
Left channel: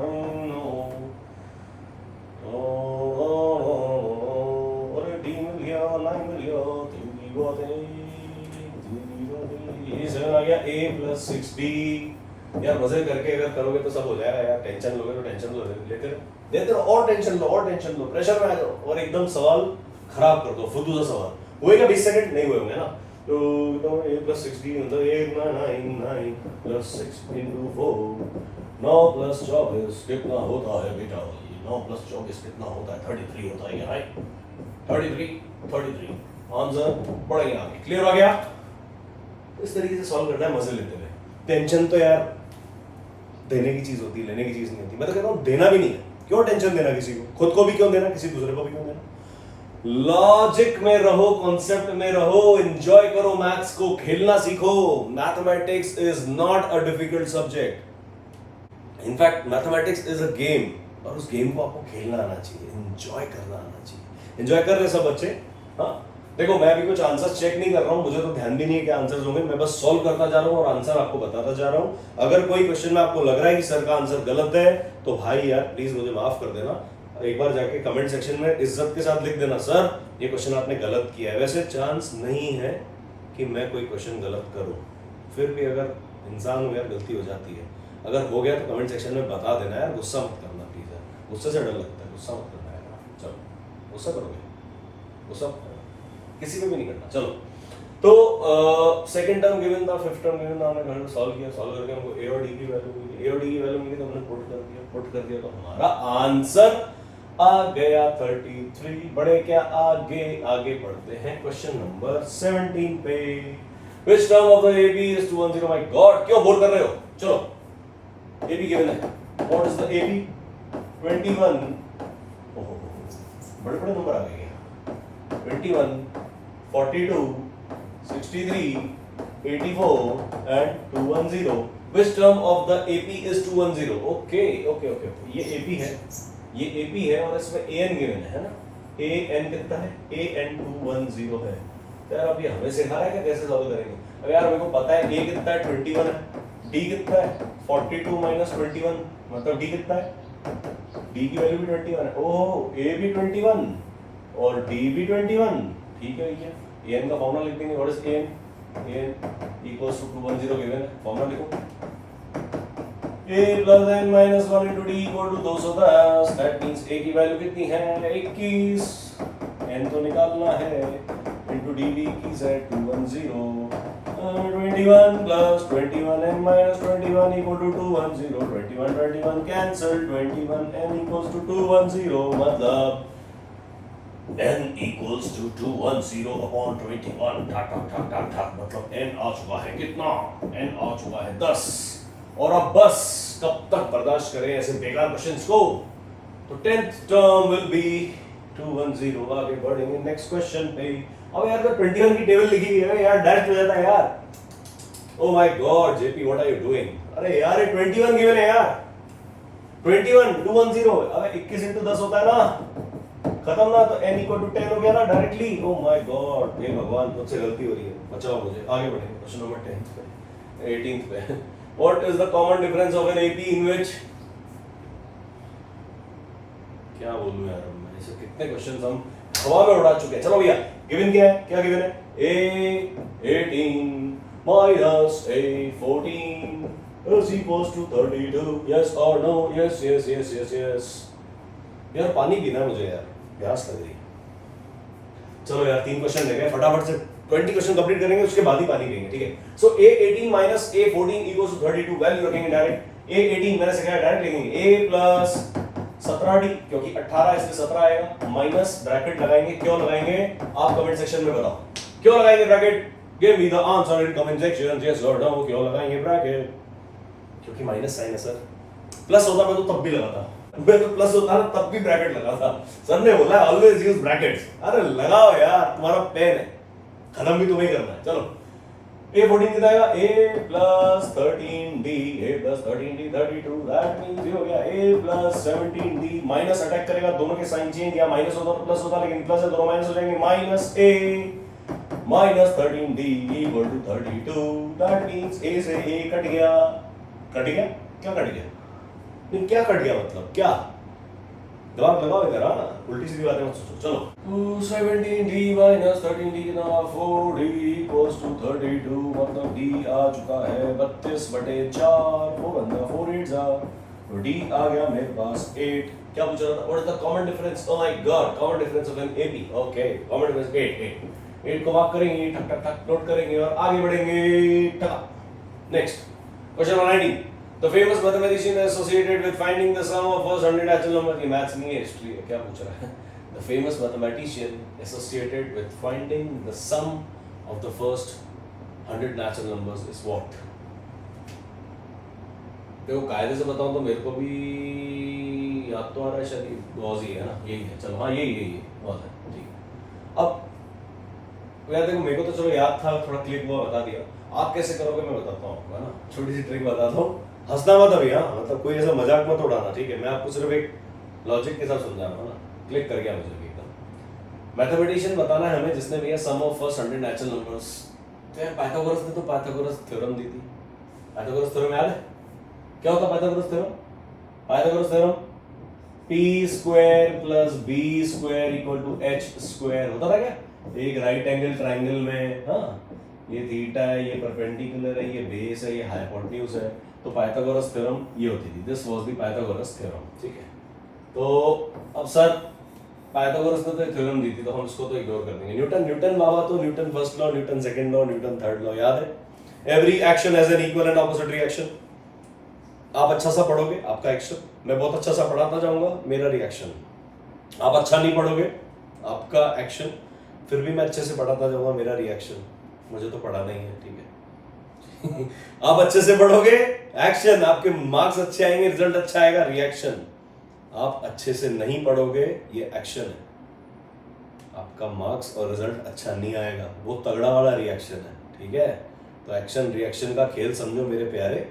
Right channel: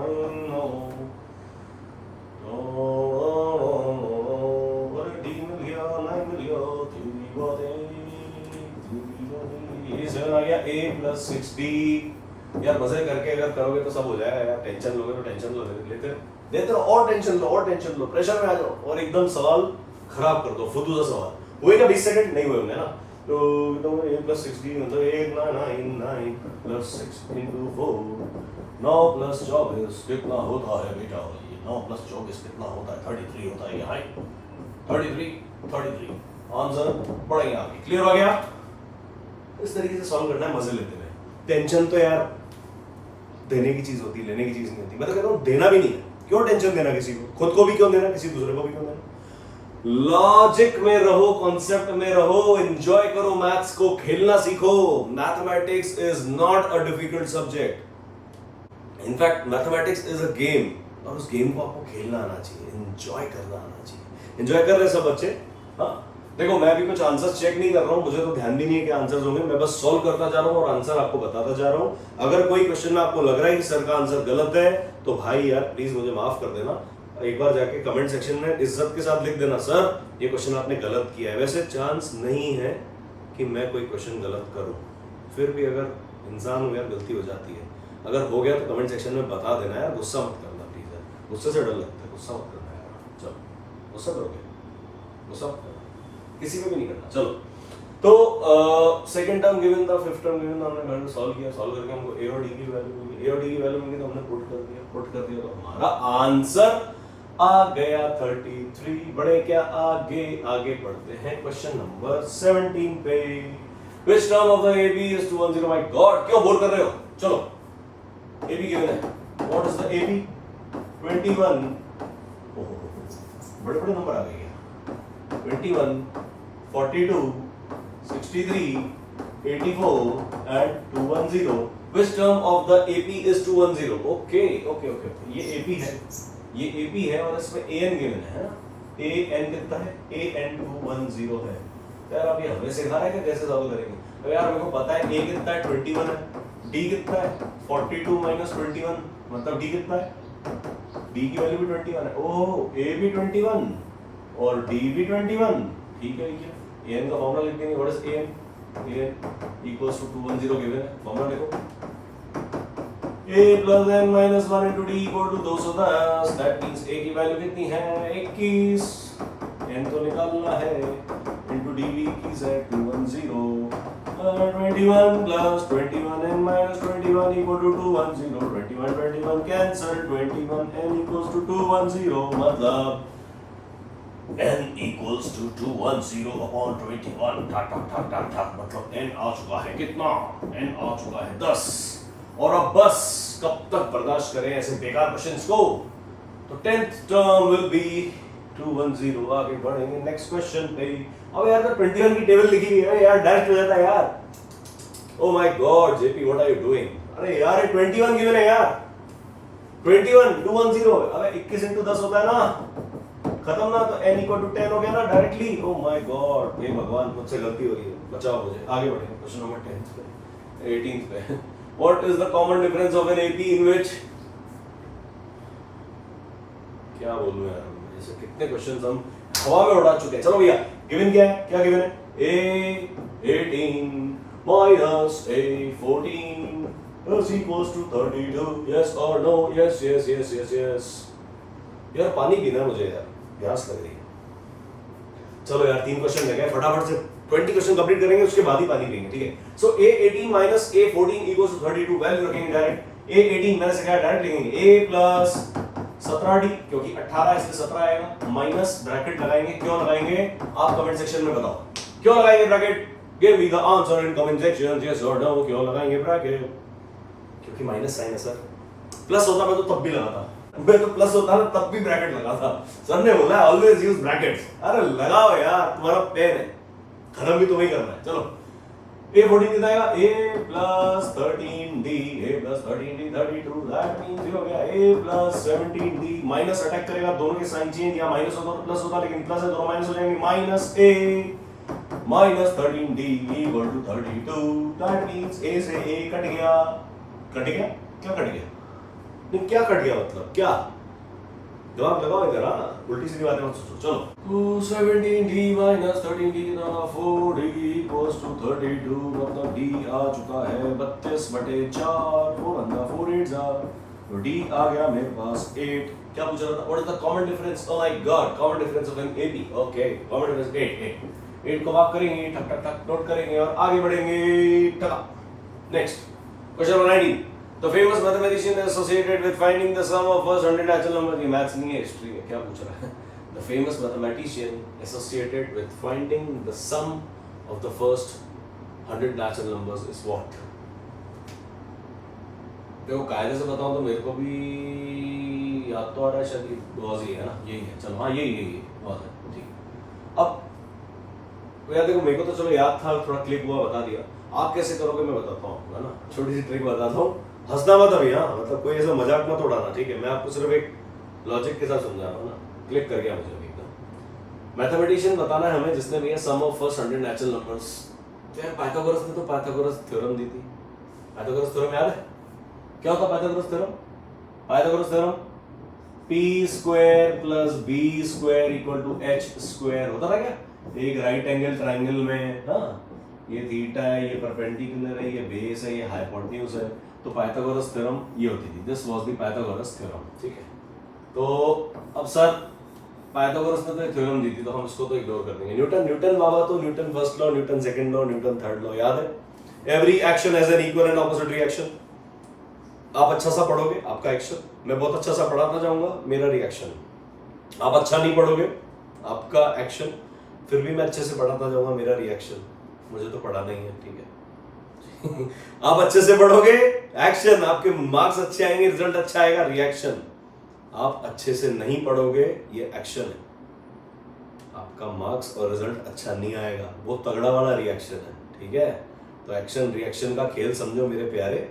A + 6D। यार मजे करके अगर करोगे तो सब हो जाएगा यार। टेंशन लोगे तो टेंशन लेते रहो और टेंशन लो, प्रेशर में आ जाओ और एकदम सवाल खराब कर दो, फुदू सा सवाल। हुएगा 20 सेकंड नहीं हुए होंगे ना। तो a plus 16 मतलब 8 9 9 plus 6 into 4 9 plus 24 कितना होता है बेटा? 9 plus 24 कितना होता है? 33 होता है, राइट? 33 आंसर पढ़ेंगे आपके। क्लियर हो गया? इस तरीके से सॉल्व करना है मजे लेते हुए। टेंशन तो यार देने की चीज होती है, लेने की चीज नहीं होती। मैं तो कहता हूँ देना भी नहीं है। क्यों टेंशन देना किसी को? खुद को भी क्यों देना, किसी दूसरे को भी क्यों देना? लॉजिक में रहो, कॉन्सेप्ट में रहो, एंजॉय करो मैथ्स को, खेलना सीखो। Mathematics is not a difficult subject. In fact mathematics is a game, और उस गेम को आपको खेलना आना चाहिए, एंजॉय करना आना चाहिए। एंजॉय कर रहे सब बच्चे? हाँ, देखो मैं भी कुछ आंसर्स चेक नहीं कर रहा हूँ, मुझे तो ध्यान भी नहीं है कि आंसर्स होंगे, मैं बस सॉल्व करता जा रहा हूँ और आंसर आपको बताता जा रहा हूँ। अगर कोई क्वेश्चन में आपको लग रहा है कि सर का आंसर गलत है, तो भाई यार प्लीज मुझे माफ कर देना। एक बार जाके कमेंट सेक्शन में इज्जत के साथ लिख देना, सर ये क्वेश्चन आपने गलत किया है। वैसे चांस नहीं है कि मैं कोई क्वेश्चन गलत करूँ, फिर भी अगर इंसान हूँ यार, गलती हो जाती है। अगर हो गया तो कमेंट सेक्शन में बता देना यार, गुस्सा मत करना प्लीज यार, गुस्से से डर लगता है, गुस्सा मत करना यार। चलो गुस्सा करोगे, गुस्सा मत करना, किसी को भी नहीं करना। चलो तो सेकंड टर्म गिवन था, फिफ्थ टर्म गिवन था, हमने घर में सॉल्व किया, सॉल्व करके हमको ए और डी की वैल्यू मिली, ए और डी की वैल्यू मिली तो हमने पुट कर दिया तो हमारा आंसर आ गया 33। बड़े क्या आगे पढ़ते हैं क्वेश्चन नंबर 17 पे। Which term of the AB is 210? My God, क्यों बोर कर रहे हो? चलो AB गिवन है, what is the AB? 21। बड़े नंबर आ गए हैं। 21, 42, 63, 84 and 210. Which term of the AP is 210? Okay. ये AP है, ये AP है और इसमें AN गिवन है ना? AN कितना है? AN 210 है। यार आप ये हमें सिखा रहे हैं कि कैसे सॉल्व करेंगे? अब यार मेरे को पता है A कितना है, 21 है, D कितना है 42 माइनस 21, मतलब D कितना है? D की वैल्यू भी 21 है। ओह, A भी 21 और D भी 21। ठीक है, AN का फॉर्मूला लिख देंगे। What is AN? AN equals to 210 given है, फॉर्मूला लिखो। A plus n minus 1 into D equal to 210। That means A की वैल्यू कितनी है? 21। n तो निकालना है, into D भी 21 है, 210। 21 plus 21n minus 21 equal to 210। 21 cancel, 21n equals to 210, मतलब n equals to 210 upon 21। ठक मतलब n आ चुका है कितना? n आ चुका है 10। और अब बस कब तक बर्दाश्त करें ऐसे बेकार क्वेश्चंस को? तो 10th टर्म विल बी 210। आगे बढ़ेंगे नेक्स्ट क्वेश्चन पे। अब यार तो 21 की टेबल लिखी हुई है यार, डायरेक्ट हो जाता है यार। Oh my god JP, what are you doing? अरे यार ये 21 गिवन है यार, 21 210। अबे 21 into 10 होता है ना, खत्म ना, तो n equal to 10 हो गया ना डायरेक्टली। ओह माय गॉड, हे भगवान मुझसे गलती हो रही है, बचाओ मुझे। आगे बढ़ेंगे क्वेश्चन नंबर 10 पे, 18th पे। What is the common difference of an AP in which? क्या बोलूं यार, ऐसे कितने क्वेश्चंस हम हवा में उड़ा चुके हैं। चलो भैया, गिवन क्या है? क्या गिवन है? A18 minus A14 is equals to 32। Yes or no? Yes। यार पानी पीना मुझे यार, प्यास लग रही है। चलो यार 3 क्वेश्चन ले गए, फटाफट से 20 क्वेश्चन कंप्लीट करेंगे, उसके बाद ही पानी पिएंगे, ठीक है? सो A18 minus A14 equals to 32। Value रखेंगे डायरेक्ट। A18 मैंने सिखाया, डायरेक्ट लिखेंगे A plus 17D, क्योंकि 18 इसलिए 17 आएगा, माइनस ब्रैकेट लगाएंगे। क्यों लगाएंगे आप कमेंट सेक्शन में बताओ, क्यों लगाएंगे bracket? Give me the answer in comment section, yes और नो। क्यों लगाएंगे ब्रैकेट? क्योंकि माइनस साइन है सर। प्लस होता मैं तो तब भी लगाता, मैं तो प्लस होता ना तब भी ब्रैकेट लगाता। सर ने बोला ऑलवेज यूज ब्रैकेट्स। अरे लगाओ यार, तुम्हारा पेन है, खत्म भी तो वही करना है। चलो A14 कितना आएगा? A plus 13D, A plus 13D 32। That means ये हो गया A plus 17D। Minus attack करेगा, दोनों के साइन चेंज, या माइनस होता तो प्लस होता, लेकिन प्लस है, दोनों माइनस हो जाएंगे। Minus A minus 13D equal to 32। That means A से A कट गया। क्या कट गया? नहीं क्या कट गया मतलब क्या? जवाब लगाओ इधर, उल्टी सीधी बातें मत सोचो। चलो 17D minus 13D कितना? 4D equals to 32, मतलब D आ चुका है 32/4। 4 8s are, तो D आ गया मेरे पास 8। क्या पूछा था? What is the common difference? Oh my God, common difference of an AB. Okay, common difference 8। 8 को मार्क करेंगे, ठक ठक ठक नोट करेंगे और आगे बढ़ेंगे। Next question number 19, the famous mathematician associated with finding the sum of first 100 natural number. ये मैथ्स नहीं है, हिस्ट्री है, क्या पूछ रहा है? The famous mathematician associated with finding the sum of the first 100 natural numbers is what? देखो कायदे से बताऊं तो मेरे को भी याद तो आ रहा है, शायद गॉस ही है ना, यही है। चलो हाँ यही गॉस है, ठीक। अब यार देखो, मेरे को तो चलो याद था, थोड़ा क्लिक हुआ, बता दिया। आप कैसे करोगे मैं बताता हूँ, है ना, छोटी सी ट्रिक बताता हूँ। हंसना मत अभी, हाँ, मतलब कोई ऐसा मजाक मत उड़ाना, ठीक है? मैं आपको सिर्फ एक लॉजिक के साथ समझा रहा हूँ ना। क्लिक कर गया मुझे एकदम। मैथमेटिशियन बताना है हमें जिसने भैया सम ऑफ फर्स्ट 100 नेचुरल नंबर्स। तो यार पाइथागोरस ने तो पाइथागोरस थ्योरम दी थी। पाइथागोरस थ्योरम याद है? क्या होता Pythagoras theorem? Pythagoras theorem p square plus b square equal to h square होता था क्या? एक राइट एंगल ट्रायंगल में, हाँ, ये थीटा है, ये परपेंडिकुलर है, ये बेस है, ये हाइपोटेन्यूज है, तो पाइथागोरस थ्योरम ये होती थी। This was the Pythagoras theorem, ठीक है? तो अब सर पाइथागोरस ने तो थ्योरम दी थी, तो हम उसको तो इग्नोर कर देंगे। न्यूटन बाबा तो Newton first law, Newton second law, Newton third law याद है? Every action has an equal and opposite reaction. आप अच्छा सा पढ़ोगे, आपका एक्शन, मैं बहुत अच्छा सा पढ़ाता जाऊंगा, मेरा रिएक्शन। आप अच्छा नहीं पढ़ोगे, आपका एक्शन, फिर भी मैं अच्छे से पढ़ाता जाऊंगा, मेरा रिएक्शन। मुझे तो पढ़ाना ही है, ठीक है? आप अच्छे से पढ़ोगे, एक्शन, आपके मार्क्स अच्छे आएंगे, रिजल्ट अच्छा आएगा, रिएक्शन। आप अच्छे से नहीं पढ़ोगे, ये एक्शन है, आपका मार्क्स और रिजल्ट अच्छा नहीं आएगा, वो तगड़ा वाला रिएक्शन है, ठीक है? तो एक्शन रिएक्शन का खेल समझो मेरे प्यारे,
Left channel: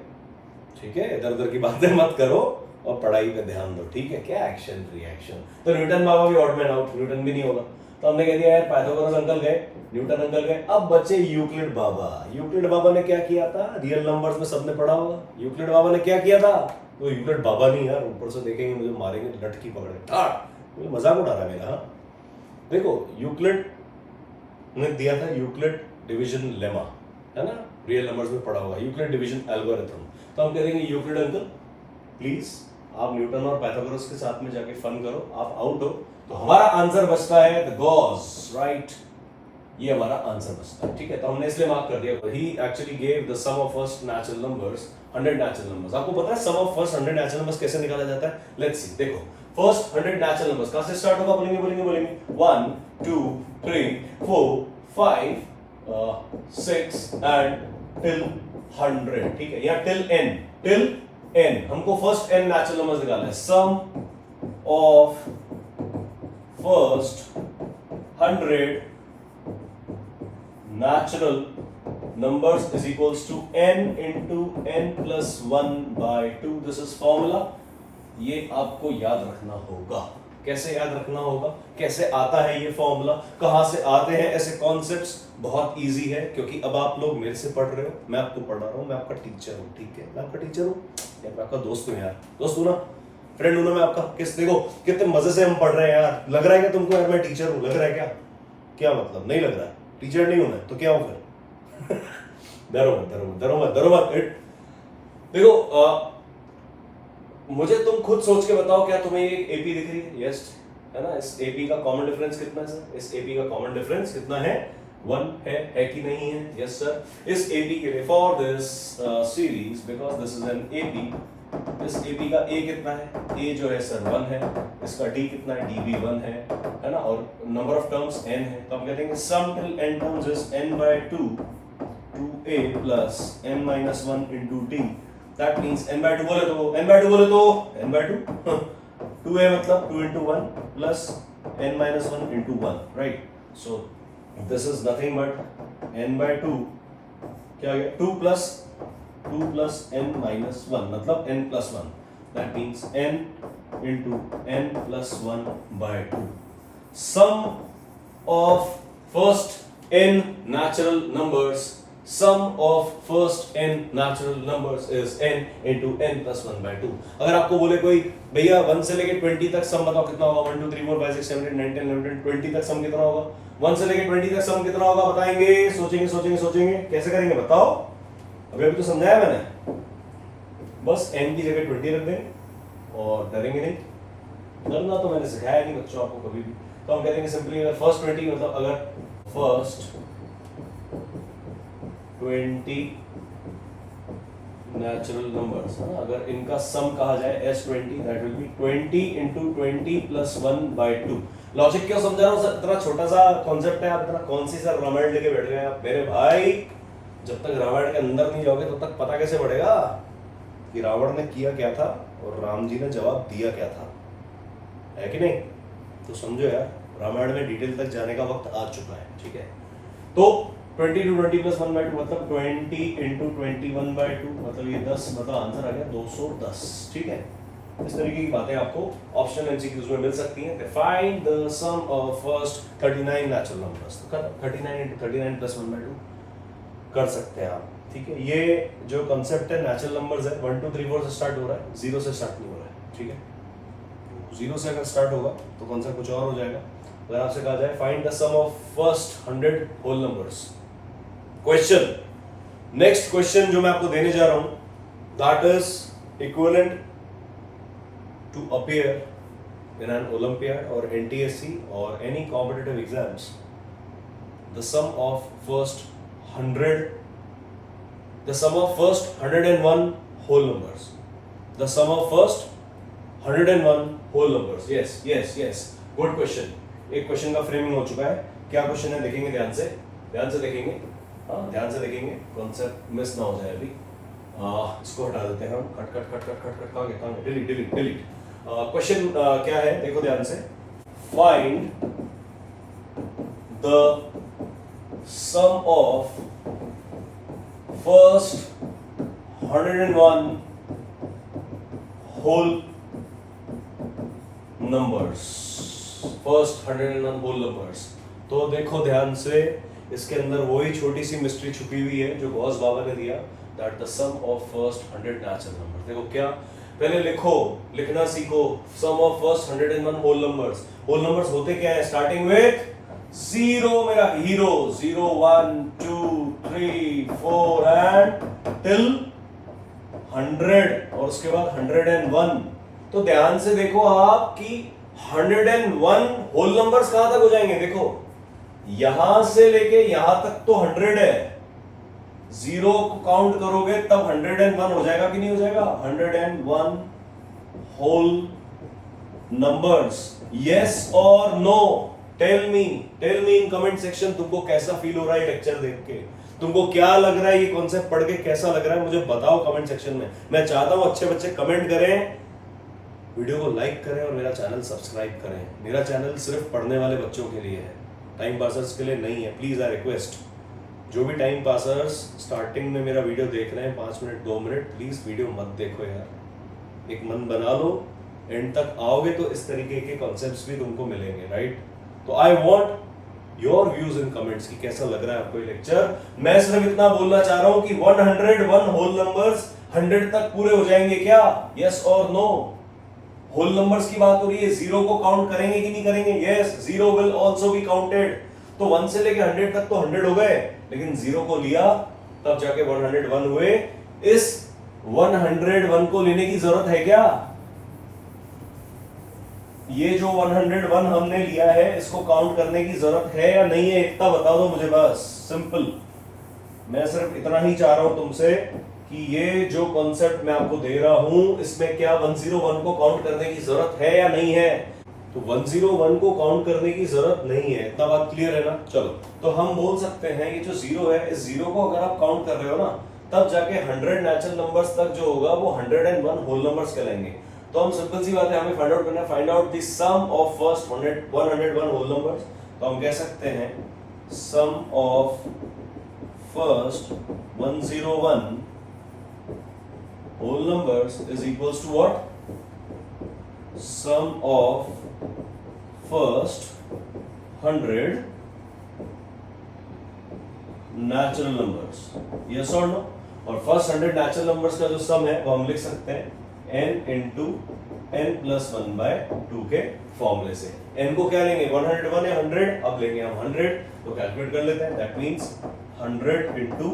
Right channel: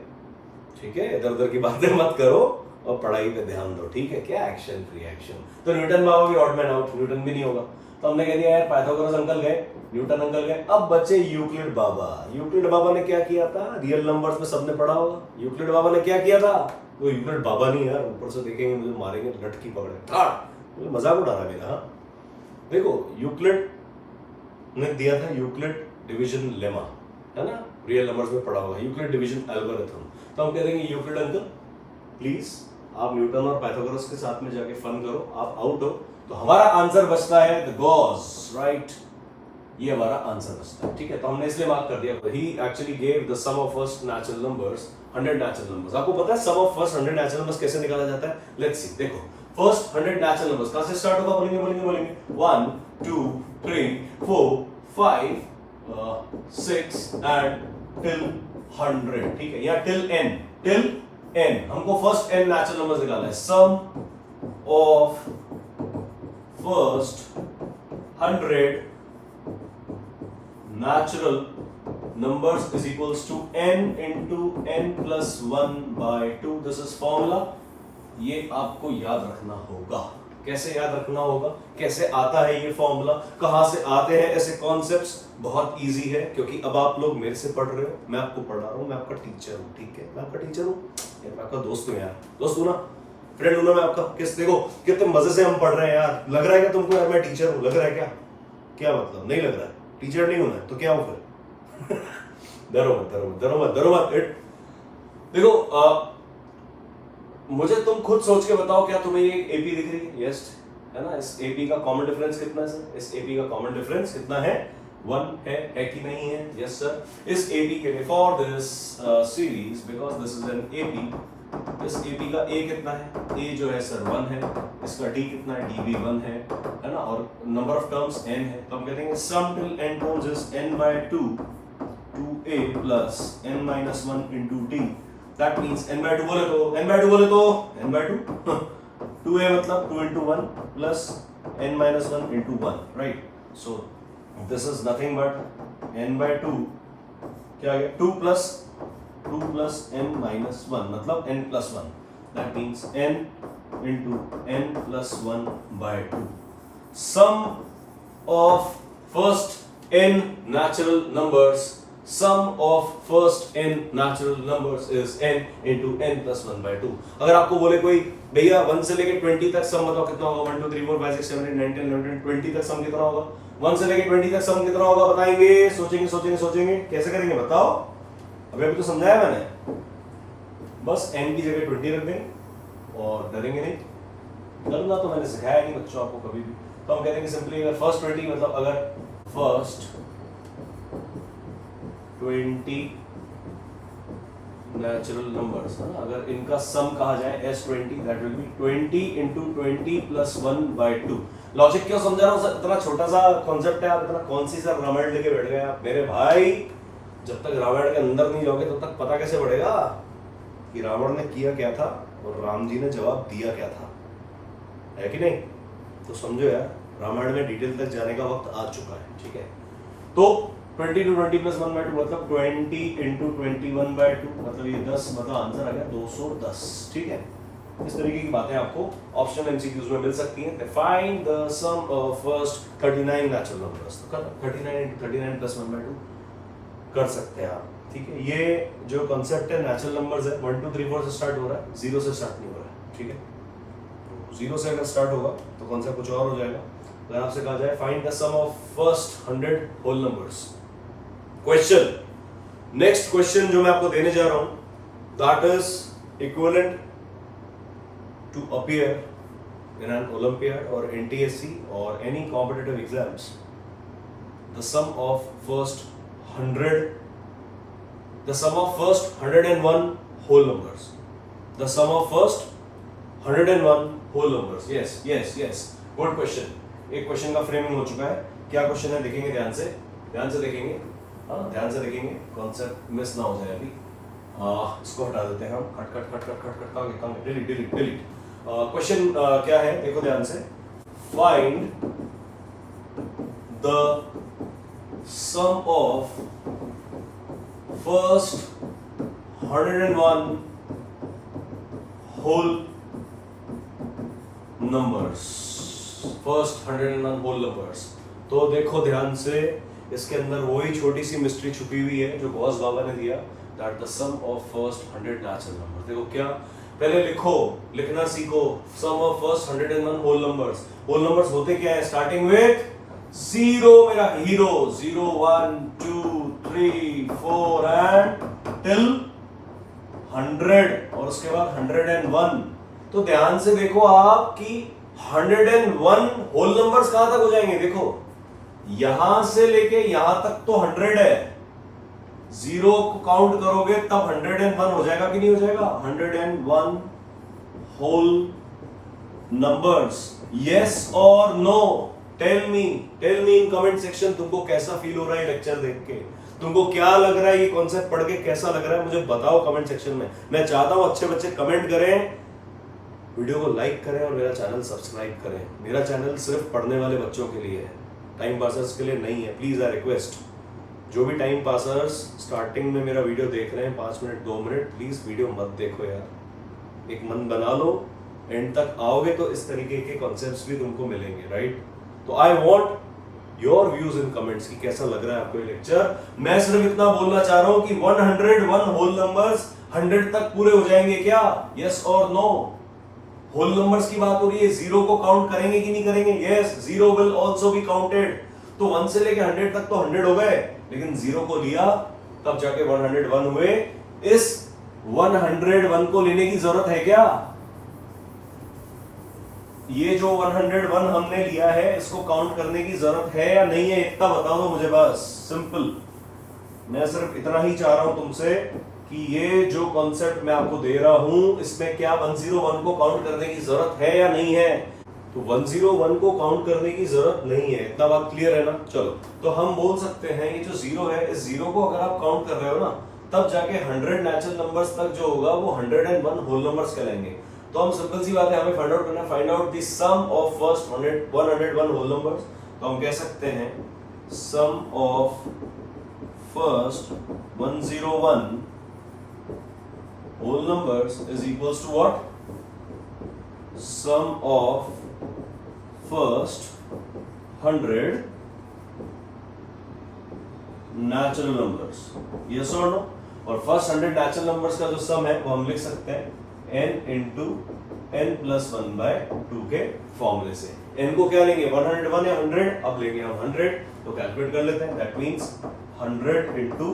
ठीक है? इधर उधर की बातें मत करो और पढ़ाई पे ध्यान दो, ठीक है? क्या एक्शन रिएक्शन? तो न्यूटन बाबा भी ऑड मैन आउट, न्यूटन भी नहीं होगा। तो हमने कह दिया यार पाइथागोरस अंकल गए, न्यूटन अंकल गए, अब बचे यूक्लिड बाबा। यूक्लिड बाबा ने क्या किया था? रियल नंबर्स में सबने पढ़ा होगा। यूक्लिड बाबा ने क्या किया था? वो यूक्लिड बाबा नहीं यार, ऊपर से देखेंगे मुझे मारेंगे, लटकी पकड़े, मुझे मजाक उड़ा रहा है मेरा। हाँ देखो, यूक्लिड ने दिया था यूक्लिड डिवीजन लेमा, है ना? रियल नंबर्स में पढ़ा होगा, यूक्लिड डिवीजन एल्गोरिथम। तो हम कह देंगे यूक्लिड अंकल प्लीज आप न्यूटन और पाइथागोरस के साथ में जाके फन करो, आप आउट हो। तो हमारा आंसर बचता है द गॉस, राइट? ये हमारा आंसर बचता है, ठीक है? तो हमने इसलिए मार्क कर दिया। He actually gave the sum of first natural numbers 100 natural numbers. आपको पता है sum of first 100 natural numbers कैसे निकाला जाता है? Let's see. देखो फर्स्ट 100 नेचुरल नंबर्स कहां से स्टार्ट होगा? बोलेंगे 1 2 3 4 5 6 एंड टिल 100, ठीक है? या टिल n, हमको फर्स्ट n नेचुरल नंबर्स निकालना है। Sum of first 100 natural numbers is equals to n into n plus 1 by 2. This is formula. ये आपको याद रखना होगा। कैसे याद रखना होगा? कैसे आता है ये फॉर्मूला? कहां से आते हैं ऐसे कॉन्सेप्ट्स? बहुत इजी है, क्योंकि अब आप लोग मेरे से पढ़ रहे हो, मैं आपको पढ़ा रहा हूं, मैं आपका टीचर हूं, ठीक है? मैं आपका टीचर हूं, मैं आपका दोस्त हूं यार, दोस्त हूं ना, फ्रेंड हूं ना मैं आपका। किस देखो कितने मजे से हम पढ़ रहे हैं यार। लग रहा है क्या तुमको यार मैं टीचर हूं? लग रहा है क्या? क्या मतलब? नहीं लग रहा है? टीचर नहीं होना है तो क्या हो फिर? डरो मत। देखो मुझे तुम खुद सोच के बताओ, क्या तुम्हें ये एपी दिख रही है? यस, है ना? इस एपी का कॉमन डिफरेंस कितना है सर? इस एपी का कॉमन डिफरेंस कितना है? 1 है कि नहीं है? Yes sir. इस एपी के लिए for this series, because this is an AP, इस एपी का ए कितना है? ए जो है सर 1 है। इसका डी कितना है? डी भी 1 है ना? और नंबर ऑफ टर्म्स n है, तो हम कहते हैं sum till n terms is n by 2 2a plus n minus 1 into d. That means n by 2 बोले तो n by 2 2a मतलब 2 into 1 plus n minus 1 into 1, right? So this is nothing but n by 2 क्या आ गया? 2 plus n minus 1 मतलब n plus 1. That means n into n plus 1 by 2. Sum of first n natural numbers. Sum of first n natural numbers is n into n plus 1 by 2. अगर आपको बोले कोई भैया 1 से लेके 20 तक सम बताओ कितना होगा? 1 2 3 4 5 6 7 8 9 10 11 20 तक सम कितना होगा? 1 से लेके 20 तक सम कितना होगा? बताएंगे, सोचेंगे कैसे करेंगे बताओ? अभी तो समझाया मैंने। बस n की जगह 20 रख देंगे और डरेंगे नहीं, करना तो मैंने सिखाया नहीं बच्चों आपको कभी भी। तो हम कहते हैं सिंपली अगर फर्स्ट 20 मतलब अगर फर्स्ट 20 नेचुरल नंबर्स है ना, अगर इनका सम कहा जाए S20 that will B 20 into 20 plus 1/2। Logic क्यों समझा रहा हूँ, इतना छोटा सा कॉन्सेप्ट है, आप इतना कौन सी सर रामायण लेके बैठ गए आप मेरे भाई। जब तक रामायण के अंदर नहीं जाओगे तब तक पता कैसे पड़ेगा कि रावण ने किया क्या था और राम जी ने जवाब दिया क्या था, है कि नहीं। तो समझो यार, रामायण में डिटेल तक जाने का वक्त आ चुका है, ठीक है। तो 20 to 20 plus 1/2 मतलब 20 into 21/2 मतलब ये 10 मतलब आंसर आ गया 210, ठीक है। इस तरीके की बातें आपको ऑप्शनल एमसीक्यूज में मिल सकती हैं। Find the sum of first 39 natural numbers, तो 39 into 39 plus 1/2 कर सकते हैं आप, ठीक है। ये जो कॉन्सेप्ट है नेचुरल नंबर्स है 1 2 3 4 से स्टार्ट हो रहा है, 0 से स्टार्ट नहीं हो रहा है, ठीक है। 0 से अगर स्टार्ट होगा तो कॉन्सेप्ट कुछ और हो जाएगा। अगर आपसे कहा जाए find the sum of first 100 whole numbers, question next question जो मैं आपको देने जा रहा हूं that is equivalent to appear in an olympiad और एनटीएससी और any competitive exams. The sum of first 101 whole numbers, the sum of first 101 whole numbers। yes good question। एक क्वेश्चन का फ्रेमिंग हो चुका है, क्या क्वेश्चन है देखेंगे, ध्यान से देखेंगे, हाँ ध्यान से देखेंगे, कॉन्सेप्ट मिस ना हो जाए अभी। इसको हटा देते हैं हम, कट डिलीट। क्वेश्चन क्या है देखो ध्यान से, find the sum of first 101 whole numbers, first 101 whole numbers। तो देखो ध्यान से, इसके अंदर वही छोटी सी मिस्ट्री छुपी हुई है जो गॉस बाबा ने दिया, that the sum of first 100 natural numbers. देखो क्या, पहले लिखना सीखो, sum of first 101 whole numbers. Whole numbers होते क्या है, स्टार्टिंग विथ 0 मेरा हीरो, 0 1 2 3 4 एंड टिल 100 और उसके बाद 101। तो ध्यान से देखो आप कि 101 होल नंबर्स कहां तक हो जाएंगे, देखो यहां से लेके यहां तक तो 100 है, 0 को काउंट करोगे तब 101 हो जाएगा कि नहीं हो जाएगा, 101 होल नंबर्स। यस और no, tell me in comment section, तुमको कैसा फील हो रहा है लेक्चर देख के, तुमको क्या लग रहा है, ये कॉन्सेप्ट पढ़ के कैसा लग रहा है, मुझे बताओ कमेंट सेक्शन में। मैं चाहता हूं अच्छे बच्चे कमेंट करें, वीडियो को लाइक करें और मेरा चैनल सब्सक्राइब करें। मेरा चैनल सिर्फ पढ़ने वाले बच्चों के लिए है, टाइम पासर्स के लिए नहीं है। प्लीज आई रिक्वेस्ट, जो भी टाइम पासर्स स्टार्टिंग में मेरा वीडियो देख रहे हैं 5 मिनट 2 मिनट, प्लीज वीडियो मत देखो यार, एक मन बना लो, एंड तक आओगे तो इस तरीके के कॉन्सेप्ट्स भी तुमको मिलेंगे, राइट। तो I want your views in comments कि कैसा लग रहा है आपको ये लेक्चर। मैं सिर्फ इतना बोलना चाह रहा हूं कि 101 होल नंबर्स 100 तक पूरे हो जाएंगे क्या, यस और नो। होल नंबर्स की बात हो रही है, 0 को काउंट करेंगे कि नहीं करेंगे, yes 0 will also be counted. तो 1 से लेके 100 तक तो 100 हो गए, लेकिन 0 को लिया तब जाके 101 हुए। इस 101 को लेने की जरूरत है क्या, ये जो 101 हमने लिया है इसको काउंट करने की जरूरत है या नहीं है, इतना बता दो मुझे बस, सिंपल। मैं सिर्फ इतना ही चाह रहा हूं तुमसे कि ये जो कॉन्सेप्ट मैं आपको दे रहा हूं इसमें क्या 101 को काउंट करने की जरूरत है या नहीं है। तो 101 को काउंट करने की जरूरत नहीं है, इतना बात क्लियर है ना। चलो तो हम बोल सकते हैं ये जो 0 है, इस 0 को अगर आप काउंट कर रहे हो ना तब जाके 100 नेचुरल नंबर्स तक जो होगा वो 101 होल नंबर्स कहलाएंगे। तो हम सिंपल सी बात है, हमें फाइंड आउट करना, find out the sum of first 101 whole numbers. तो हम कह सकते हैं sum of first 101 whole numbers is equals to what, sum of first 100 natural numbers, yes or no। और फर्स्ट 100 नेचुरल नंबर्स का जो सम है वो हम लिख सकते हैं n into n plus 1/2 के फॉर्मूले से। n को क्या लेंगे, 101 है 100, अब लेंगे हम 100, तो कैलकुलेट कर लेते हैं। दैट मींस 100 into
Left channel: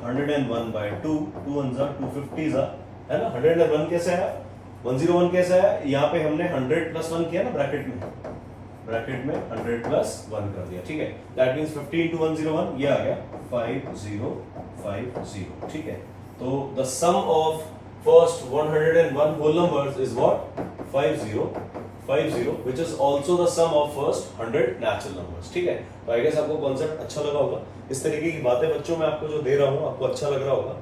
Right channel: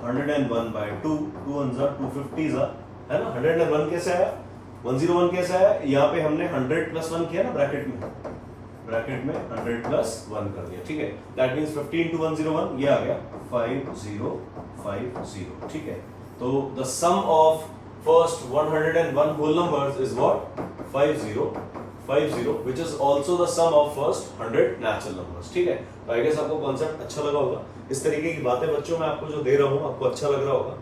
101/2, 2 1 250 है ना। 101 कैसे आया, 101 कैसा है, यहाँ पे हमने 100 प्लस 1 किया ना ब्रैकेट में 100 प्लस 1 कर दिया, ठीक है। दैट मींस 15 to 101 ये आ गया 5050, ठीक है। तो the sum of first 101 whole numbers is what 5050, which is also the sum of first 100 natural numbers, ठीक है। तो आई गेस आपको कॉन्सेप्ट अच्छा लगा होगा। इस तरीके की बातें बच्चों मैं आपको जो दे रहा हूँ आपको अच्छा लग रहा होगा,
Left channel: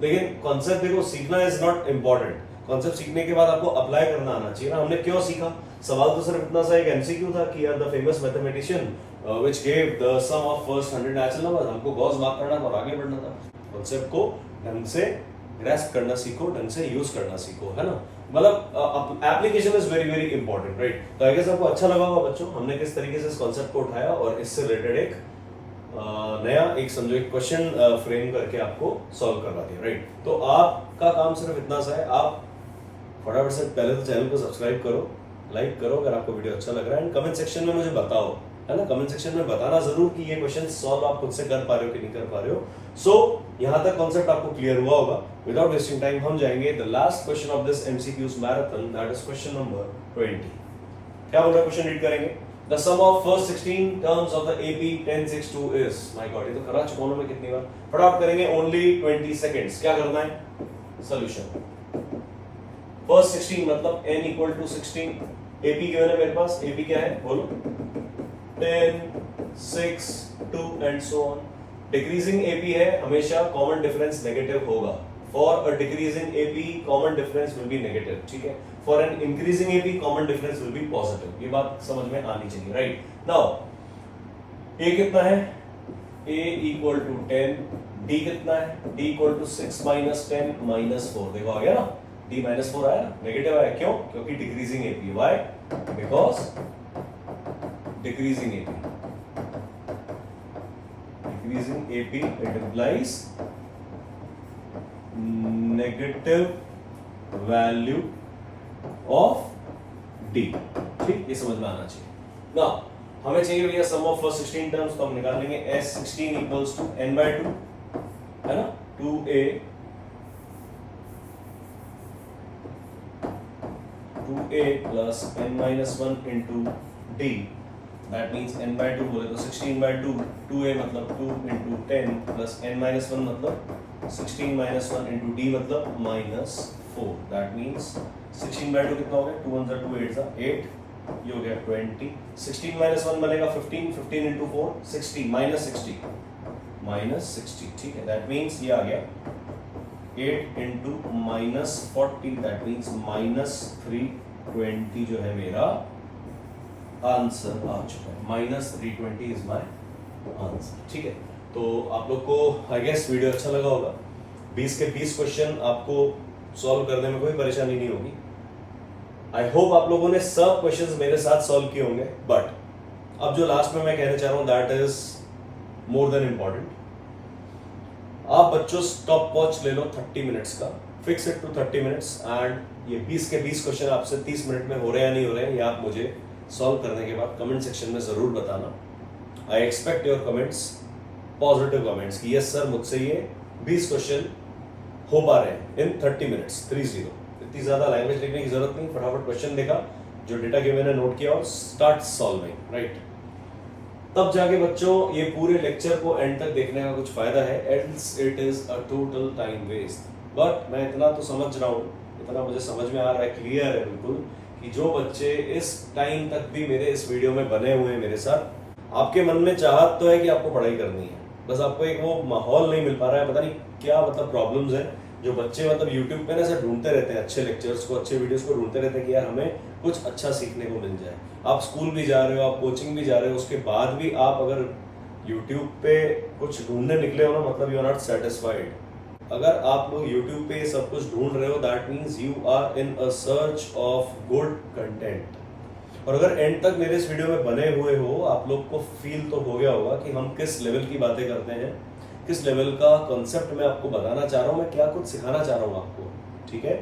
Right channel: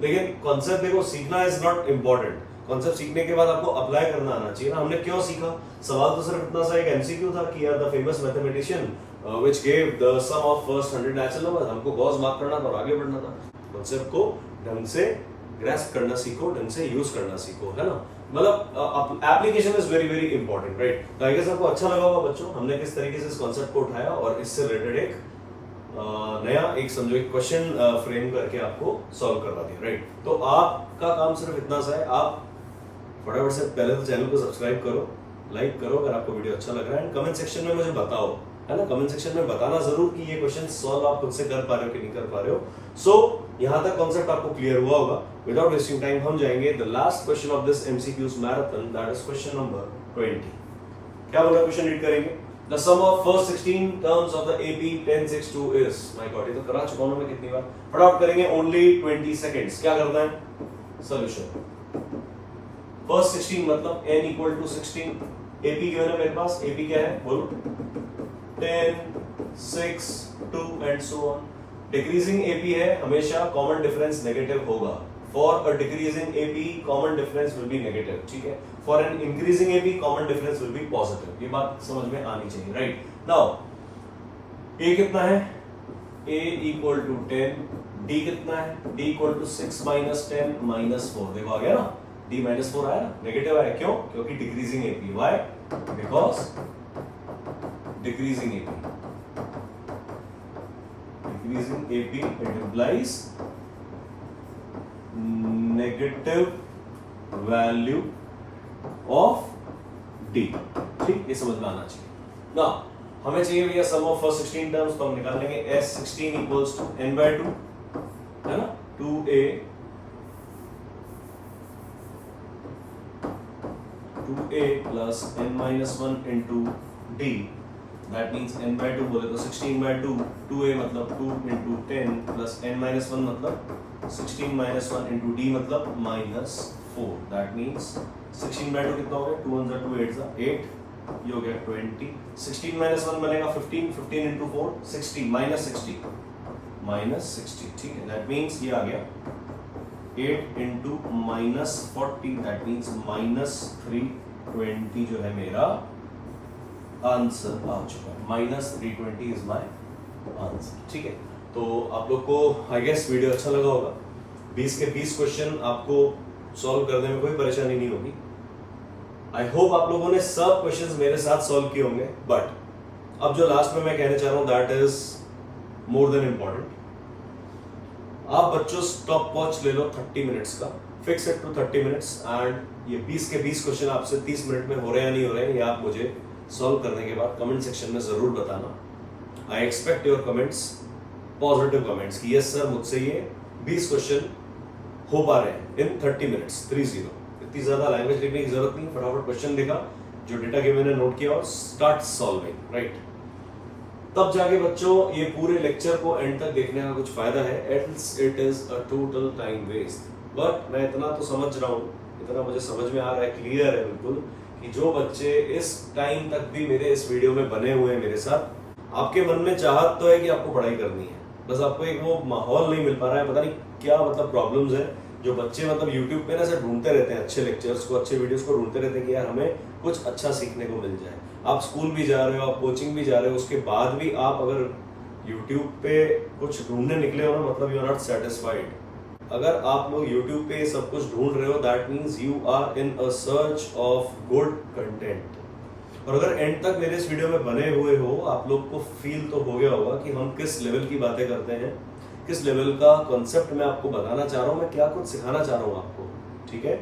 लेकिन कॉन्सेप्ट देखो सीखना इज नॉट इंपॉर्टेंट। कॉन्सेप्ट सीखने के बाद आपको अप्लाई करना आना चाहिए ना। हमने क्यों सीखा, सवाल तो सिर्फ इतना सा एक एमसीक्यू था कि यार the famous mathematician which gave the sum of first 100 natural numbers, हमको गॉस मार्क करना और आगे बढ़ना था। कॉन्सेप्ट को ढंग से ग्रैस्प करना सीखो, ढंग से यूज करना सीखो, है ना। मतलब application is very very important, right. तो आई गेस आपको अच्छा लगा होगा बच्चों, हमने किस तरीके से इस कॉन्सेप्ट को उठाया और इससे रिलेटेड एक नया एक समझो एक क्वेश्चन फ्रेम करके आपको सॉल्व करवा दिया, राइट। तो आपका काम सिर्फ इतना सा है, आप फटाफट से पहले तो चैनल को सब्सक्राइब करो, लाइक करो अगर आपको वीडियो अच्छा लग रहा है, एंड कमेंट सेक्शन में मुझे बताओ, है ना। कमेंट सेक्शन में बताना जरूर कि ये क्वेश्चन सॉल्व आप खुद से कर पा रहे हो कि नहीं कर पा रहे हो। सो यहां तक कॉन्सेप्ट आपको क्लियर हुआ होगा। विदाउट वेस्टिंग टाइम हम जाएंगे the last question of this MCQs marathon, that is question number 20। क्या बोल रहा है क्वेश्चन, रीड करेंगे। The sum of first 16 terms of the AP 1062 is, my God, ये तो करा चुका हूं मैं कितनी बार, फटाफट करेंगे, only 20 seconds। क्या करना है, सोल्यूशन। फर्स्ट 16 मतलब n equal to 16, AP क्या है ना मेरे पास, AP क्या है बोलो, 10 6 2 and so on। Decreasing AP है, हमेशा कॉमन डिफरेंस नेगेटिव होगा। For a decreasing AP, common difference will be negative, ठीक है। For an increasing AP, common difference will be positive। ये बात समझ में आनी चाहिए, right? Now, A कितना है? A equal to 10, D कितना है? D equal to 6 minus 10 minus 4, देखो आ गया ना? D minus 4 आया ना? नेगेटिव आया, क्यों? क्योंकि decreasing AP, why? Because decreasing AP, it implies negative value of D, ठीक, ये समझ में आना चाहिए ना। हमें चाहिए भैया सम ऑफ फर्स्ट 16 टर्म्स, तो हम निकाल लेंगे S16 इक्वल्स टू n/2, है ना, 2a plus n-1 into D, that means n/2 बोले तो 16/2, 2a मतलब 2 इंटू 10 प्लस n-1 मतलब 16 minus 1 into d मतलब -4, दैट मीन्स 16/2 कितना हो गया, 2 1 2 8 8, ये हो गया 20, 16 minus 1 बनेगा 15, 15 into 4 60 -60, ठीक है। दैट मीन्स ये आ गया 8 into -40, दैट मीन्स -320 जो है मेरा आंसर आ चुका है, -320 इज माय आंसर, ठीक है। तो आप लोग को आई गेस वीडियो अच्छा लगा होगा। 20 के 20 क्वेश्चन आपको सॉल्व करने में कोई परेशानी नहीं होगी। आई होप आप लोगों ने सब क्वेश्चंस मेरे साथ सॉल्व किए होंगे, बट अब जो लास्ट में मैं कहना चाह रहा हूं that is more than important. आप बच्चों स्टॉप वॉच ले लो 30 मिनट्स का, fix it to 30 minutes, and ये 20 के 20 क्वेश्चन आपसे 30 मिनट में हो रहे हैं या नहीं हो रहे हैं, ये आप मुझे सॉल्व करने के बाद कमेंट सेक्शन में जरूर बताना। I expect your comments, positive comments कि यस सर मुझसे ये 20 क्वेश्चन हो पा रहे हैं इन 30 मिनट्स 30। इतनी ज्यादा लैंग्वेज लिखने की जरूरत नहीं, फटाफट क्वेश्चन देखा, जो डेटा के मैंने नोट किया और स्टार्ट सॉल्विंग, राइट। तब जाके बच्चों ये पूरे लेक्चर को एंड तक देखने का कुछ फायदा है, else it is a total time waste. But मैं इतना तो समझ रहा हूँ, इतना मुझे समझ में आ रहा है, क्लियर है बिल्कुल, कि जो बच्चे इस टाइम तक भी मेरे इस वीडियो में बने हुए हैं मेरे साथ, आपके मन में चाहत तो है कि आपको पढ़ाई करनी है, बस आपको एक वो माहौल नहीं मिल पा रहा है, पता नहीं क्या मतलब प्रॉब्लम्स है। जो बच्चे मतलब YouTube पे ना ऐसा ढूंढते रहते हैं, अच्छे लेक्चर्स को, अच्छे वीडियोस को ढूंढते रहते हैं कि यार हमें कुछ अच्छा सीखने को मिल जाए। आप स्कूल भी जा रहे हो, आप कोचिंग भी जा रहे हो, उसके बाद भी आप अगर YouTube पे कुछ ढूंढने निकले हो ना, मतलब यू आर नॉट सेटिस्फाइड। अगर आप लोग YouTube पे सब कुछ ढूंढ रहे हो, that means you are in a search of good content. और अगर एंड तक मेरे इस वीडियो में बने हुए हो, आप लोग को फील तो हो गया होगा कि हम किस लेवल की बातें करते हैं, किस लेवल का कॉन्सेप्ट मैं आपको बताना चाह रहा हूँ, मैं क्या कुछ सिखाना चाह रहा हूँ आपको, ठीक है।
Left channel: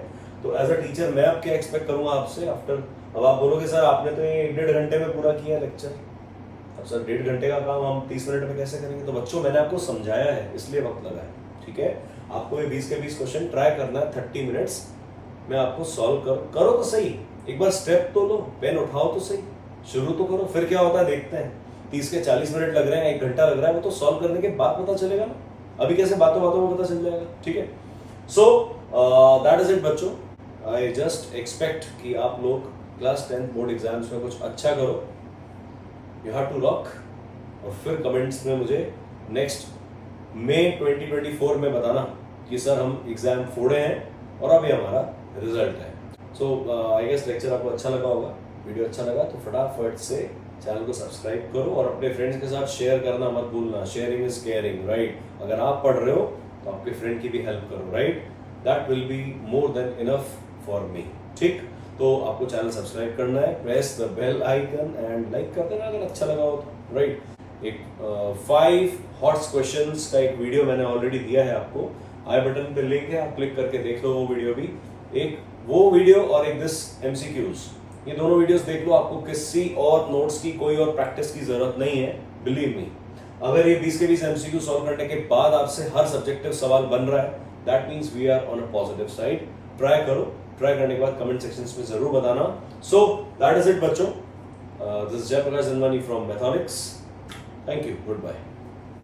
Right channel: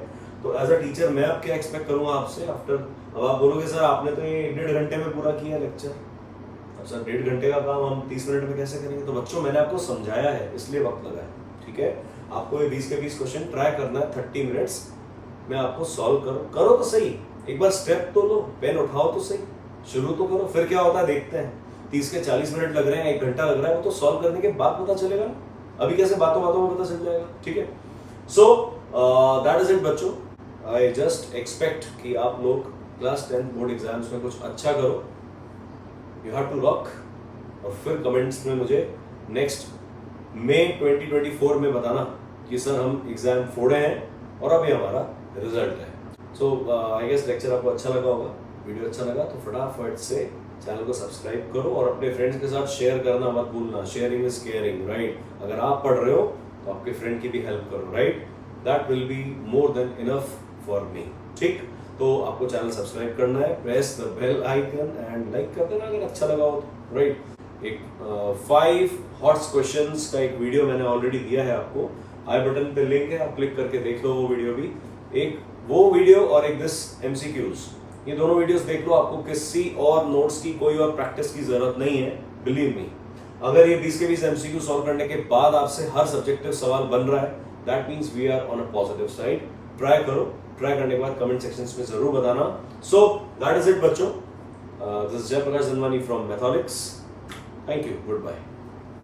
तो एज अ टीचर मैं अब क्या एक्सपेक्ट करूंगा आपसे आफ्टर। अब आप बोलोगे सर आपने तो ये 1.5 घंटे में पूरा किया लेक्चर, अब सर 1.5 घंटे का काम हम 30 मिनट में कैसे करेंगे। तो बच्चों मैंने आपको समझाया है, इसलिए वक्त लगा है, ठीक है। आपको ये 20 के 20 क्वेश्चन ट्राई करना है 30 मिनट्स मैं आपको सॉल्व करो तो सही, एक बार स्टेप तो लो, पेन उठाओ तो सही, शुरू तो करो, फिर क्या होता है देखते हैं। 30 के 40 मिनट लग रहे हैं, 1 घंटा लग रहा है, वो तो सॉल्व करने के बाद पता चलेगा ना, अभी कैसे बातों बातों में पता चल जाएगा, ठीक है। सो दैट इज इट बच्चों, आई जस्ट एक्सपेक्ट कि आप लोग क्लास 10 बोर्ड एग्जाम्स में कुछ अच्छा करो, यू हैव टू रॉक। और फिर कमेंट्स में मुझे नेक्स्ट मई 2024 में बताना कि सर हम एग्जाम फोड़े हैं और अभी हमारा रिजल्ट है। सो आई गेस लेक्चर आपको अच्छा लगा होगा, वीडियो अच्छा लगा तो फटाफट से चैनल को सब्सक्राइब करो और अपने फ्रेंड्स के साथ शेयर करना मत भूलना, शेयरिंग इज केयरिंग, राइट। अगर आप पढ़ रहे हो तो आपके फ्रेंड की भी हेल्प करो, right, that will be more than enough for me, ठीक। तो आपको चैनल सब्सक्राइब करना है, press the bell icon and like कर देना अगर अच्छा लगा हो तो, राइट। एक 5 हॉट्स क्वेश्चंस का एक वीडियो मैंने ऑलरेडी दिया है आपको, आई बटन पे लिंक है, आप क्लिक करके देख लो वो वीडियो भी, एक वो वीडियो और एक दिस MCQs, ये दोनों वीडियोस देख लो, आपको किसी और नोट्स की कोई और प्रैक्टिस की जरूरत नहीं है, बिलीव मी। अगर ये 20 के 20 MCQ सॉल्व करने के बाद आपसे हर सब्जेक्टिव सवाल बन रहा है, that means we are on a positive side. Try करो, ट्राई करने के बाद कमेंट सेक्शंस में जरूर बताना। सो दैट इज इट बच्चों, this is Jayprakash Dhanwani from Matholics, thank you, good bye.